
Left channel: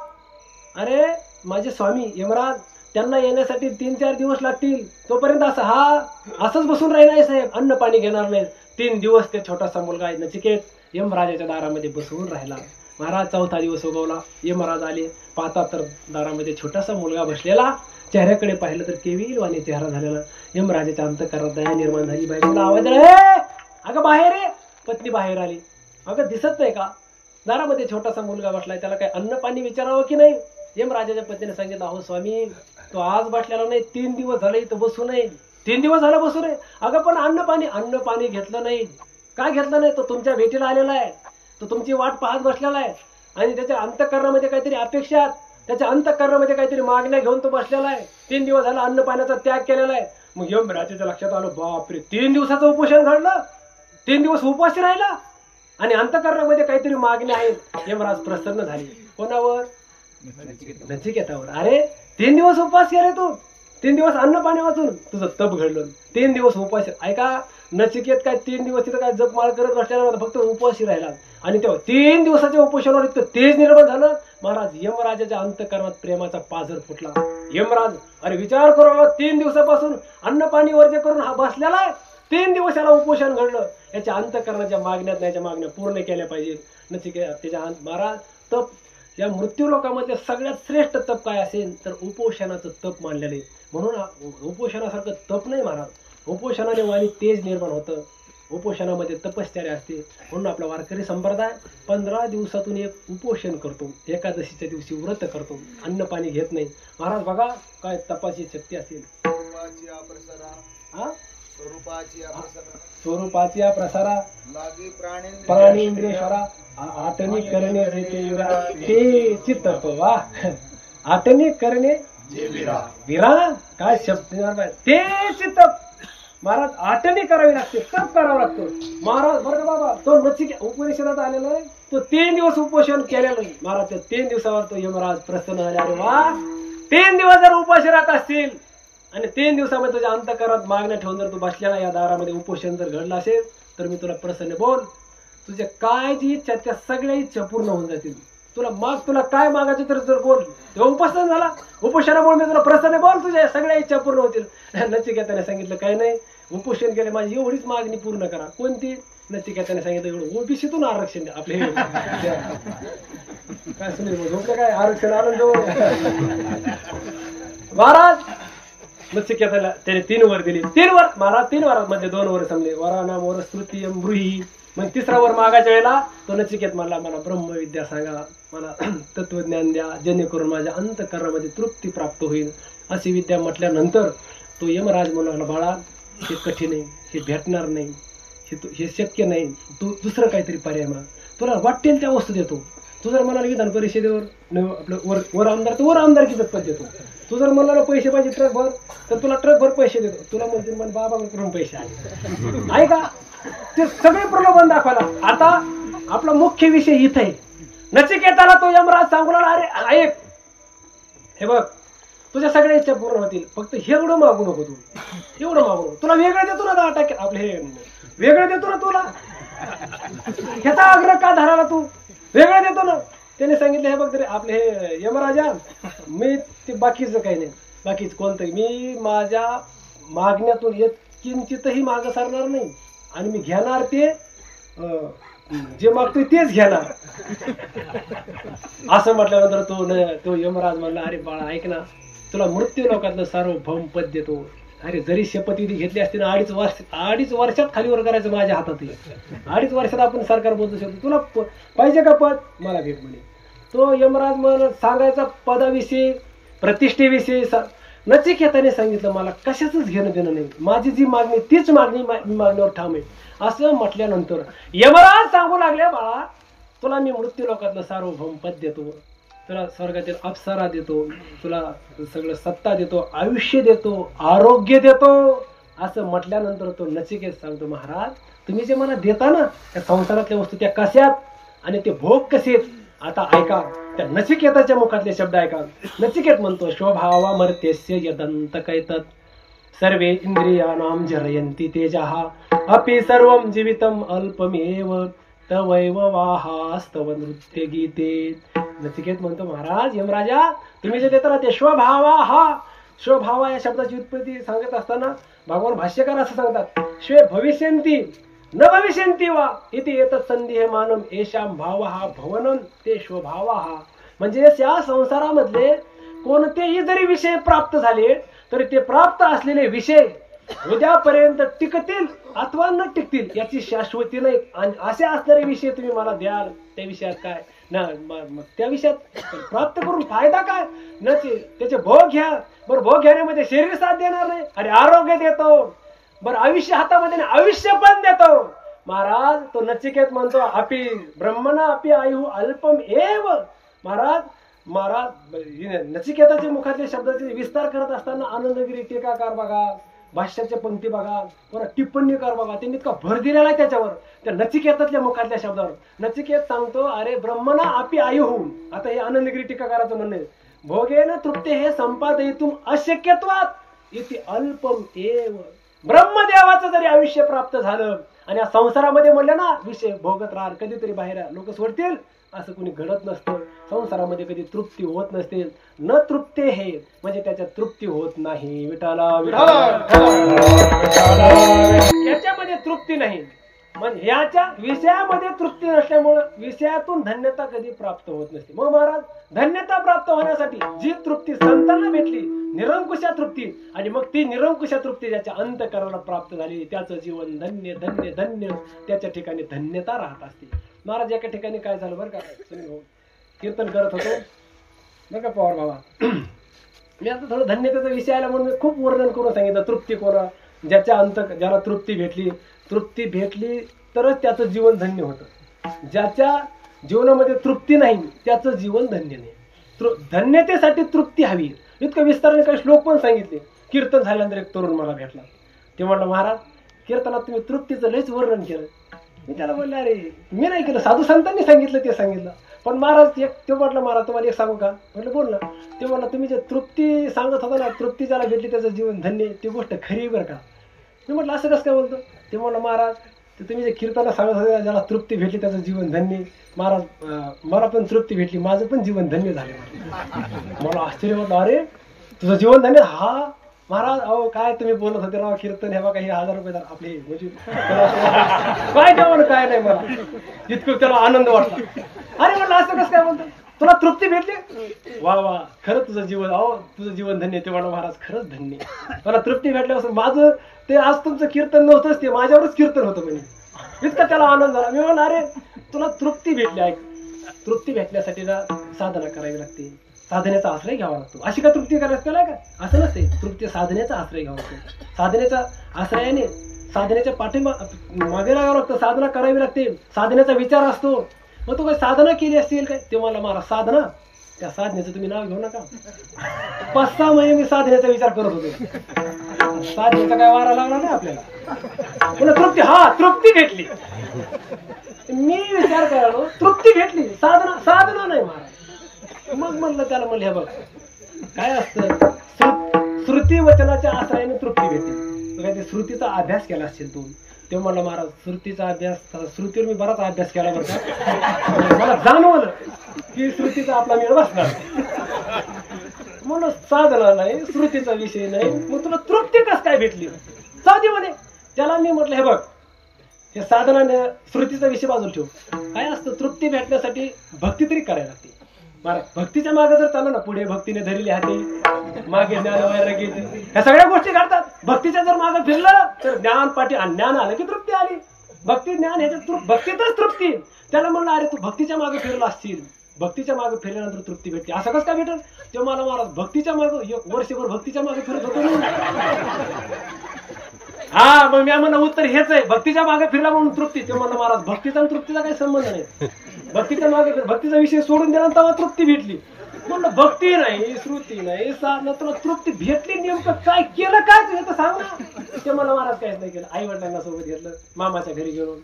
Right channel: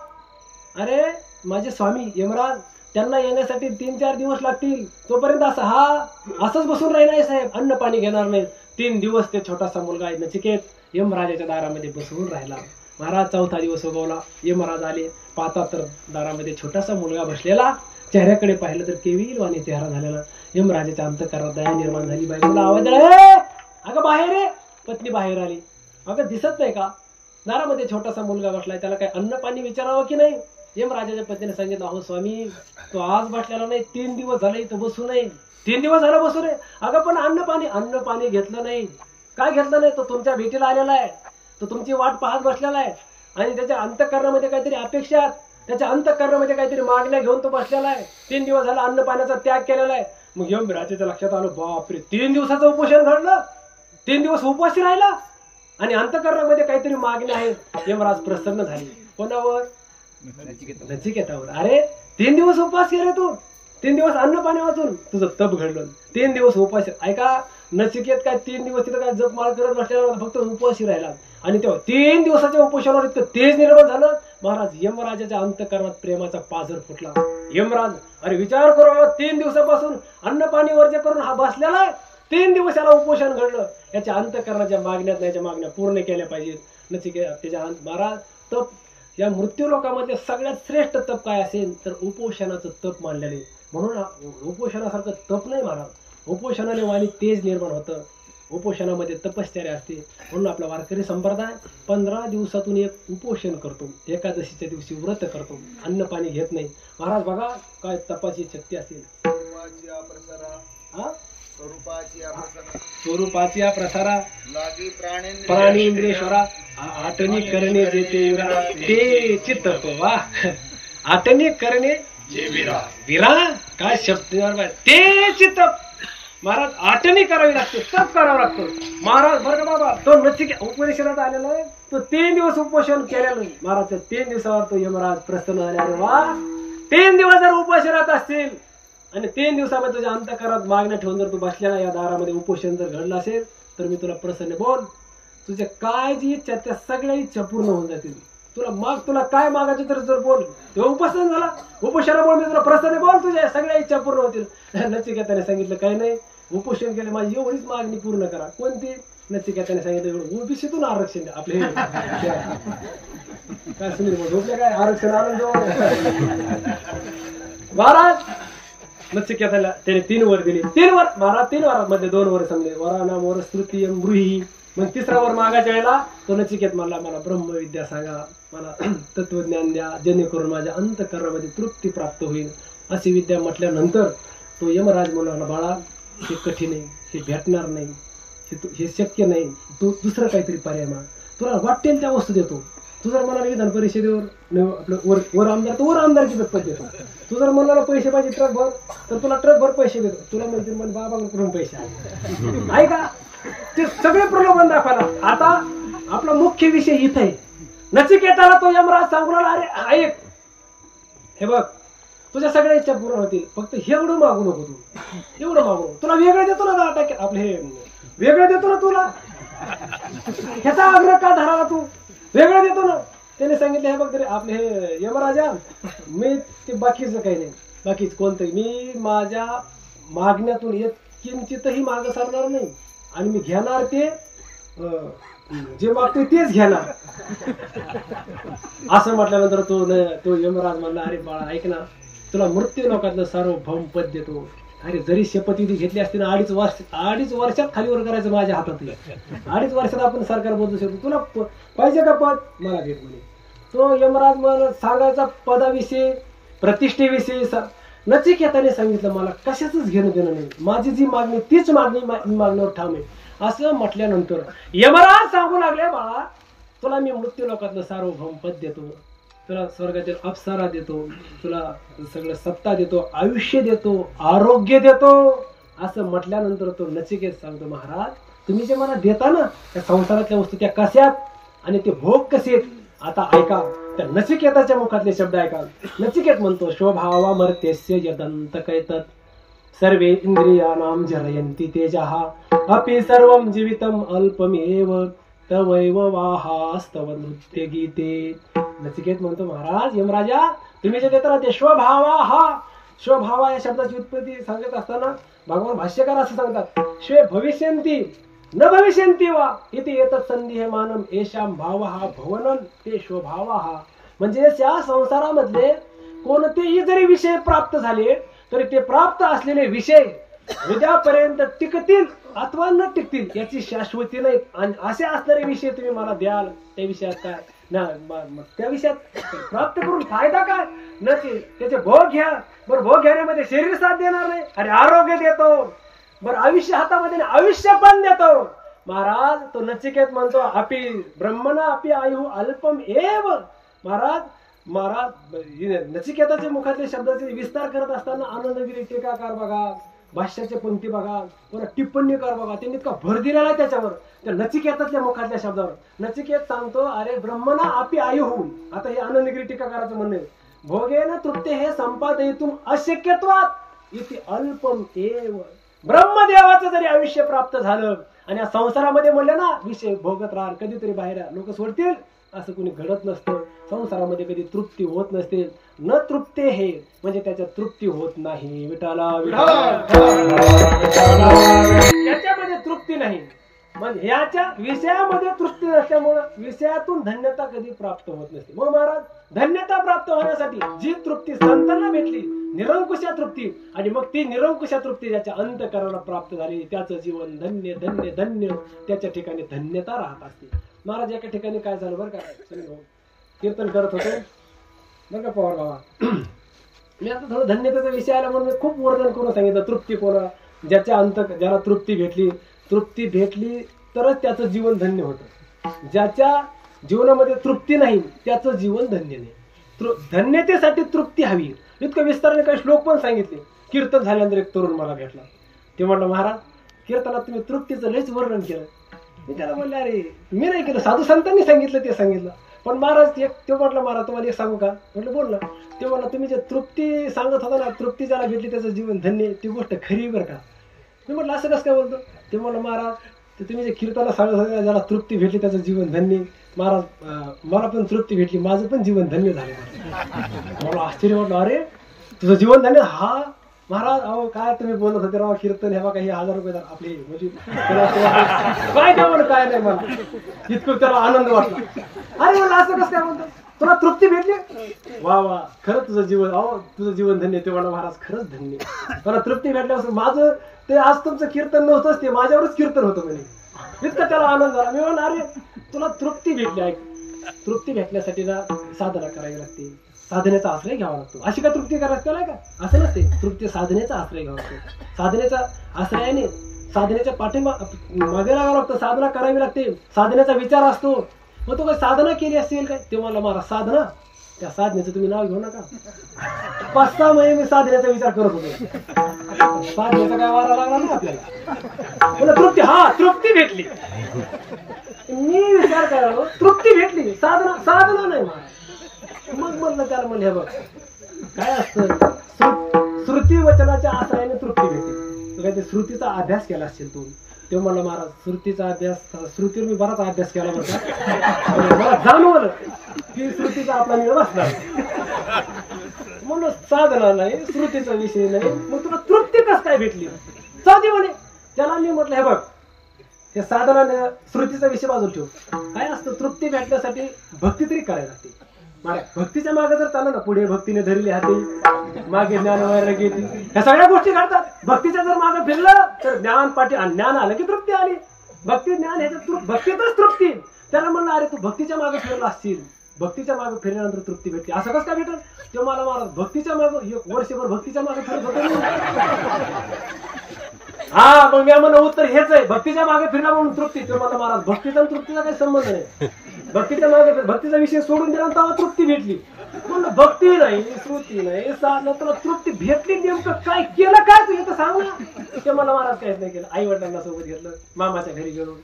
अरे माझे स्वामी यमराज त्यांना येण्यासाठी 3-4 दिवस लागतील. तोपर्यंत असंच बसून राहिला साहेब, अन्न पाणी घेणार नाही. 3 दिवस ते छोटासा मुलगा आहे नचिकेत यमराजाच्या दारामध्ये बसवून राहिला. महाराज 4था दिवस उगवला. यमराज आले. पाहता तर दारामध्ये छोटासा मुलगा बसलेला. चेहऱ्याकडे पाहिलं तर केविलवाणी चेहरा झालेला. यमराजाच्या अंतःकरणात दया निर्माण झाली. बायकोला आवाज आला, अगं बाहेर आहे. पत्नी बाहेर आली. अगं दिसत नाही का, दारामध्ये छोटासा मुलगा बसलाय, त्याला काय अन्न पाणी विचारावं की नाही. यमराजाच्या पत्नीने सांगितलं, अहो स्वामी तो आज बसलेला नाही, 3 दिवस झाले इथं बसू नये. 3 दिवस झालं बसू नये. अगं पण अन्न पाणी घेतलं नाही. काय घेतलं नाही, तो तुमच्या भेटीला आलेला आहे, तो तुमची वाट पाहत बसलेला आहे आणि त्याच्या अंतःकरणामध्ये काहीतरी अपेक्षा, त्याच्या अंतःकरणामध्ये काहीतरी मागण्या घेऊन तो बसलेला आहे. 3 दिवस झाला अन्न पाण्याचा त्याग केलेला आहे. मग यमराजाच्या लक्षात आलं, बापरे 3 दिवसाचं उपोषण घडलं, 3 दिवस उपाशी राहिला आणि अंतःकरणामध्ये काहीतरी मागण्या आहेत. यमराज प्रसन्न झाले. कोणावर, नचिकेतावर. अरे 3 दिवस उपास केले तू, 3 दिवस अन्न पाणी वाचून तुझं तप घडलं. 3 दिवस उपास. ऐका नचिकेत काय 3 दिवस तिथं काय जपमाळ करत बसलेला, फक्त उपाशी राहिला आणि तेव्हा 3 दिवसाच्या उपोषणावर इतकं तेज निर्माण झालं. महाराज यमराजाच्या अंतःकरणात प्रेमाचा पाझर फुटला. यमराज अरे विचार करू, 3 दिवसापासून अन्न पाणी वर्ज्य करून हा बसलेला आहे. 3 दिवस याला उपोषण घडलं. याच्या अंतःकरणाच्या मागण्यात याच्या मागण्या पूर्ण केल्या पाहिजेत. नचिकेत त्याच्या महाराज तप, या मृत्यू लोकांमध्ये सगळ्यात श्रेष्ठ तप काय असेल तर उपोषणाचं तप मानलेले. म्हणून उपोषणासारखं तप नाही महाराज. उपोषणाने वाणी तेज निर्माण होतं. उपोषणामध्ये तपश्चर्या असते. म्हणून आपला वारकरी संप्रदाय 15 दिवसातून एक उपोषण करतो. एकादशीच्या दिवशी व्रत करतो. अन्न पाणी घेत नाही. महाराज बघा काय तपाची शक्ती असेल. स्वरूपाची प्रसारा लागी प्राणेंद्रेश्वरा आटणी करणे ते चित्त. वा आटणी करणे विरा काय शब्द ते चित्त. महाराज आटणी करावी लागते, तप करावं लागतं. महाराज बरं का बाबा, तो नचिकेत उपनिषदात आलेला आहे. तो 3 दिवस उपोषण केलेलं नाही. महाराज 3 दिवसावर तो यमराज प्रसन्न झाले. अरे वा, 3 दिवस जर उपाशी राहत असतील आणि 3 दिवसामध्ये तुझ्या अंतःकरणात मागण्या ठेवून जर तू बसलेला या दारामध्ये उपोषण जर घडलं असेल तर मी तुला प्रसन्न बोल, तुझ्या काय जी इच्छा त्या सगळ्या इच्छा पूर्ण होऊन जातील. तुला काय मागायचं तर जर बोल. तेव्हा उपोषण झाला, उपोषणामुळे मी तुला प्रसन्न बोल, तुझ्या सगळ्या इच्छा पूर्ण होतील. नचिकेताने सांगितलं काय नाही, उपोषण केले माझी एवढीच मागणी पूर्ण करा. कोणती. नचिकेताने सांगितलं एवढं ओबीसीतून आरक्षण द्या. आपले काय सुनील झोपले काय आरक्षण आनंद. महाराज नचिकेताला त्याने 3 वर दिली. 3 वर महाराज 3 वरांमध्ये 2 वर समजले. वरानाम वर स्तुतीयम ब्रूही. मग 3रा वर मागायच्या वेळेला तो नचिकेत मला ब्रह्मविद्या सांगा, मला तत्वज्ञान द्या, जेणेकरून माझ्या अंतःकरणामध्ये तृप्ती प्राप्त होईल. अशी विद्या म्हटल्यानंतर तो यमराज म्हणाला, बाळा हे कठीण आहे, हे भेटणार नाही, हे शक्य नाही, तू दुसरं काहीतरी पर्याय माग. तुला वाटेल त्या वस्तू देतो. तू जर म्हणाला विधान परिषदेवर आपलं वर आमदार तर वर आमदारकीच पद देतो. तू जर म्हणाला पैसे पाहिजे ट्रक भर तर तुला ट्रक भर पैसे देतो. तुला म्हणतील मला बाबाकडून पैसे आले आहे का. ते सगळे प्रलोभन दाखवायला. आता आपला मुख्य विषय इथे आहे. नचिकेताला तो यमराज सांगू लागला, अरे ऐक, हे बघ तुझ्या सगळ्या इच्छा पूर्ण होतील, फक्त एवढं मागू नको तू, एवढं मागू नको. तुला वेगळं देतो ना 10% आपले हे वेगळं देतो ना तुला, ह्याचा आग्रह का धराला तू, वेगळं देतो ना. त्याने सांगितलं हे बघ तरी आपले हे यमराजा, मी ते बाकीचं काही नाही, बाकीच कोणतंही मी माझ्या मागण्यातून एक किंचितही मागं सरणार नाही आणि मी घेणार ते जे मागतोय तेच घेणार. असं म्हटल्यानंतर तो यमराज म्हणला, अरे बाळा ऐक ना, तुला मृत्यू लोकातलं सार्वभौम पद देतो. अरे जरी शपथविधी घेतली असती ना 2.5 वर्षात खालीवर करायचं माझ्या हातात. 2.5 वर्षात आपण सरकार बदलू शकतो. तुला पाहिजे का पद, मला भेट म्हणे. तो यमराज मला सांगायचा पदाविषयी प्रतिष्ठेविषयी. नचिकेताने सांगितलं मला कशाच घेणं देणं नाही, माझी जी मागणी तीच मागणी, मी मागण्यावर ठाम आहे. असं म्हटल्यानंतर यमराज सांगू लागले, बाळा तुला मी मृत्यू लोकातलं सार्वभौम पद देतो, तुला स्वर्गातील अप्सरा देतो, तुला सगळं सत्ता देतो, आयुष्य देतो, आरोग्य देतो. असं म्हटल्यानंतर तो नचिकेत सांगतो, महाराज तुम्ही जे मला देता ना त्या संसारातल्या वस्तू त्या कशात आणि ते भोग कसे. आता ऐका त्या नचिकेताच्या मुखातले शब्द ऐका. नचिकेत म्हणतो, स्वभावा मर्त्यस्य यदंत कैतत सर्वे इंद्रियाणाम जरयन्ति तेजः अपि सर्वं जीवितम अल्पमेव तवैव वाहास्तव नृत्य गीते. नचिकेत म्हणतो, महाराज यमराजा तुम्ही जे देता ना ते स्वभावा. हा स्वभावा या शब्दाची उत्पत्ती सांगत असताना भगवान भाष्यकार असं सांगतात, स्वे भविष्यन्ति न भविष्यन्ति वा इति एतत् संदेहमानम येषां भावः भवनं ते स्वभावः. म्हणजे या संसारामधले कोणतेही जरी विषय प्राप्त झाले तरी ते प्राप्त असलेले विषय उद्यापर्यंत टिकतील अथवा न टिकतील याची शाश्वती नाही. आणि असे असणारे विषय तुम्ही मला द्याल, त्या विषयात काय ना त्या विषयात प्राप्त करून फायदा काय नसेल. त्याचे भोग घ्या, बरं भोग घेण्यामध्ये शरीर साथ देणार नाही. अरे आरोग्य देतो, बरं आयुष्य हातामध्ये आयुष्य पण देतो. महाराज तो नचिकेत म्हणतो, अपि ब्रह्मणा अपि आयु अल्पम एव. महाराज नचिकेताच्या मुखातल्या शब्दाचे विस्तार करत असताना आनंदगिरी टीकाकार बघा, भाष्याच्या पंक्ती बघा, पुन्हा टिप्पणीकार बघा, त्यांनी इतका भर दिलेला आहे त्याच्यावर, त्या नचिकेतातल्या मुखातल्या शब्दावर. नचिकेत सांगतो, अरे ब्रह्मणा अपि आयु. आता हे आनंदगिरी टीकाकाराचं म्हणणं आहे, भोगेन तृप्ते हे संपादयितुम अशक्यत्वात् इति अल्पम एव. ब्रह्मदेवाचं जरी आयुष्य प्राप्त झालं आणि या संसारामध्ये म्हणलं ना विषय भोगत राहा, कधीतरी बाहेर लोक सोडतील, असं कोणी घडत नसतं. संसारामध्ये कधी तृप्ती होत नसते. न तृप्ते हे म्हणजे त्याच्यात तृप्ती होत नाही. विठाला त्याच्यामध्ये तृप्ती नाही. म्हणजे याच्या विषयामध्ये तृप्ती नसल्यामुळं विषयातून धन्यता कधी प्राप्त होत नसते. मग महाराज धन्यता प्राप्त होण्यासाठी जी तृप्ती संतांना भेटली, निरंकुशा तृप्ती, आणि मग ती निरंकुशा तृप्ती ज्याच्या अंतःकरणाला प्राप्त झाली त्याचं जीवन धन्य धन्य धन्य, त्याच्या ठिकाणी धन्यता राहत असते. महाराज एका ठिकाणी काय झालं बरं का, सुनील भाऊ कीर्तन करत होतो बरं का पवार बाबा. मी आता थोडं धन्यतेचा विषय आला म्हणून मी खूप वर्णन करून सांगितलं. तृप्ती कोणा, ज्याला तृप्ती भेटली तरच त्याचं जीवन धन्य होतं. ज्याच्या जीवनामध्ये तृप्ती नाही त्याचं जीवन धन्य नाही. धन्यतेसाठी तृप्ती हवी. इतकं विस्ताराने काही श्लोक पण सांगितले. कीर्तन झाल्यानंतर एक तरुण मला भेटला, ते म्हटलं, महाराज कीर्तनात तुम्ही तृप्तीचं लयच वर्णन केलं. मी त्याला बोलले, अरे मी नाही केलं, साधू संतांनी सांगितलं ते सांगितलं. पण महाराज ते म्हटलं, महाराज तुम्हाला एक सांगू का. म्हटलं बोल ना. ते म्हटलं, तुम्ही जे तृप्ती सांगत होता ना, तृप्ती ज्याला भेटली त्याचं जीवन धन्य, ती गोष्ट खरी बरं का. मी म्हटलं असं कसं काय बोलतो. ते म्हटलं, महाराज ते तुम्ही जे कीर्तनाला सांगत होता ज्याला तृप्ती भेटली त्याचं जीवन धन्य, महाराज मला पण तृप्ती भेटली, माझं पण जीवन धन्य झाले. मला आश्चर्य वाटलं, अरे तुझं जीवन धन्य. हा महाराज अहो काय तुम्ही बोलत होते राव, कीर्तन हे बघा हे 1000 रुपये आपले, म्हणजे काय काय काय नाही, मला इतकं त्याला आनंद वाटला. अरे म्हणलं असं कसं काय म्हणतो, तुला तृप्ती भेटली, वा वा खरंच तुझं जीवन, अहो तुझं जीवन धन्य. ते म्हणा, महाराज खरंच धन्य, मला तृप्ती भेटल्यापासून माझं ते आज तुमचं कीर्तन नव्हतंच, ते माझ्यावरच कीर्तन होतं म्हणजे. इतकं त्याला आनंद झाला. मी म्हणलं, अरे तुला तृप्ती भेटली. ऐक, तृप्ती भेटण्यासाठी ना साधना करावी लागते, साधनेचा आश्रय घ्यावा लागतो. अशी का तृप्ती करायचं नाही का, असं नसते. तृप्ती साधनेचा आश्रय घ्यावा लागतो. साधनेचा आश्रयाने साधनेच्या मागे लागावं लागतं, साधना करावी लागते. साधनेचा विचार असतो. मग तू काही साधना केली असेल काय? ते मला महाराज साधना, त्या साधनेचं तुम्ही नाव घेऊ नका. 5-6 महिने मी साधनेचा विचार करत होतो. साधनेचा काय वारा लागला नाही आपल्याला. पुन्हा तृप्ती, हा तृप्ती भेटली. मी विचार करावं, तृप्ती भेटली, साधना नाही महाराज. मग म्हणलं त्याला, म्हणलं हे बघ काय असतं, श्रुती वचनाच्या आश्रयाने तृप्ती भेटते. काय ते श्रुतीचा अभ्यास केला असेल तू. तेव्हा मला महाराज श्रुतीचा अभ्यास, श्रुतीवर मी बराच अभ्यास केला बरं का. मला जाणवलं की श्रुतीचा आपला मेळ बसणार. म्हणून साधना नाही, श्रुतीचा विषय नाही, मग तुला तृप्ती कस काय भेटली? साधी म्हणे. त्याला मी म्हटलं हे बघ, हे साधना श्रुतीचा विषय बाजूला ठेव. काय असतं, तृप्ती भेटण्यासाठी भक्ती तरी करायला लागते महाराज. भक्तीच्या मागे जर चाललं ना, पुढे भक्तीने धरली हाती, मागे ज्ञान वैराग्य, ह्या सगळ्या गोष्टी घडतात. भक्तीच्या जर मागे फिरलं तर ज्ञान पाठी, ज्ञान आलं की तृप्ती आली. भक्ती ज्ञान ह्याच्यात, भक्तीतच तृप्ती. त्याला म्हणलं अरे तू भक्तीच्या मागे फिरला असतील, भक्तीच्या मागे फिरल्यानंतर तृप्ती भेटते. असं कसं काय भेटेल? तेव्हा मला महाराज भक्तीच्या मागे 1 वर्षभर भक्तीच्या मागे फिरत होतो. हा मग मी म्हणलं उत्तर हेच आहे, भक्तीच्या मागे फिरला म्हणून तृप्ती. ते म्हणलं महाराज भक्तीचा आणि तृप्तीचा काही संबंध नाही. भक्तीच्या मागे, भक्तीचा विषय सोडून दिला तेव्हा तृप्ती भेटली. म्हणलं भक्ती नाही, श्रुती नाही, साधना, तुला तृप्ती भेटली नेमकं काय केलं, काय तू तर सांग ना. ते मला महाराज काहीच नाही केलं. आई वडिलांना सोबत घेतलं, मामाच्या घरी गेलो.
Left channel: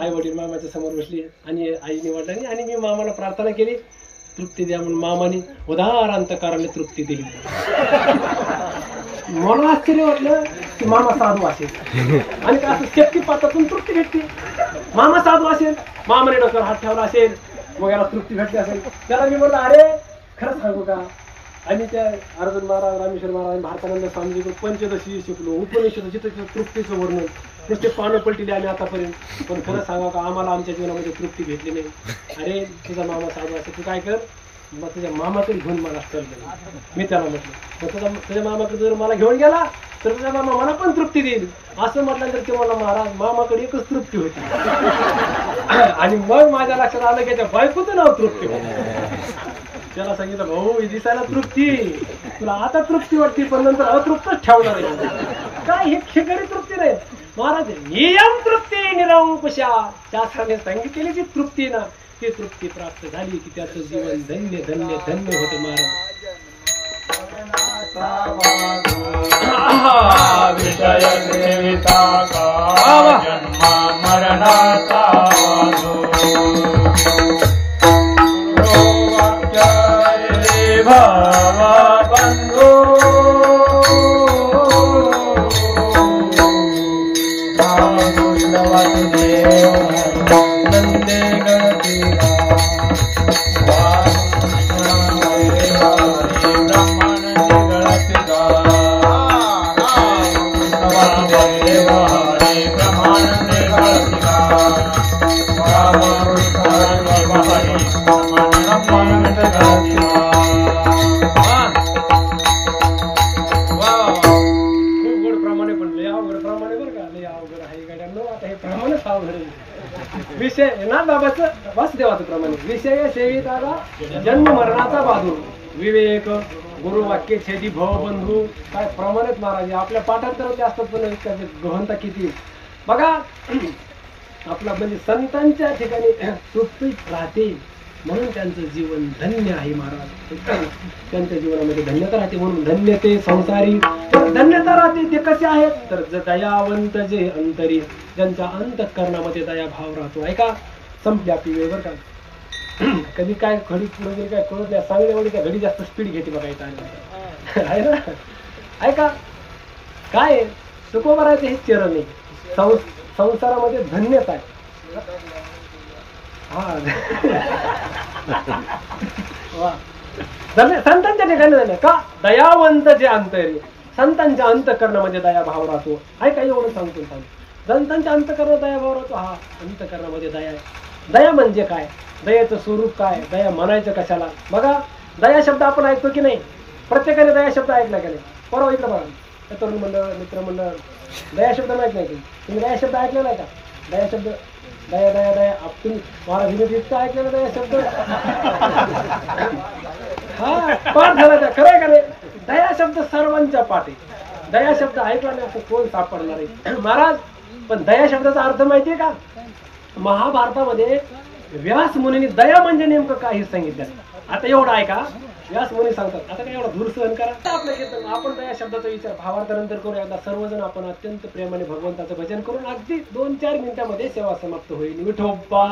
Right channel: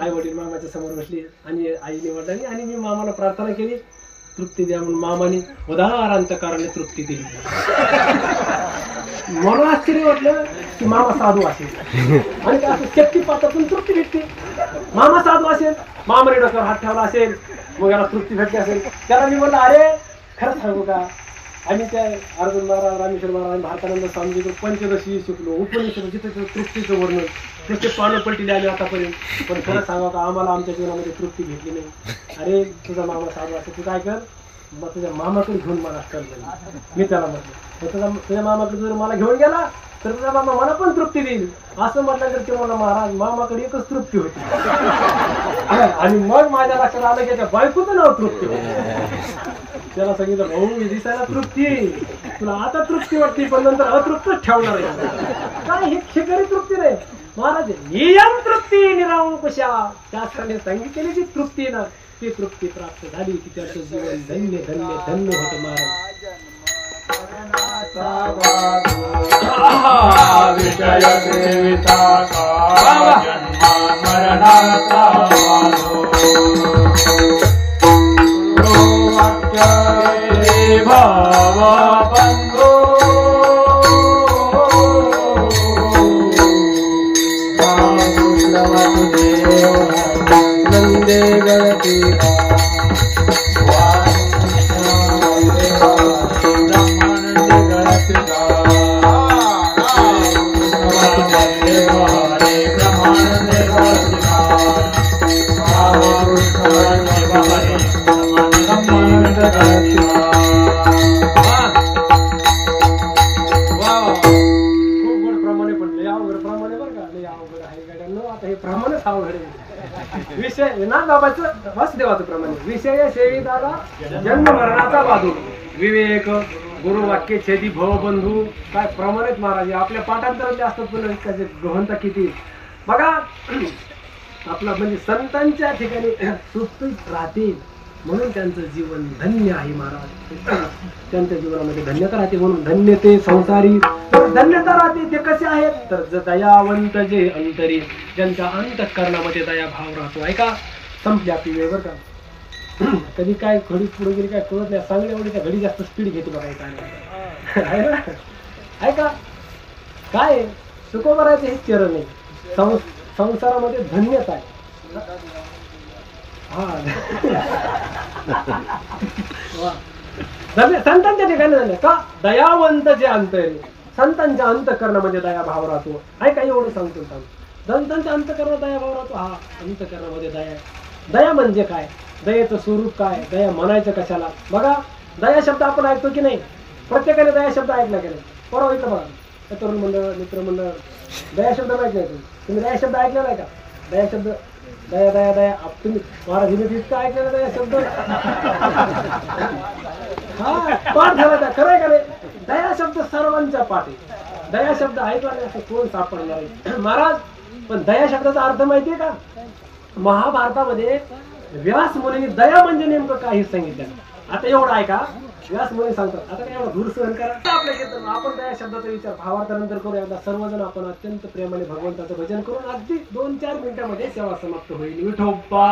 आई वडील मामाच्या समोर बसले आणि आईने वडिलांनी आणि मी मामाला प्रार्थना केली, तृप्ती द्या म्हणून. मामाने उदार अंतःकरणाने तृप्ती दिली. मला आश्चर्य वाटलं की मामा साधू असेल आणि काय असं शक्तिपातातून तृप्ती भेटते. मामा साधू असेल, मामाने डोक्यावर हात ठेवला असेल, मग याला तृप्ती भेटली असेल. त्याला मी म्हणलं अरे खरं सांगू का, आम्ही त्या अर्जुन महाराज, रामेश्वर महाराज, भारतानंद स्वामी पंचदशी शिकलो, उपनिषद जिथे तृप्तीचं वर्णन नुसते पानं पलटिले आले आतापर्यंत. पण खरं सांगा का, आम्हाला आमच्या जीवनामध्ये तृप्ती भेटली नाही. अरे तुझा मामा साधू असेल, तू काय कर, मग तुझ्या मामाकडे घेऊन मला कळलं. मी त्याला म्हटलं मग तुझ्या मामाकडे जर मला घेऊन गेला तर तुझा मामा मला पण तृप्ती देईल. असं म्हटल्यानंतर ते मला महाराज मामाकडे एकच तृप्ती होती. आणि मग माझ्या लक्षात आलं की त्याच्या बायकोचं नाव तृप्ती होतं. त्याला सांगितलं भाऊ दिसायला तृप्ती, तुला आता तृप्ती वाटते पण नंतर अतृप्तच ठेवणार आहे. काय हे खरी तृप्ती नाही महाराज, नियम तृप्ती निरंकुशा. शास्त्राने सांगितलेली जी तृप्ती ना, ती तृप्ती प्राप्त झाली की त्याचं जीवन धन्य धन्य धन्य होतं महाराज. विषय सेविता का जन्मा मरणाचा नंदे गणती विषय ना बाबाचं वासुदेवाचं प्रमाणे विषय सेविताला जन्म मरणाचा बाधू विवेक गुरु वाक्य छेदी भव बंधू. काय प्रमाणित महाराज आपल्या पाठांतरात जास्त पण गहनता किती बघा. आपला म्हणजे संतांच्या ठिकाणी सुप्तीत राहते म्हणून त्यांचं जीवन धन्य आहे महाराज. त्यांच्या जीवनामध्ये धन्यता राहते म्हणून धन्य ते संसारी. धन्यता राहते ते कसे आहेत तर दयावंत जे अंतरी, ज्यांच्या अंतःकरणामध्ये दया भाव राहतो. ऐका संपली आपली वेळ बरं का. कधी काय घडी पुढे गेली काय कळत नाही. चांगल्या वेळी त्या घडी जास्त स्पीड घेते बघा. ऐका ऐका काय सुखोबर आहे हेच चरण आहे. संसारामध्ये धन्यता आहे. हा संतांच्या ठिकाणी झालं का दयावंत जे अंतरी, संतांच्या अंतःकरणामध्ये दया भाव राहतो. ऐका एवढं सांगतो. संतांच्या अंतःकरणात दया भाव राहतो. हा अंतःकरणामध्ये दया आहे. दया म्हणजे काय, दयेचं स्वरूप काय, दया म्हणायचं कशाला. बघा दया शब्द आपण ऐकतो की नाही, प्रत्येकाने दया शब्द ऐकला की नाही. परवा इकडं बघा तरुण मंडळ मित्र मंडळ दया शब्द माहित नाही तुम्ही दया शब्द ऐकलेला आहे का. दया शब्द दया दया दया तुम्ही महाराज इतकं ऐकलेलं दया शब्द. हा पाठ झाला त्या खरं आहे का नाही. दया शब्द सर्वांच्या पाठ आहे. दया शब्द ऐकला नाही असं कोण सापडणार आहे महाराज. पण दया शब्दाचा अर्थ माहितीये का, महाभारतामध्ये व्यास मुनींनी दया म्हणजे नेमकं काय हे सांगितलं. आता एवढं आहे का, व्यास मुनी सांगतात आता काय एवढा दूर सहन करा आपल्या कीर्तन. आपण त्या शब्दाचा विचार भावार्थानंतर करूया. एकदा सर्वजण आपण अत्यंत प्रेमाने भगवंताचं भजन करून अगदी 2-4 मिनिटांमध्ये सेवा समाप्त होईल. विठोबा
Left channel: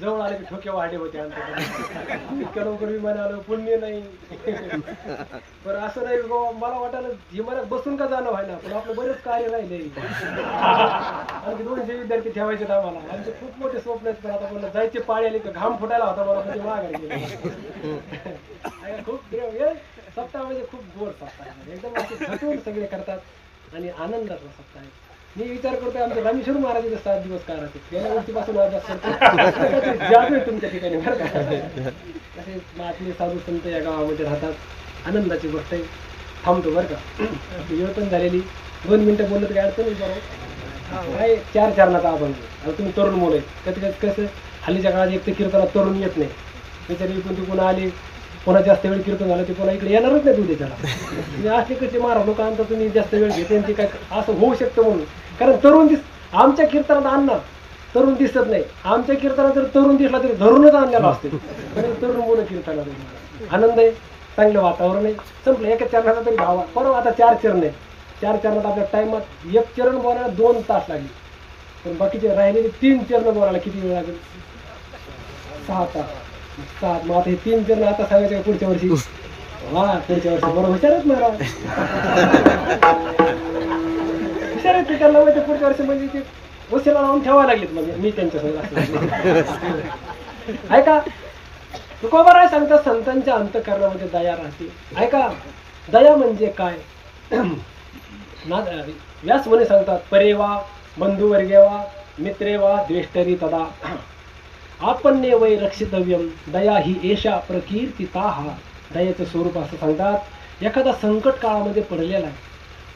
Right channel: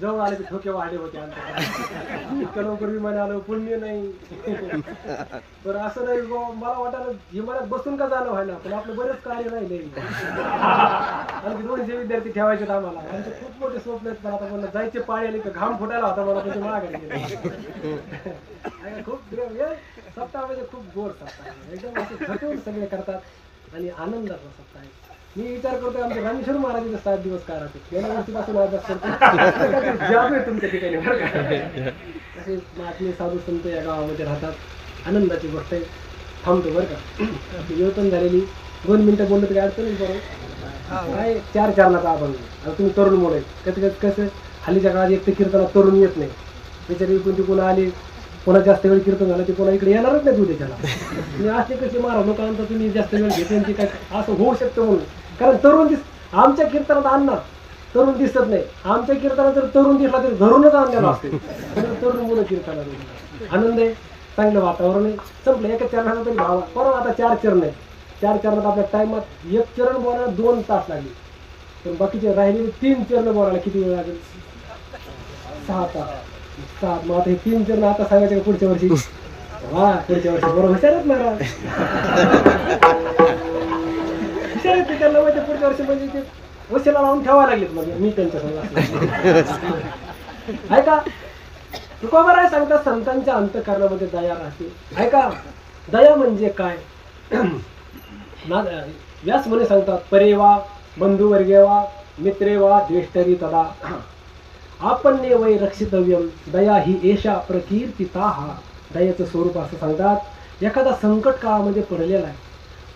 जवळ आले ठोके वाढे होते आमच्याकडे. इतकं लवकर विमान आलं पुण्य नाही. पण असं नाही मला वाटायला विमानात बसून का जाणं व्हायला, पण आपलं बरेच कार्य राहिले. आणखी 200 विद्यार्थी ठेवायचे आम्हाला. आमचे खूप मोठे स्वप्न आहेत, पण आता म्हणलं जायचे पाळी आले तर घाम फुटायला होता मला, पण माघारी गेले. खूप सप्ताह म्हणजे खूप गोड सप्ताह, एकदम असे झटून सगळे करतात आणि आनंदाचा सप्ताह आहे. मी विचार करतोय आमचे रामेश्वर महाराज 7 दिवस काय राहते, गेल्या वर्षीपासून आज जादू आहे तुमच्या ठिकाणी बरं का. असे महात्मे साधू संत या गावामध्ये राहतात, आनंदाची गोष्ट आहे. थांबतो बरं का. आपली वेळ पण झालेली, 2 मिनिटं बोललं तरी अडचण नाही. बरोबर काय 4 चरणाचा अभंग. आता तुम्ही तरुण मुलं आहे, कसं हल्लीच्या काळात एक तर कीर्तनात तरुण येत नाही. त्याच्यावर पण ती पुन्हा आली, पुन्हा जास्त वेळ कीर्तन झालं ते पुन्हा इकडे येणारच नाही उद्याच्याला. तुम्ही असे कसे महाराज लोक आणता, तुम्ही जास्त वेळ घेते आणि ती काय असं होऊ शकतं म्हणून. कारण तरुण आमच्या कीर्तनात आणणार तरुण दिसत नाही. आमच्या कीर्तनात जर तरुण दिसला तरी धरूनच आणलेला असते. तरुण मुलं कीर्तनात आनंद आहे, चांगलं वातावरण आहे. संपलं. एका चरणाचा तरी भावा परवा आता 4 चरण आहेत. 4 चरणात आपल्या टाइमात 1 चरण बोलायला 2 तास लागले, पण बाकीचे राहिलेले 3 चरण बोलायला किती वेळ लागेल? 6 तास. मग आता हे 3 चरण आता सांगायचं पुढच्या वर्षी. हा पुढच्या वर्षी बरोबर हुशारच महाराज, हुशार आहेत. त्यांना माहिती पुढच्या वर्षी म्हणजे ते वशिला लावून ठेवायला लागलेत. म्हणजे मी त्यांच्या ऐका तुकोबाराय सांगतात संतांच्या अंतःकरणामध्ये दया राहते. ऐका दया म्हणजे काय. व्यास म्हणे सांगतात परेवा बंधुवर्गेवा मित्रेवा द्वेष्टरी तदा आपण्ये वै रक्षितव्यम दया ही एषा प्रकीर्तिताः. दयेचं स्वरूप असं सांगतात. एखादा संकट काळामध्ये पडलेला आहे,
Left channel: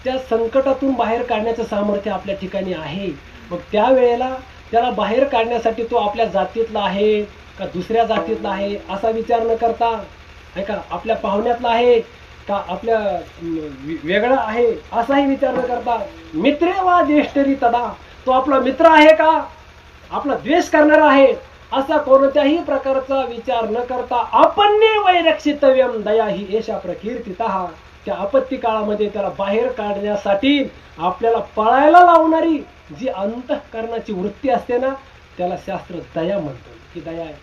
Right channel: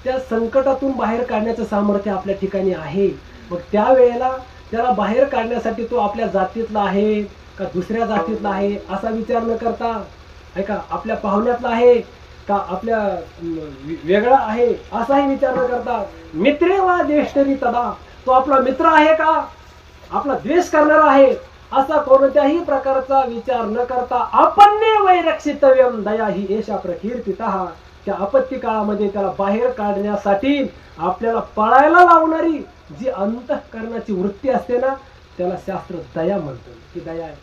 त्या संकटातून बाहेर काढण्याचं सामर्थ्य आपल्या ठिकाणी आहे. मग त्यावेळेला त्याला बाहेर काढण्यासाठी तो आपल्या जातीतला आहे का दुसऱ्या जातीतला आहे असा विचार न करता, ऐका आपल्या पाहुण्यातला आहे का आपल्या वेगळा आहे असाही विचार न करता, मित्रे वा द्वेष्टरी तदा, तो आपला मित्र आहे का आपला द्वेष करणारा आहे असा कोणत्याही प्रकारचा विचार न करता आपण्ये वै रक्षितव्यम दया ही एषा प्रकीर्तितः. त्या आपत्ती काळामध्ये त्याला बाहेर काढण्यासाठी आपल्याला पळायला लावणारी जी अंतःकरणाची वृत्ती असते ना, त्याला शास्त्र दया म्हणतं की दया आहे.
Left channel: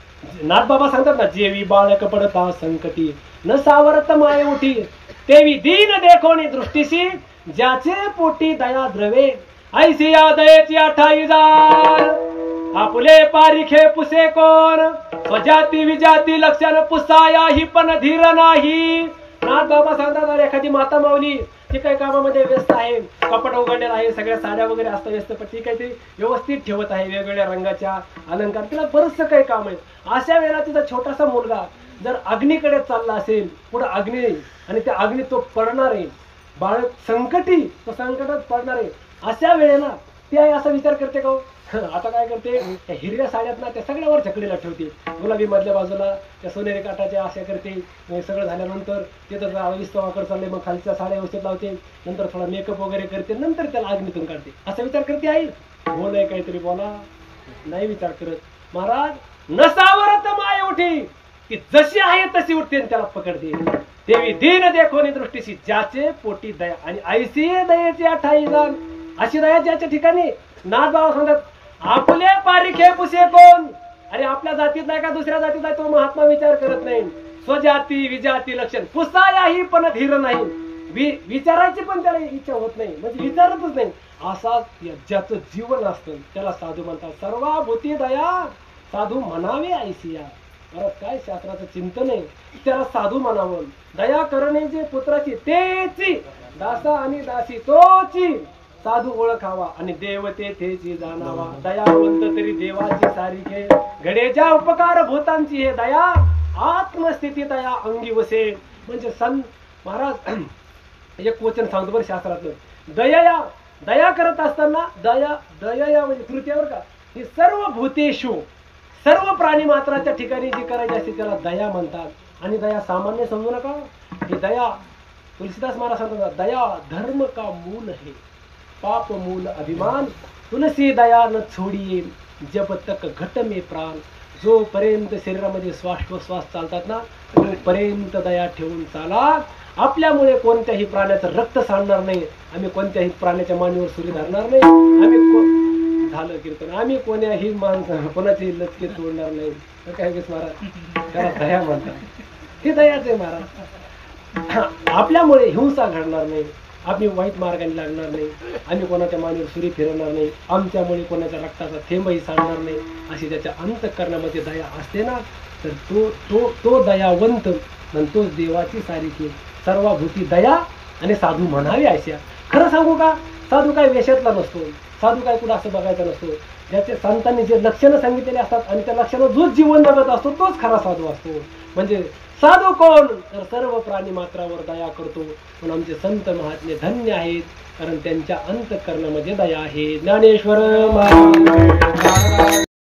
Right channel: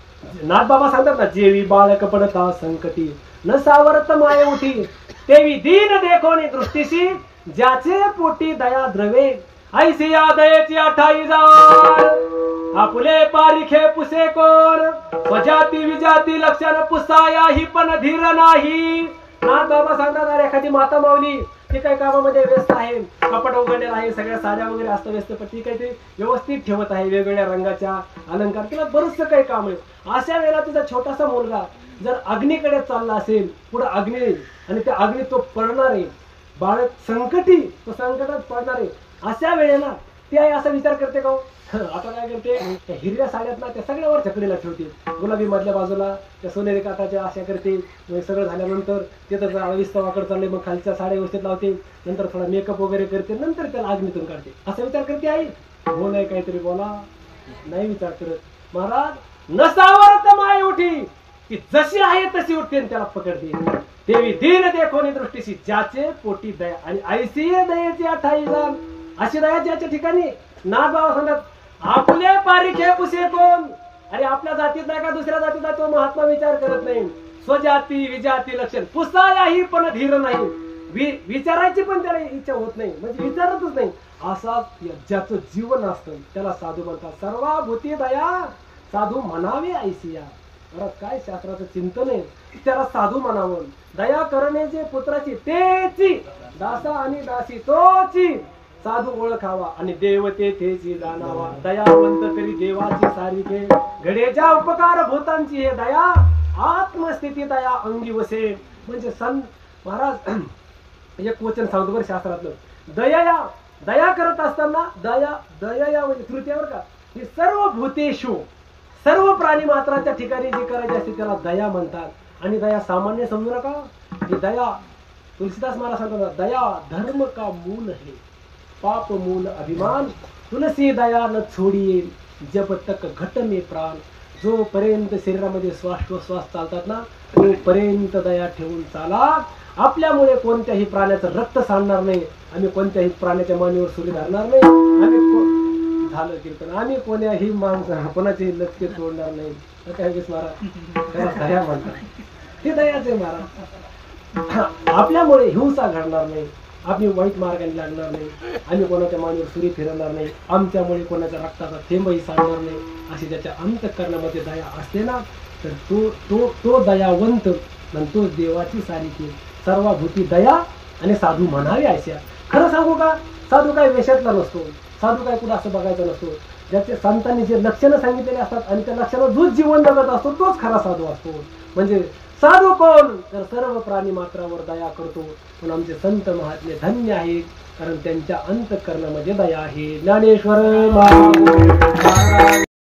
नाथबाबा सांगतात ना, जेवी बाळक पडता संकटी न सावरत माये उठी तेवी दीन देखोनी दृष्टीशी ज्याचे पोटी दया द्रवे ऐसी या दयेची 28,000 आपुले पारिखे पुसे कोण स्वजाती विजाती लक्षण पुसाया ही पण धीर नाही. नाथबाबा सांगतात अरे एखादी माता माऊली ती काही कामामध्ये व्यस्त आहे, कपड उघडलेला आहे, सगळ्या साड्या वगैरे असतात व्यस्त, पण ती काही ते व्यवस्थित ठेवत आहे, वेगवेगळ्या रंगाच्या अलंकार, तिला बरंचसं काही काम आहे. अशा वेळेला तिचा छोटासा मुलगा जर अग्नीकडे चालला असेल, पुढे अग्नी आणि त्या अग्नीत तो पडणार आहे, बाळक संकटी तो संकटात पडणार आहे, अशा वेळेला ती आई असा विचार करते का हो? आता काय करते, त्या हिरव्या साड्यात ना त्या सगळ्यावर छकडीला ठेवते, गुलाबी मधल्या बाजूला त्या सोनेरी काठाच्या अशा करते. मग सगळं झाल्यानंतर ते तर विस्तवाकडे चालले, मग खालच्या साड्या व्यवस्थित लावते, नंतर थोडा मेकअप वगैरे करते, नंतर त्याला अग्नीतून काढते. असा विचार करते आई? हो नाही, काहीतरी बोला. नाही विचार करत. महाराज नसावर तर माय उठी, ती जशी आहे तशी उठते आणि त्याला पकडते. देवी दीन देखोनी दृष्टीशी ज्याचे पोटी दया, आणि ऐसी दयेची अठाई जाण. अशी दया ज्याच्या ठिकाणी नाथ बाबा सांगतात, आपले पारिखे पुसे कोण. अरे आपल्या जातीत नाही का दुसऱ्या जातीत आहे तो महात्मा विचार करत नाही. स्वजाती विजाती लक्षण पुसायाही पण धीर नाही. विचारायची पण त्याला इच्छा होत नाही, म्हणजे विचारतच नाही. असा ज्याचं जीवन असतं त्याला साधू म्हणतात. सर्वाभूती दया साधू म्हणावे ऐसिया. बरं काय शास्त्राचं चिंतन आहे, त्याला साधू म्हणावं. दया करणे जे पुत्राची तेची, दासा आणि दासी तोची. साधू ओळखावा आणि देवते तेची जाणावा. दयावंत तरी देवाची सारिखे, घडेच्या उपकार भूतांची हे दया. आत्मस्थिती दया अंगी वसे. म्हणजे संत महाराज एक वचन सांगतो बरं शास्त्रातलं. दया करत असताना दया म्हणजे तृतीयावर का, ही सर्व भूतेषु सर्व प्राणी मात्राच्या ठिकाणी जे करायचे असते त्याला दया म्हणतात. आणि दया सामान्य समजू नका. ही दया तुलसीदास महाराज सांगतात, दया धर्म का मूल है, पाप मूल अभिमान. तुलसी दया न छोडिये, जब तक घट में प्राण. जोपर्यंत शरीरामध्ये श्वास चालतात ना, तोपर्यंत दया ठेवून चाला. आपल्यामुळे कोणत्याही प्राण्याचं रक्त सांडणार नाही, आम्ही कोणत्याही प्राण्याच्या मानेवर सुरी धरणार नाही, आम्ही झालं कीर्तन, आम्ही कोण्याही माणसं कोणाची लचके तोडणार नाही. काय महाराज त्याला दया म्हणतात, हे दयाचे महाराज. आपल्यामुळे हिंसा घडणार नाही, आम्ही वाईट मार्गाने लागणार नाही, आम्ही कोणाच्या मानेवर सुरी फिरवणार नाही, आमच्यामुळे कोणाच्या रक्ताचा थेंबही सांडणार नाही. अशी त्याच्या अंतःकरणामध्ये दया असते ना, तर तो दयावंत तोच देवाची सारिखी. सर्वभूती दया आणि साधू म्हणावे अशा. खरं सांगू का, साधू काय वेशातला नसतो, साधू काय कुठं असं बघायचा नसतो. ज्याचे संतांनी जे लक्षणं सांगितलेले असतात आणि त्या लक्षणं जो जीवन जगत असतो तोच खरा साधू असतो. म्हणजे साधू कोण, तर सर्व प्राणी मात्रावर दया करतो. पण आमचे संत महात्मे धन्य आहेत, कारण त्यांच्या अंतःकरणामध्ये दया आहे. ज्ञानेश्वर महाराज.